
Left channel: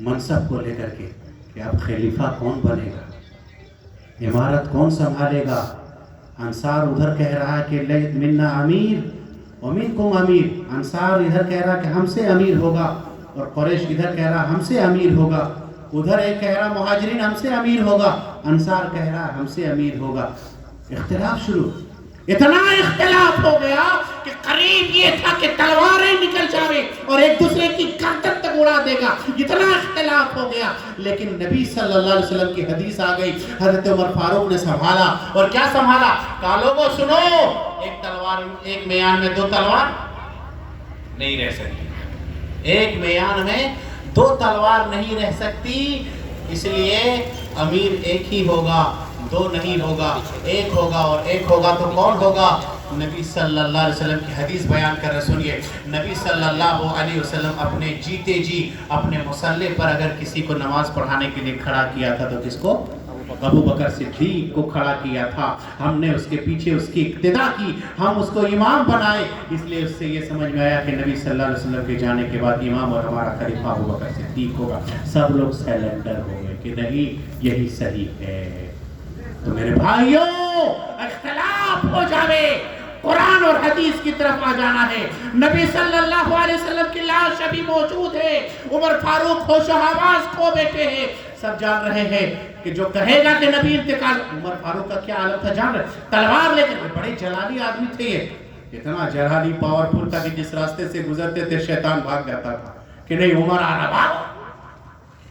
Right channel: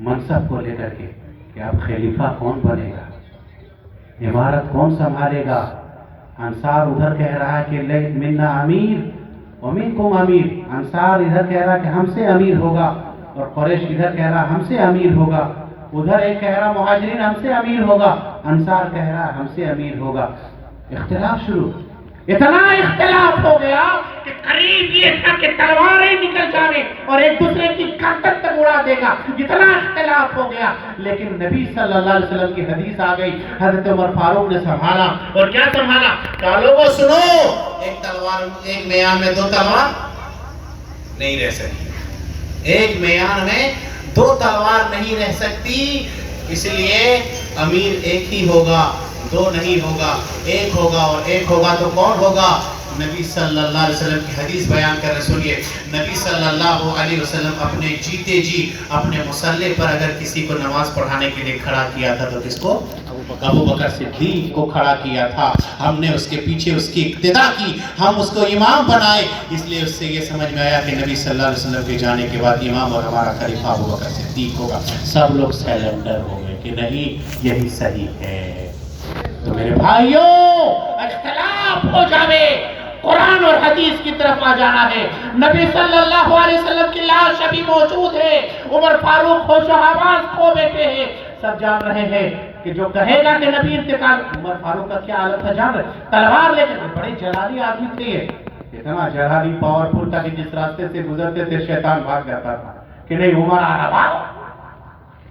منصب کو لے کر کے، کہ اب خلیفہ کون بنے گا، عمارت کون سنبھالے گا؟ انصار ادھر کہہ رہا ہے کہ لیت منا امیر ومنکم امیر، انصار ادھر کہہ رہا کہ ہم سے امیر ہوگا، اور قریش ادھر کہہ رہا ہم سے امیر ہوگا، ادھر ایک کہہ رہا مہاجرین ہم سے امیر ہوگا، انصار کہہ رہا ہم سے امیر ہوگا۔ اختلاف شروع، اتنا اختلاف ہو گیا کہ قریب یہ تھا کہ تلواریں نکل جائیں اور ایک دوسرے کی گردن تک اڑا دے گا، اتنا اختلاف ہو گیا۔ لیکن نبی صلی اللہ علیہ وسلم کی حدیث آ گئی، حضرت عمر فاروق نے سنبھالا، اور کیا سنبھالا؟ کہا لوگوں سنو، ایک تلوار، ایک میان میں 2 تلوار نہیں رہ سکتی، ایک میان میں 2 تلوار نہیں رہ سکتی، اس لیے امیر ایک ہی ہوگا، 2 نہیں ہوگا، ایک ہوگا، اور ایک ہوگا تو کون ہوگا؟ نبی صلی اللہ علیہ وسلم کی حدیث بیان کر رہے، سنیے، نبی صلی اللہ علیہ وسلم اپنے جیتے جی اپنے مصلی پر اگر کسی کو نماز پڑھانے کے لیے کھڑا کیا تھا تو کس کو؟ ابو بکر صدیق کو کھڑا کیا تھا، ہم نے اس کے پیچھے اس کی اقتدا کی، ہم اس کو امام بنائے، اس لیے اس سے یہ سمجھ میں آیا کہ نبی صلی اللہ علیہ وسلم کے جانے کے بعد امام اور ہمارا خلیفہ ابو بکر صدیق ہوگا۔ سب لوگ سیلنڈر ہو گئے کہ نہیں یہی صحیح ہے۔ تو میرے بھائیوں، اختلاف ہو جاوے، قرآن اور حدیث کی طرف آ جانا ہے۔ نبی صلی اللہ علیہ وسلم کی لاش ابھی موجود ہے، عمر فاروق ہوش و حواس کھو بیٹھے ہیں، سب جان رہے ہیں کہ جو کہے گا کہ نبی انتقال، عمر فاروق کا کیا حالت تھا جان رہے، تلوار لے کر، بڑے جلالی آدمی تھے یہ، اتنا جلالی پاورفل تھا کہ جس راستے سے گزرتے تھے شیطان بھاگ جاتا تھا کہ نہیں عمر آ رہا،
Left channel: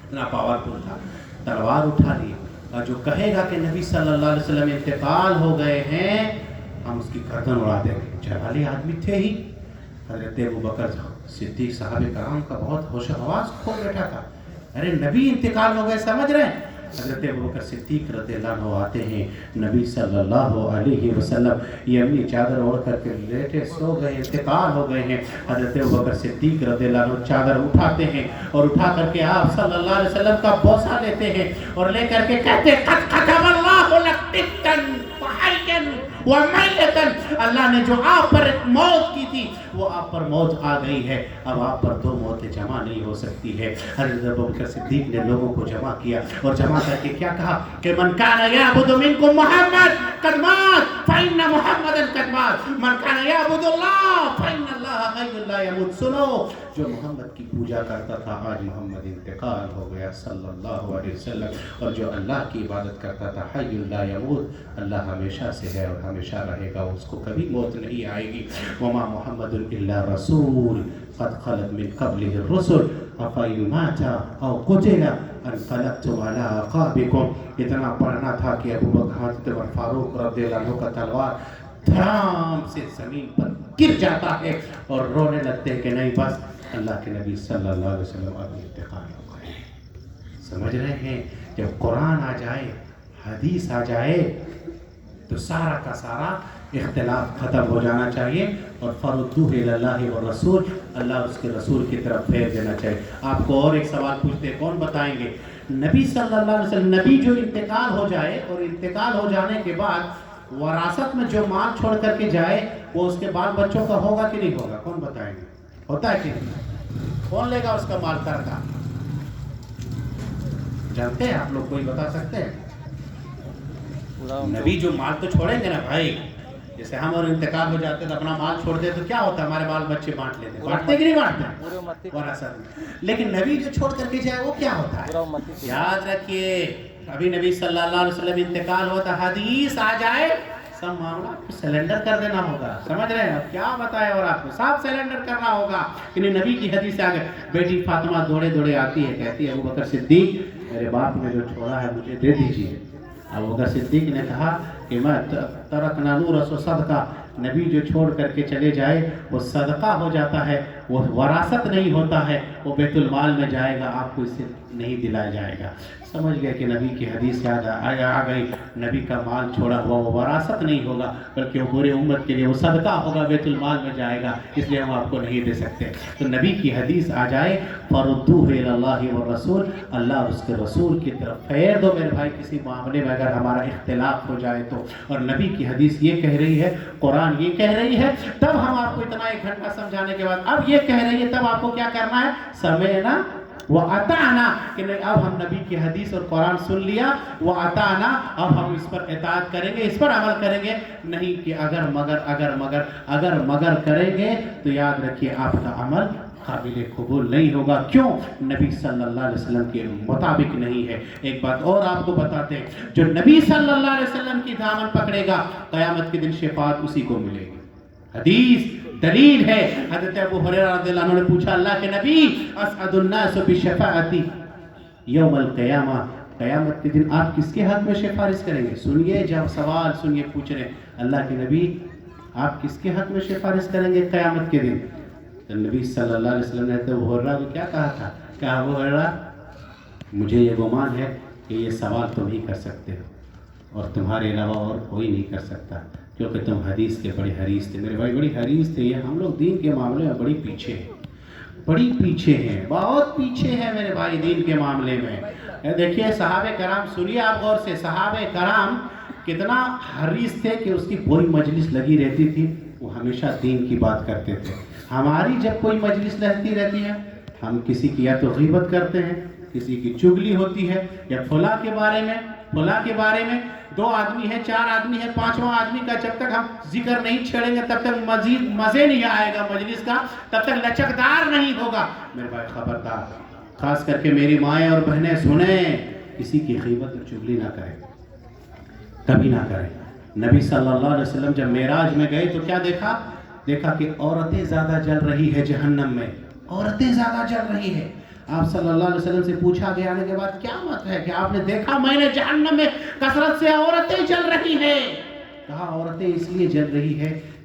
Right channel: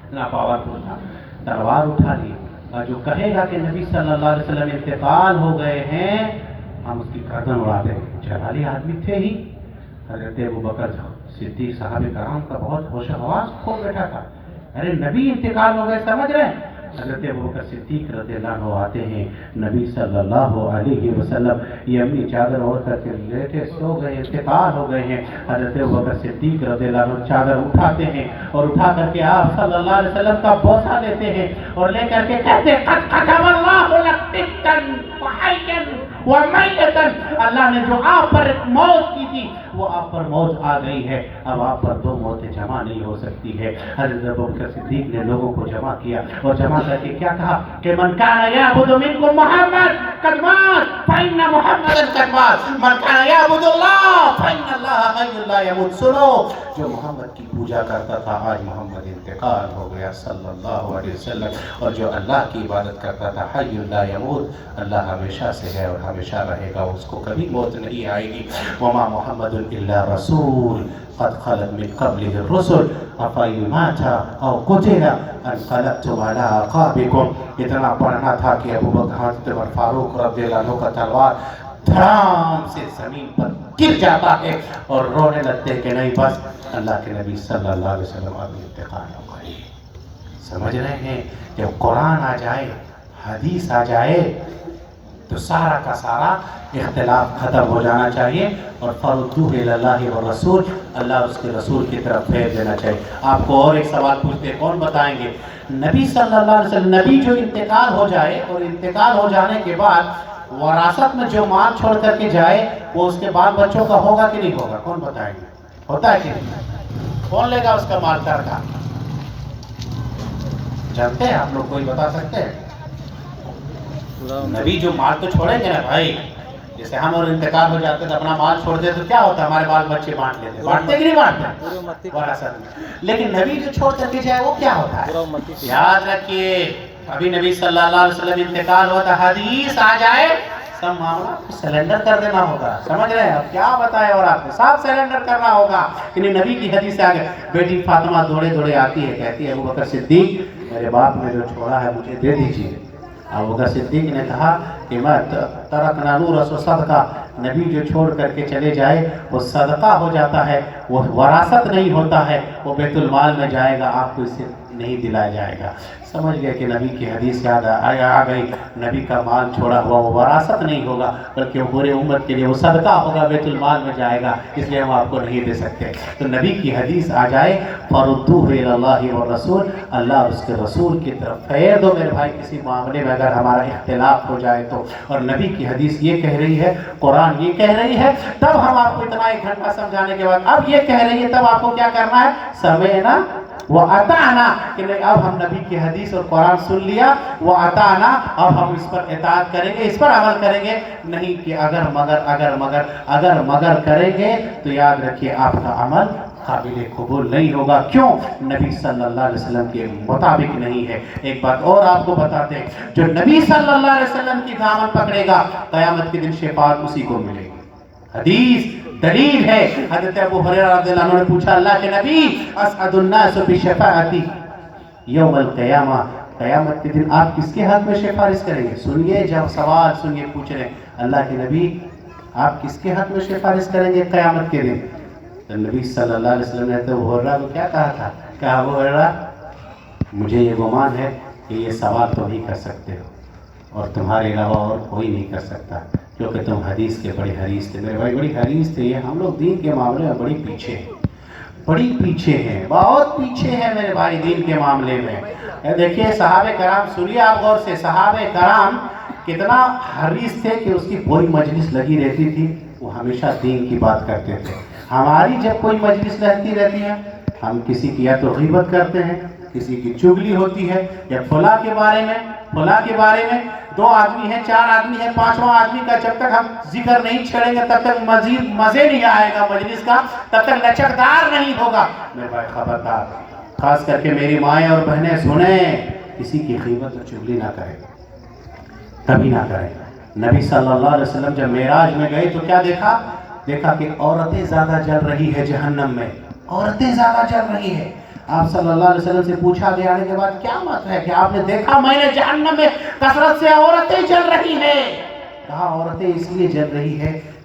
اتنا پاورفل تھا، تلوار اٹھا لی، اور جو کہے گا کہ نبی صلی اللہ علیہ وسلم انتقال ہو گئے ہیں، ہم اس کی گردن اڑا دیں گے۔ جلالی آدمی تھے ہی، حضرت ابو بکر صدیق صحابہ کرام کا بہت ہوش و حواس کھو بیٹھا تھا، ارے نبی انتقال ہو گئے، سمجھ رہے ہیں؟ حضرت ابوبکر صدیق رضی اللہ عنہ آتے ہیں، نبی صلی اللہ علیہ وسلم یہ اپنی چادر اوڑھ کر کے لیٹے سو گئے، انتقال ہو گئے ہیں۔ حضرت ابوبکر صدیق رضی اللہ عنہ چادر اٹھاتے ہیں اور اٹھا کر کے آپ صلی اللہ علیہ وسلم کا بوسہ لیتے ہیں اور لے کر کے کہتے ہیں قد كتب اللہ لك طبا وحيا وميتا، اللہ نے جو آپ پر ایک موت کی تھی وہ آپ پر موت آ گئی ہے، اب آپ پر دو موتیں جمع نہیں ہو سکتی ہے۔ حضرت ابوبکر صدیق نے لوگوں کو جمع کیا اور جمع کر کے کیا کہا کہ من كان يعبد منكم محمد قد مات فإن محمدا قد مات، من كان يعبد الله فإن الله حي لا يموت۔ سنو، جو محمد کی پوجا کرتا تھا آج محمد انتقال ہو گیا صلی اللہ علیہ وسلم، اور جو اللہ کی عبادت کرتا تھا حی لا یموت، اللہ ہمیشہ سے ہے اور ہمیشہ رہے گا، اس کو کبھی موت نہیں آئے گی۔ وما محمد الا رسول قد خلت من قبله الرسل افإن مات او قتل انقلبتم على اعقابكم۔ اتنا پڑھنا تھا کہ ابوبکر حضرت عمر فاروق رضی اللہ عنہ کا تلوار دھڑام سے زمین پر گر جاتا ہے اور رونے لگتے کہ نہیں بس اللہ کے نبی صلی اللہ علیہ وسلم اب انتقال ہو گئی۔ سمجھ رہے ہیں، جب قرآن آ جائے، حدیث آ جائے تو سارا کا سارا اختلاف ختم ہو جانا چاہیے اور فردوہ الی اللہ والرسول، اللہ اس کے رسول کی طرف پھیر دینا چاہیے۔ آپ کو اور ایک سوال پوچھتے، کون بتائیں گے؟ نبی صلی اللہ علیہ وسلم، نبی جو انتقال ہو جائے اور انتقال ہو جانے کے بعد وراثت میں جو مال چھوڑ کر کے جائے وہ اس کے بال بچوں کا ہوگا کہ نہیں ہوگا؟ کون بتائیں گے؟ ہوتا ہے کہ نہیں؟ کون لے گا اس کا مال کا؟ جانتے ہیں آپ لوگ؟ کوئی بتا سکتے ہیں؟ نبی جو مال تو چھوڑیں گے نا بھائی، جیسے ہم اور انتقال ہو جاتے تو اپنا مال چھوڑ دے تو کیا ہوتا ہے؟ ہمارے بال بچے بانٹ لیتے، بانٹتے کہ نہیں بانٹتے وراثت میں؟ لیکن نبی جو چھوڑ کر کے جائے وہ کیا ہوتا ہے؟ یاد رکھیے، ابھی نبی صلی اللہ علیہ وسلم انتقال ہوتا، حدیث آ جائے سب معاملہ سیلنڈر کر دینا ہوگا۔ سمجھ رہے ہیں؟ اب کیا بتائے اور آپ کو سب سیلنڈر کرنا ہوگا۔ یعنی نبی کی حدیث سے آگے بیٹی فاطمہ دوڑے دوڑے آتی ہے، کہتی ہے ابوبکر صدیق میرے باپ نے جو چھوڑا ہے مجھے دے دیجیے۔ ابوبکر صدیق نے کہا کہ میں ترکنا نور صدقہ، نبی جو چھوڑ کر کے چلے جائے وہ صدقہ ہو جاتا ہے، وہ وراثت نہیں ہوتا ہے، وہ بیت المال میں جائے گا، آپ کو اس سے نہیں دلایا جائے گا۔ سمجھ گئے کہ نبی کی حدیث یاد آ گئی، نبی کا مال چھوڑا ہوا وہ وراثت نہیں ہوگا بلکہ وہ پورے امت کے لیے وہ صدقہ ہوگا، بیت المال میں جائے گا، اس لیے ہم آپ کو نہیں دے سکتے۔ تو نبی کی حدیث آ جائے فردوہ الی اللہ والرسول، اللہ اس کے رسول کی طرف پھیر دو۔ میرے بھائی کسی معاملے میں اگر ہمارا اختلاف ہو جائے تو، اور نبی کی حدیث یہ کہہ رہی ہے، قرآن یہ کہہ رہی ہے، تب ہم آپ کو اتنا ایک گھنٹہ سمجھانے کے بعد اب یہ کہہ رہی ہے، تب آپ کو کیا کرنا ہے؟ سمعنا وَأَطَعْنَا، کہ نہیں اب ہم نبی کی حدیث اور قرآن سن لیا، وَأَطَعْنَا، اب ہم اس پر اطاعت کریں گے، اس پر عمل کریں گے، نہیں کہ اگر مگر کریں گے تو یاد رکھیے آپ کا عمل قابل قبول نہیں ہوگا۔ کیوں؟ نبی صلی اللہ علیہ وسلم کے مطابق نہیں ہے۔ ایک بات اور آپ کو بتاتے ہیں، جو نبی صلی اللہ علیہ وسلم کی دامن پکڑے گا قیامت کے دن شفاعت اسی کو ملے گی۔ حدیث دلیل ہے، حضرت ابو ہریرہ رضی اللہ عنہ نے پوچھا اللہ کے نبی اسعد الناس بشفاعتی یوم القیامہ، قیامت کے دن آپ کس کے حق میں سفارش کریں گے؟ سنیے، جب سوال سنیے، پوچھ رہے ہیں اللہ کے نبی آپ کس کے حق میں سفارش کریں گے قیامت کے دن؟ تو نبی صلی اللہ علیہ وسلم نے تو ابو ہریرہ کو کیا کہا تھا؟ کہا ابو ہریرہ مجھے یہ گمان ہے کہ یہ سوال تم ہی کر سکتے ہو اور تمہارے علاوہ اور کوئی نہیں کر سکتا، کیونکہ تم حدیث کے بڑے حریص تھے۔ میرے بھائی بڑی حریص تھے، یہ ہم لوگ دین کے معاملے میں بڑی پیچھے ہیں، بہت پیچھے ہیں میرے بھائی دین کے معاملے میں۔ دیکھیے صحابہ کرام، سنیے آپ غور سے، صحابہ کرام کتنا حریص تھے کہ اس کی کوئی مجلس لگی رہتی تھی وہ ہمیشہ دین کی بات کرتے تھے۔ ہماری جب کوئی مجلس رہتی ہے ہم کسی کی یا تو غیبت کرتے ہیں، کسی کی چگلی ہوتی ہے، یا فلاں کے بارے میں 2 آدمی ہیں، 4 آدمی ہیں، 5واں آدمی کا جب تک ہم ذکر نہیں چھیڑیں گے تب تک مزید مزے نہیں آئے گا مجلس کا، تب تک لچکدار نہیں ہوگا۔ میرے بھائی خبردار، خاص کر کے میری مائیں اور بہنیں سنیں، کسی کی غیبت اور چگلی نہ کریں، کبھی نہ کریں۔ نبی صلی اللہ علیہ وسلم جب معراج میں گئے تو کیا دیکھا کہ عورتیں زیادہ جل رہی ہے جہنم میں، عورتیں زیادہ جل رہی ہے۔ آپ صلی اللہ علیہ وسلم سے پوچھا گیا آنے کے بعد کیا مت ہے کہ آپ نے دیکھا میں نے جہنم میں کثرت سے عورتیں جل رہی ہیں؟ کہا عورتیں اس لیے جل رہی ہے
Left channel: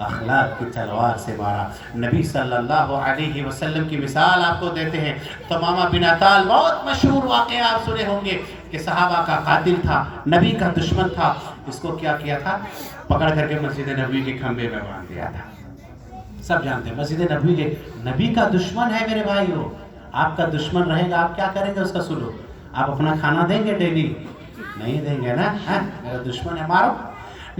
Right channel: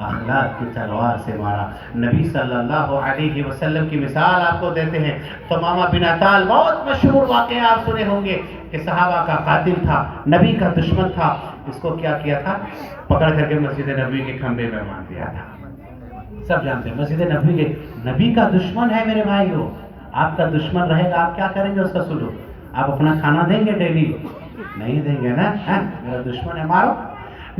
اخلاق کی تلوار سے مارا. نبی صلی اللہ علیہ وسلم کی مثال آپ کو دیتے ہیں. تمامہ بن عطال بہت مشہور واقعہ آپ سنے ہوں گے کہ صحابہ کا قاتل تھا, نبی کا دشمن تھا. اس کو کیا کیا تھا؟ پکڑ کر کے مسجد نبوی کے کھمبے میں باندھ دیا تھا. سب جانتے ہیں مسجد نبوی کے, نبی کا دشمن ہے میرے بھائیو. آپ کا دشمن رہے گا, آپ کیا کریں گے اس کا سلوک؟ آپ اپنا کھانا دیں گے ڈیلی؟ نہیں دیں گے نا. میرا دشمن ہے, مارو.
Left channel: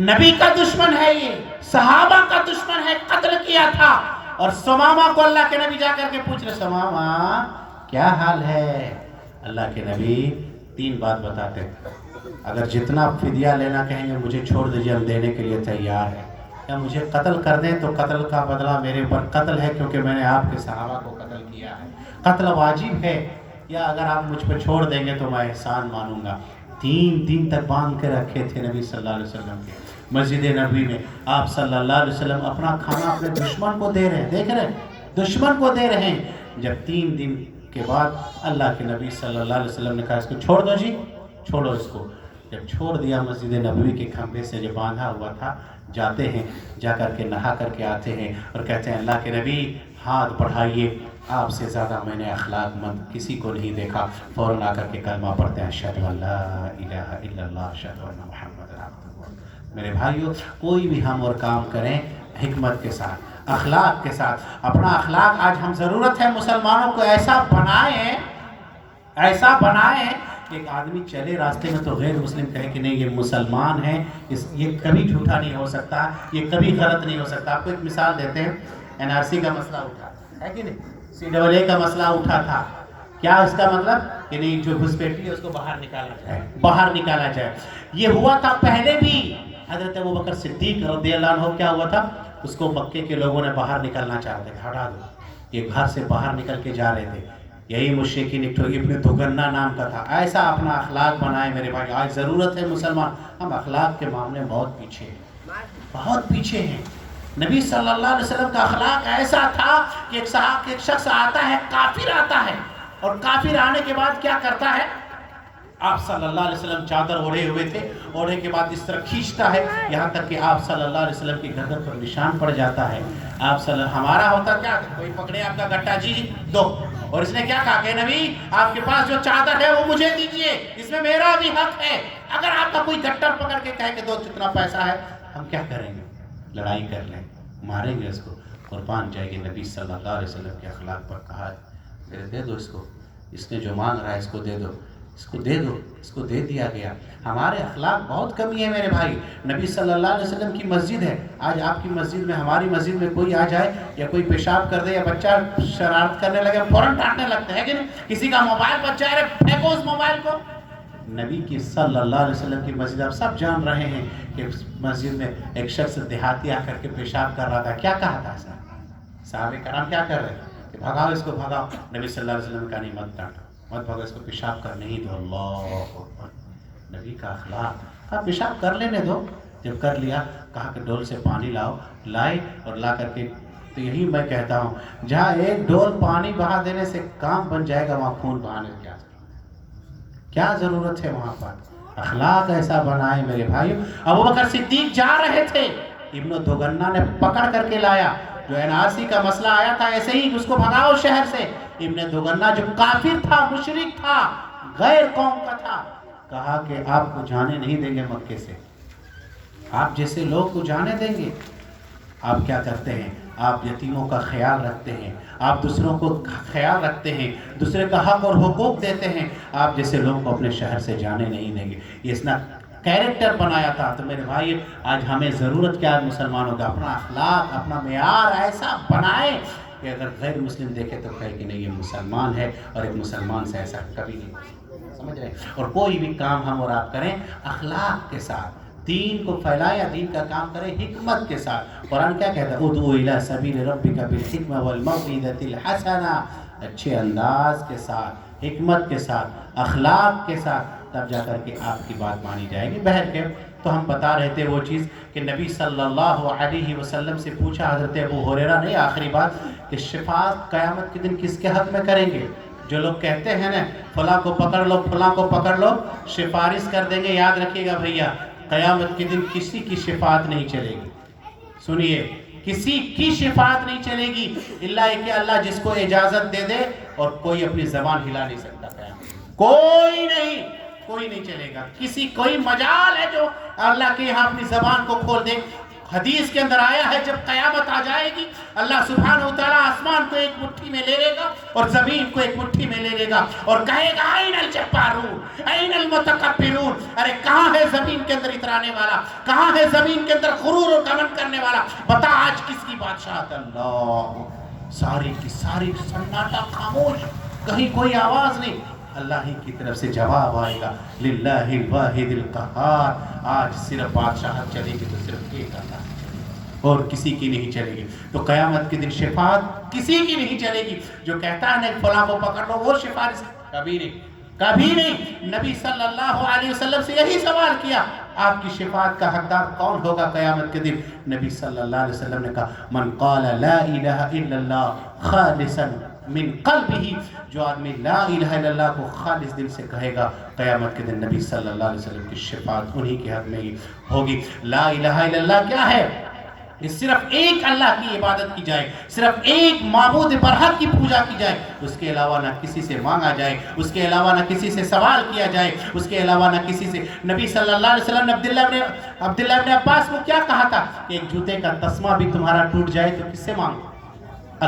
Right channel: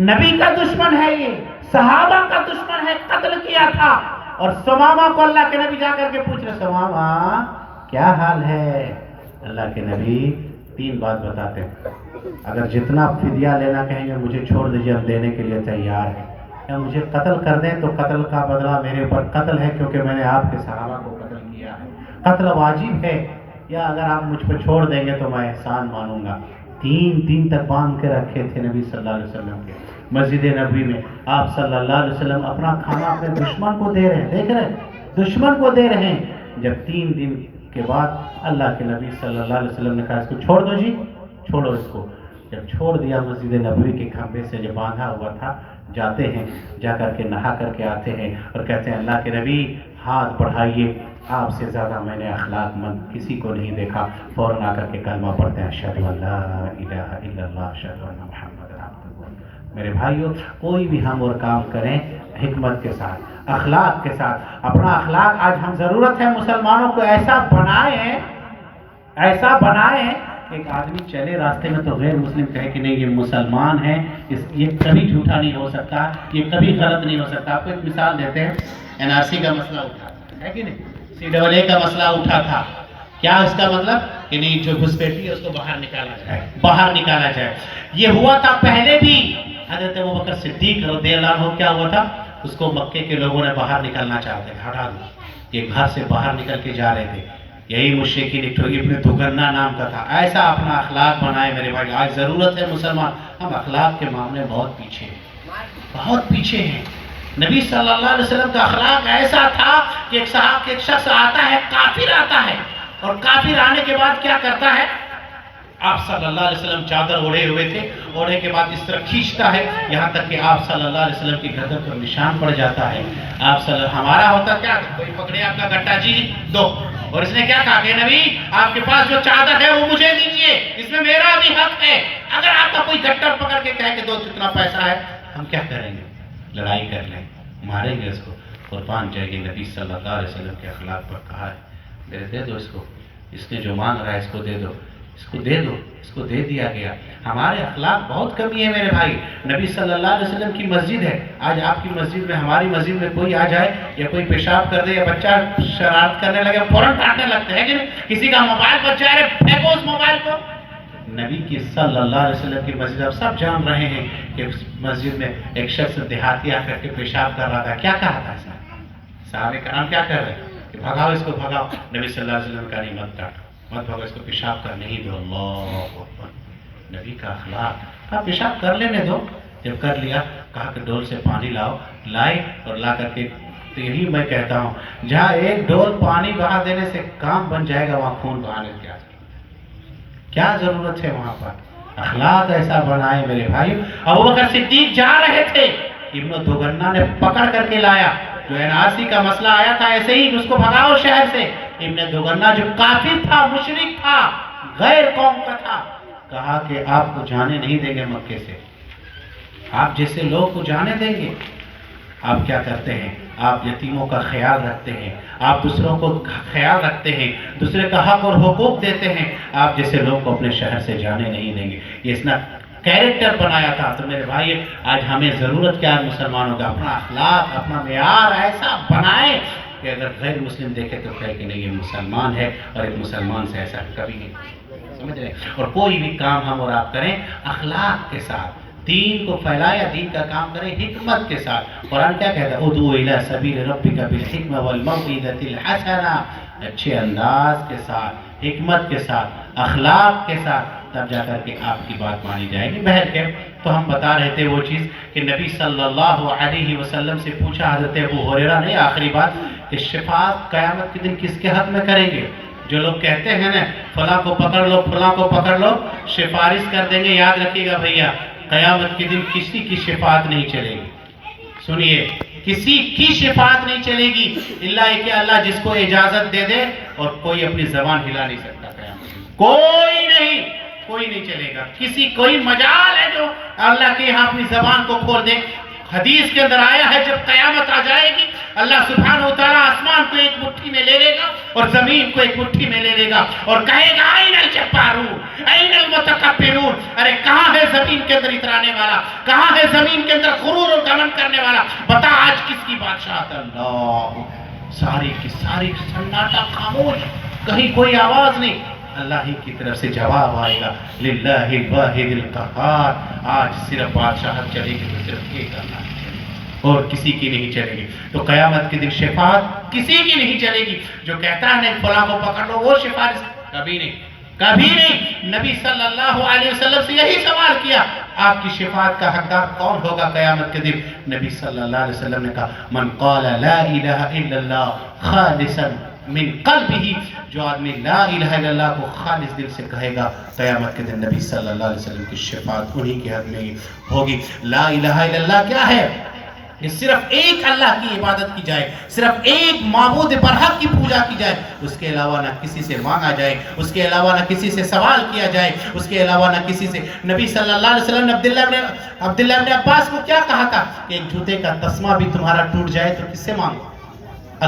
نبی کا دشمن ہے, یہ صحابہ کا دشمن ہے, قتل کیا تھا. اور سمامہ کو اللہ کے نبی جا کر کے پوچھ رہے, سمامہ کیا حال ہے؟ اللہ کے نبی 3 بات بتاتے ہیں. اگر جتنا فدیہ لینا کہیں گے مجھے چھوڑ دیجئے, ہم دینے کے لیے تیار ہیں. یا مجھے قتل کر دیں تو قتل کا بدلہ میرے اوپر قتل ہے, کیونکہ میں نے آپ کے صحابہ کو قتل کیا ہے. قتل واجب ہے, یا اگر آپ مجھ پہ چھوڑ دیں گے تو میں احسان مانوں گا. 3 دن تک باندھ کے رکھے تھے نبی صلی اللہ علیہ وسلم کے مسجد نبوی میں. آپ صلی اللہ علیہ وسلم اپنا کھانا اپنے دشمن کو دے رہے ہیں, دیکھ رہے ہیں دشمن کو دے رہے ہیں. جب 3 دن کے بعد اللہ کے نبی صلی اللہ علیہ وسلم نے کہا اس کو چھوڑ دو جی, چھوڑو اس کو. جب چھوڑ دیا, مسجد نبوی کے کھمبے سے جو باندھا ہوا تھا, جاتے ہیں, جا کر کے نہا کر کے آتے ہیں اور کہتے ہیں اللہ کے نبی ہاتھ بڑھائیے, آپ سے زیادہ میں نے اخلاق مند کسی کو نہیں دیکھا. فوراً آ کر کے کلمہ پڑھتے ہیں, اشہدو ان لا الہ الا اللہ اشہدو ان محمد عبدہ. میرے بھائیو, کوئی بھی ہم اور کام کریں حکمت کے ساتھ, اخلاق کے ساتھ. اپنا اخلاق آج ہم ضرورت ہے مسلمانوں کو ایسا بنائیں, ایسا بنائیں. ایک آدمی چلے راستے میں تو غیر مسلم کہے کہ نہیں یہ مسلمان ہے, یہ کبھی جھوٹا نہیں ہو سکتا, یہ کبھی غلط نہیں ہو سکتا. آپ کو ایک مثال دیتے ہیں. NRC کا مسئلہ اٹھا ہے کہ نہیں, CAA کا مسئلہ اٹھا تھا. کیا اس کا مطلب کہ نہیں جو گھسپیٹی ہے اس کو باہر نکالا جائے, باہر نکالا جائے. یہ ہوا تھا پہلے بھی. حضرت ابوبکر صدیق رضی اللہ عنہ کیا ہوا تھا, اس کو مکے کے لوگوں نے باہر نکالنا چاہتے, ہٹا دو. یہ گھر سے باہر نکل کے جا رہے تھے. یہی مشرکین ابن دھگنا نام کا تھا. ایسا اپنا اخلاق بنائے میرے بھائی. آج ضرورت ہے مسلمان, ہم اخلاق کے معاملے بہت پیچھے ہیں, بہت پیچھے ہیں. نبی صلی اللہ علیہ وسلم کا اخلاق ایسا تھا کہ ایک شخص آتا ہے, کافر آتا ہے, اور کافر آنے کے بعد کیا کرتا ہے, آپ صلی اللہ علیہ وسلم چادر اوڑھے ہوئے تھے, اوڑھے کے بعد اس طرح کھینچتا ہے یہاں تک کہ آپ صلی اللہ علیہ وسلم کی گردن پر نشان پڑ جاتا ہے. آپ صلی اللہ, ہمارا ہوتا کیا, کوئی پکڑے آپ کا گٹا, جی دو. اور اس نے کیا کہا کہ نبی آپ کے پاس جو چادر ہے وہ مجھے دیجئے, اس میں میرا بھی حق ہے. اگر آپ کا کوئی گٹر پکڑ کے کہے کہ دو کتنا پیسہ ہے, ہم کیا کریں گے, لڑائی کر لیں, ماریں گے اس کو, قربان جائے گی. نبی صلی اللہ علیہ وسلم کے اخلاق پر کہا ہے دے دو اس کو, اس نے جو مانگ رہا ہے اس کو دے دو, اس کو دے دو, اس کو دے دیا گیا. ہمارے اخلاق بہت کمی ہے میرے بھائی. نبی صلی اللہ علیہ وسلم کی مسجد ہے, آج آپ کی مسجد میں, ہماری مسجد میں کوئی آ جائے یا کوئی پیشاب کر دے یا بچہ شرارت کرنے لگے, فوراً ڈانٹنے لگتے ہیں کہ نہیں. کسی کا موبائل بچ جائے, پھینکو اس موبائل کو. نبی کی صلی اللہ علیہ وسلم کی مسجد, آپ سب جان رہے ہیں کہ مسجد میں ایک شخص دیہاتی آ کر کے پیشاب کر رہا تھا. کیا کہا تھا ایسا, صحابہ کرام کیا کر رہے ہیں کہ بھگاؤ اس کو, بھگاؤ. نبی صلی اللہ علیہ وسلم کا نہیں, مت ڈانٹو, مت بھگو اس کو, پیشاب کرنے ہی دو. اللہ اکبر. نبی کا اخلاق, کہا پیشاب کر لینے دو. جب کر لیا کہا کہ ڈول سے پانی لاؤ, لائے اور لا کر کے. تو یہی میں کہتا ہوں, جہاں ایک ڈول پانی بہا دینے سے کام بن جائے گا, وہاں خون بہانے کیا ضرورت ہے وہاں پر. اخلاق ایسا بنائے میرے بھائی. ابوبکر صدیق جا رہے تھے, ابن دھگنا نے پکڑ کر کے لایا. جو NRC کا مسئلہ آیا تھا ایسے ہی, اس کو بھگاؤ شہر سے. ابن دھگنا جو کافر تھا, مشرک تھا, غیر قوم کا تھا, کہا کہ آپ کو جانے نہیں دیں گے مکے سے, آپ جیسے لوگ کو جانے دیں گے. آپ کیا کرتے ہیں, آپ یتیموں کا خیال رکھتے ہیں, آپ دوسروں کو خیال رکھتے ہیں, دوسرے کا حق اور حقوق دیتے ہیں. آپ جیسے لوگ کو اپنے شہر سے جانے نہیں دیں گے. یہ اس نے کیریکٹر بنایا تھا. تو میرے بھائی, آج ہمیں ضرورت کیا ہے مسلمانوں کا, اپنا اخلاق, اپنا معیار ایسا بنائیں کہ اگر غیر مسلم دیکھے تو کہے کہ نہیں یہ مسلمان ہے, اور ایک مسلمان سے ایسا کبھی نہیں. سمجھ رہے ہیں. اور کوئی بھی کام ہم اور آپ کریں اخلاق کے ساتھ, دین کو پھیلایا, دین کا کام کریں حکمت کے ساتھ. قرآن کیا کہتا ہے, ادعو الی سبیل ربک بالحکمہ والموعظۃ الحسنہ, اچھے انداز کے ساتھ, حکمت کے ساتھ, اخلاق کے ساتھ, تب جا کر کے آپ کی بات مانی جائے گی. بہر کے تو ہم بتا رہے تھے وہ چیز کہ نبی صلی اللہ علیہ وسلم سے پوچھا حضرت ابو ہریرہ نے, آخری بات, کہ شفاعت قیامت کے دن کس کے حق میں کریں گے. جو لوگ کہتے ہیں نا فلاں کو پکڑ لو, فلاں کو پکڑ لو, سفارش کر دیں گے. یاد رکھیے گا بھیا, قیامت کے دن کسی کی شفاعت نہیں چلے گی. سنیے, کسی کی شفاعت نہیں چلے گی اللہ کہ اللہ جس کو اجازت دے دے، اور کوئی اپنی زبان ہلا نہیں سکتا قیامت، کوئی نہیں چلے گا، کسی کوئی مجال ہے جو اللہ کے یہاں اپنی زبان کو کھول دے۔ حدیث کے اندر آیا ہے جب قیامت آ جائے گی اللہ سبحانہ وتعالیٰ آسمان کو ایک مٹھی میں لے لے گا اور زمین کو ایک مٹھی میں لے لے گا اور کہے گا این الجبارون این المتکبرون، ارے کہاں ہے زمین کے اندر اترانے والا، کہاں ہے زمین کے اندر غرور و گمن کرنے والا، بتا آج کس کی بادشاہت؟ اللہ، ساری کی ساری سناٹا خاموش، کہیں کوئی آواز نہیں، اللہ ہی کی طرف سے جواب آئے گا للہ الواحد القہار، آج صرف بادشاہت چلے گی تو صرف ایک اللہ کی چلے گی اور کسی کی نہیں چلے گی۔ تو قیامت کے دن شفاعت کسی کی نہیں چلے گی، جو کہتا ہے نہیں فلاں کو پکڑ لو وہ شفاعت، کبھی نہیں۔ نبی صلی اللہ علیہ وسلم سے یہی سوال کیا، آپ کی شفاعت کا حقدار کون ہوگا قیامت کے دن؟ نبی صلی اللہ علیہ وسلم نے کہا من قال لا الہ الا اللہ خالصا من قلبہ، جو آدمی لا الہ الا اللہ کو خالص دل سے کہے گا قیامت کے دن نبی صلی اللہ علیہ وسلم کی شفاعت انہی کے حق میں ہوگی۔ لا الہ الا اللہ کیا ہے؟ یہ صرف ایک اللہ کی عبادت کی جائے، صرف ایک معبود برحق کی پوجا کی جائے، اس کے علاوہ نہ کسی سے مانگا جائے، اس کے علاوہ نہ کسی سے سوال کیا جائے، اس کے علاوہ نہ کسی سے۔ نبی صلی اللہ علیہ وسلم نے عبداللہ ابن عباس کو کیا کہا تھا کہ ایک جوتے کا تسمہ بھی تمہارا ٹوٹ جائے تو کس سے مانگو؟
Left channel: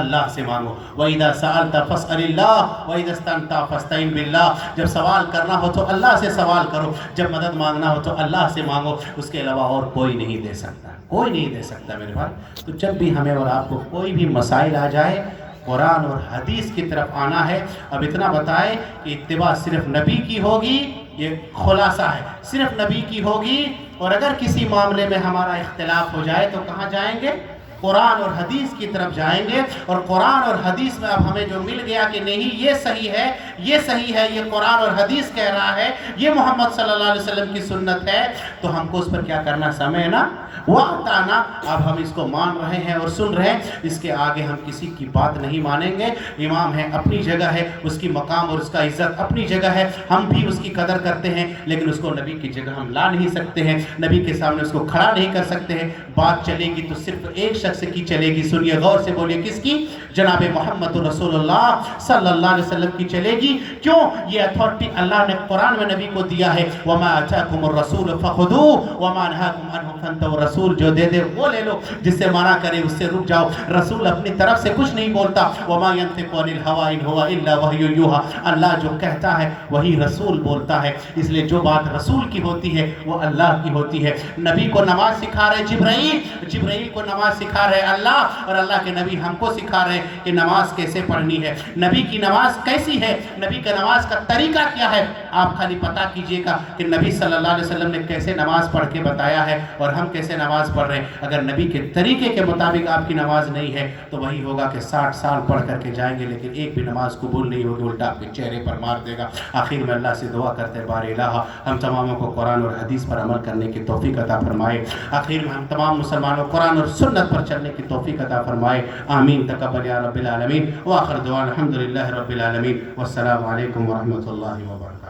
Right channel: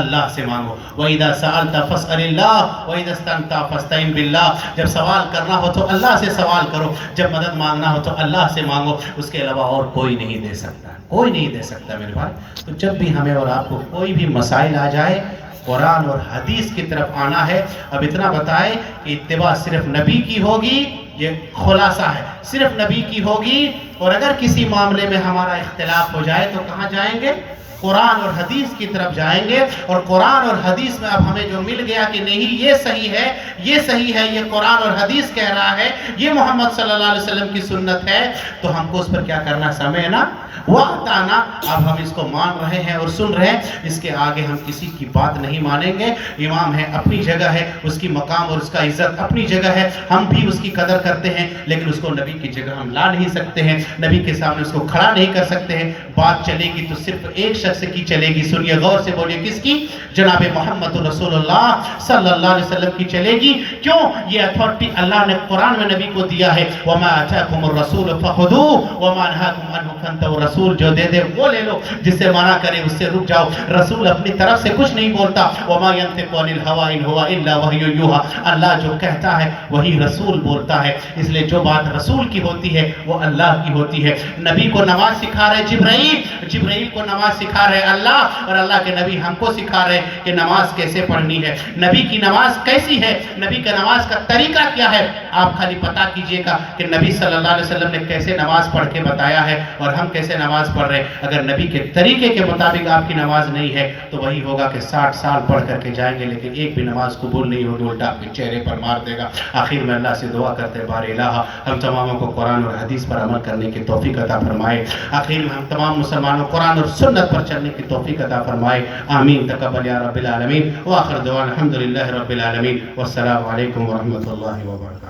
اللہ سے مانگو۔ وَإِذَا سَأَلْتَ فَاسْأَلِ اللَّهَ وَإِذَا اسْتَعَنْتَ فَاسْتَعِنْ بِاللَّهِ، جب سوال کرنا ہو تو اللہ سے سوال کرو، جب مدد مانگنا ہو تو اللہ سے مانگو، اس کے علاوہ اور کوئی نہیں دے سکتا، کوئی نہیں دے سکتا میرے بھائی۔ تو جب بھی ہمیں اور آپ کو کوئی بھی مسائل آ جائے قرآن اور حدیث کی طرف آنا ہے۔ اب اتنا بتائے کہ اتباع صرف نبی کی ہوگی، یہ خلاصہ ہے، صرف نبی کی ہوگی، اور اگر کسی معاملے میں ہمارا اختلاف ہو جائے تو کہاں جائیں گے؟ قرآن اور حدیث کی طرف جائیں گے، اور قرآن اور حدیث میں اب ہمیں جو مل گیا کہ نہیں یہ صحیح ہے، یہ صحیح ہے، یہ قرآن اور حدیث کہہ رہا ہے، یہ محمد صلی اللہ علیہ وسلم کی سنت ہے، تو ہم کو اس پر کیا کرنا؟ سمعنا وَأَطَعْنَا۔ اب ہم اس کو مان رہے ہیں اور سن رہے ہیں، اس کے آگے ہم کسی کی بات نہیں مانیں گے۔ امام ہے، اپنی جگہ ہے، اس کی مقام اور اس کا عزت اپنی جگہ ہے، ہم بھی اس کی قدر کرتے ہیں، لیکن اس کو نبی کی جگہ ہم لا نہیں سکتے ہیں، نبی کے سامنے اس کو کھڑا نہیں کر سکتے ہیں۔ بات چلے گی تو صرف ایک شخص کی چلے گی، سنیے غور سے بولیے، کس کی؟ جناب محمد رسول اللہ صلی اللہ علیہ وسلم کی چلے گی۔ کیوں؟ یہ اتھارٹی اللہ نے قرآن میں نبی کو دیا ہے، وَمَا أَتَاكُمُ الرَّسُولُ فَخُذُوهُ وَمَا نَهَاكُمْ عَنْهُ فَانْتَهُوا۔ رسول جو دے دے وہ لے لو، جس سے منع کرے اس سے رک جاؤ۔ رسول اپنی طرف سے کچھ نہیں بولتا، وَمَا يَنْطِقُ عَنِ الْهَوَىٰ إِنْ هُوَ إِلَّا وَحْيٌ يُوحَىٰ، اللہ جو کہتا ہے وہی رسول بولتا ہے، اس لیے جو بات رسول کی ہوتی ہے وہ اللہ کی ہوتی ہے۔ نبی کو نماز سکھا رہے جبرائیل کو نماز سکھا رہے اللہ، اور اللہ کے نبی ہم کو سکھا رہے کہ نماز کیسے پڑھنی ہے، نبی کی نماز کیسی ہے، نبی کا نماز کا طریقہ کیا ہے۔ آپ خالی پتہ کیجئے گا کہ نبی صلی اللہ علیہ وسلم نے کیسے نماز پڑھ کے بتایا ہے اور ہم کیسے نماز پڑھ رہے ہیں۔ اگر نبی کے طریقے کے مطابق آپ کی نماز نہیں ہے تو وہی ہوگا کہ 60 سال پڑھ کر کے جائیں گے لیکن ایک بھی نماز قبول نہیں ہوگی، الٹا آپ کے چہرے پر مار دے گا۔ آخر میں اللہ سے دعا کرتے بار الہ ہم تماموں کو قرآن اور حدیث پر عمل کرنے کی توفیق عطا فرمائے۔ آخر میں ہم تمام مسلمانوں قرآن اور سنت پر چلنے کی توفیق عطا فرمائے۔ آمین تقبل یا رب العالمین، وآخر دعوانا الحمدللہ رب العالمین، والسلام علیکم ورحمۃ اللہ وبرکاتہ۔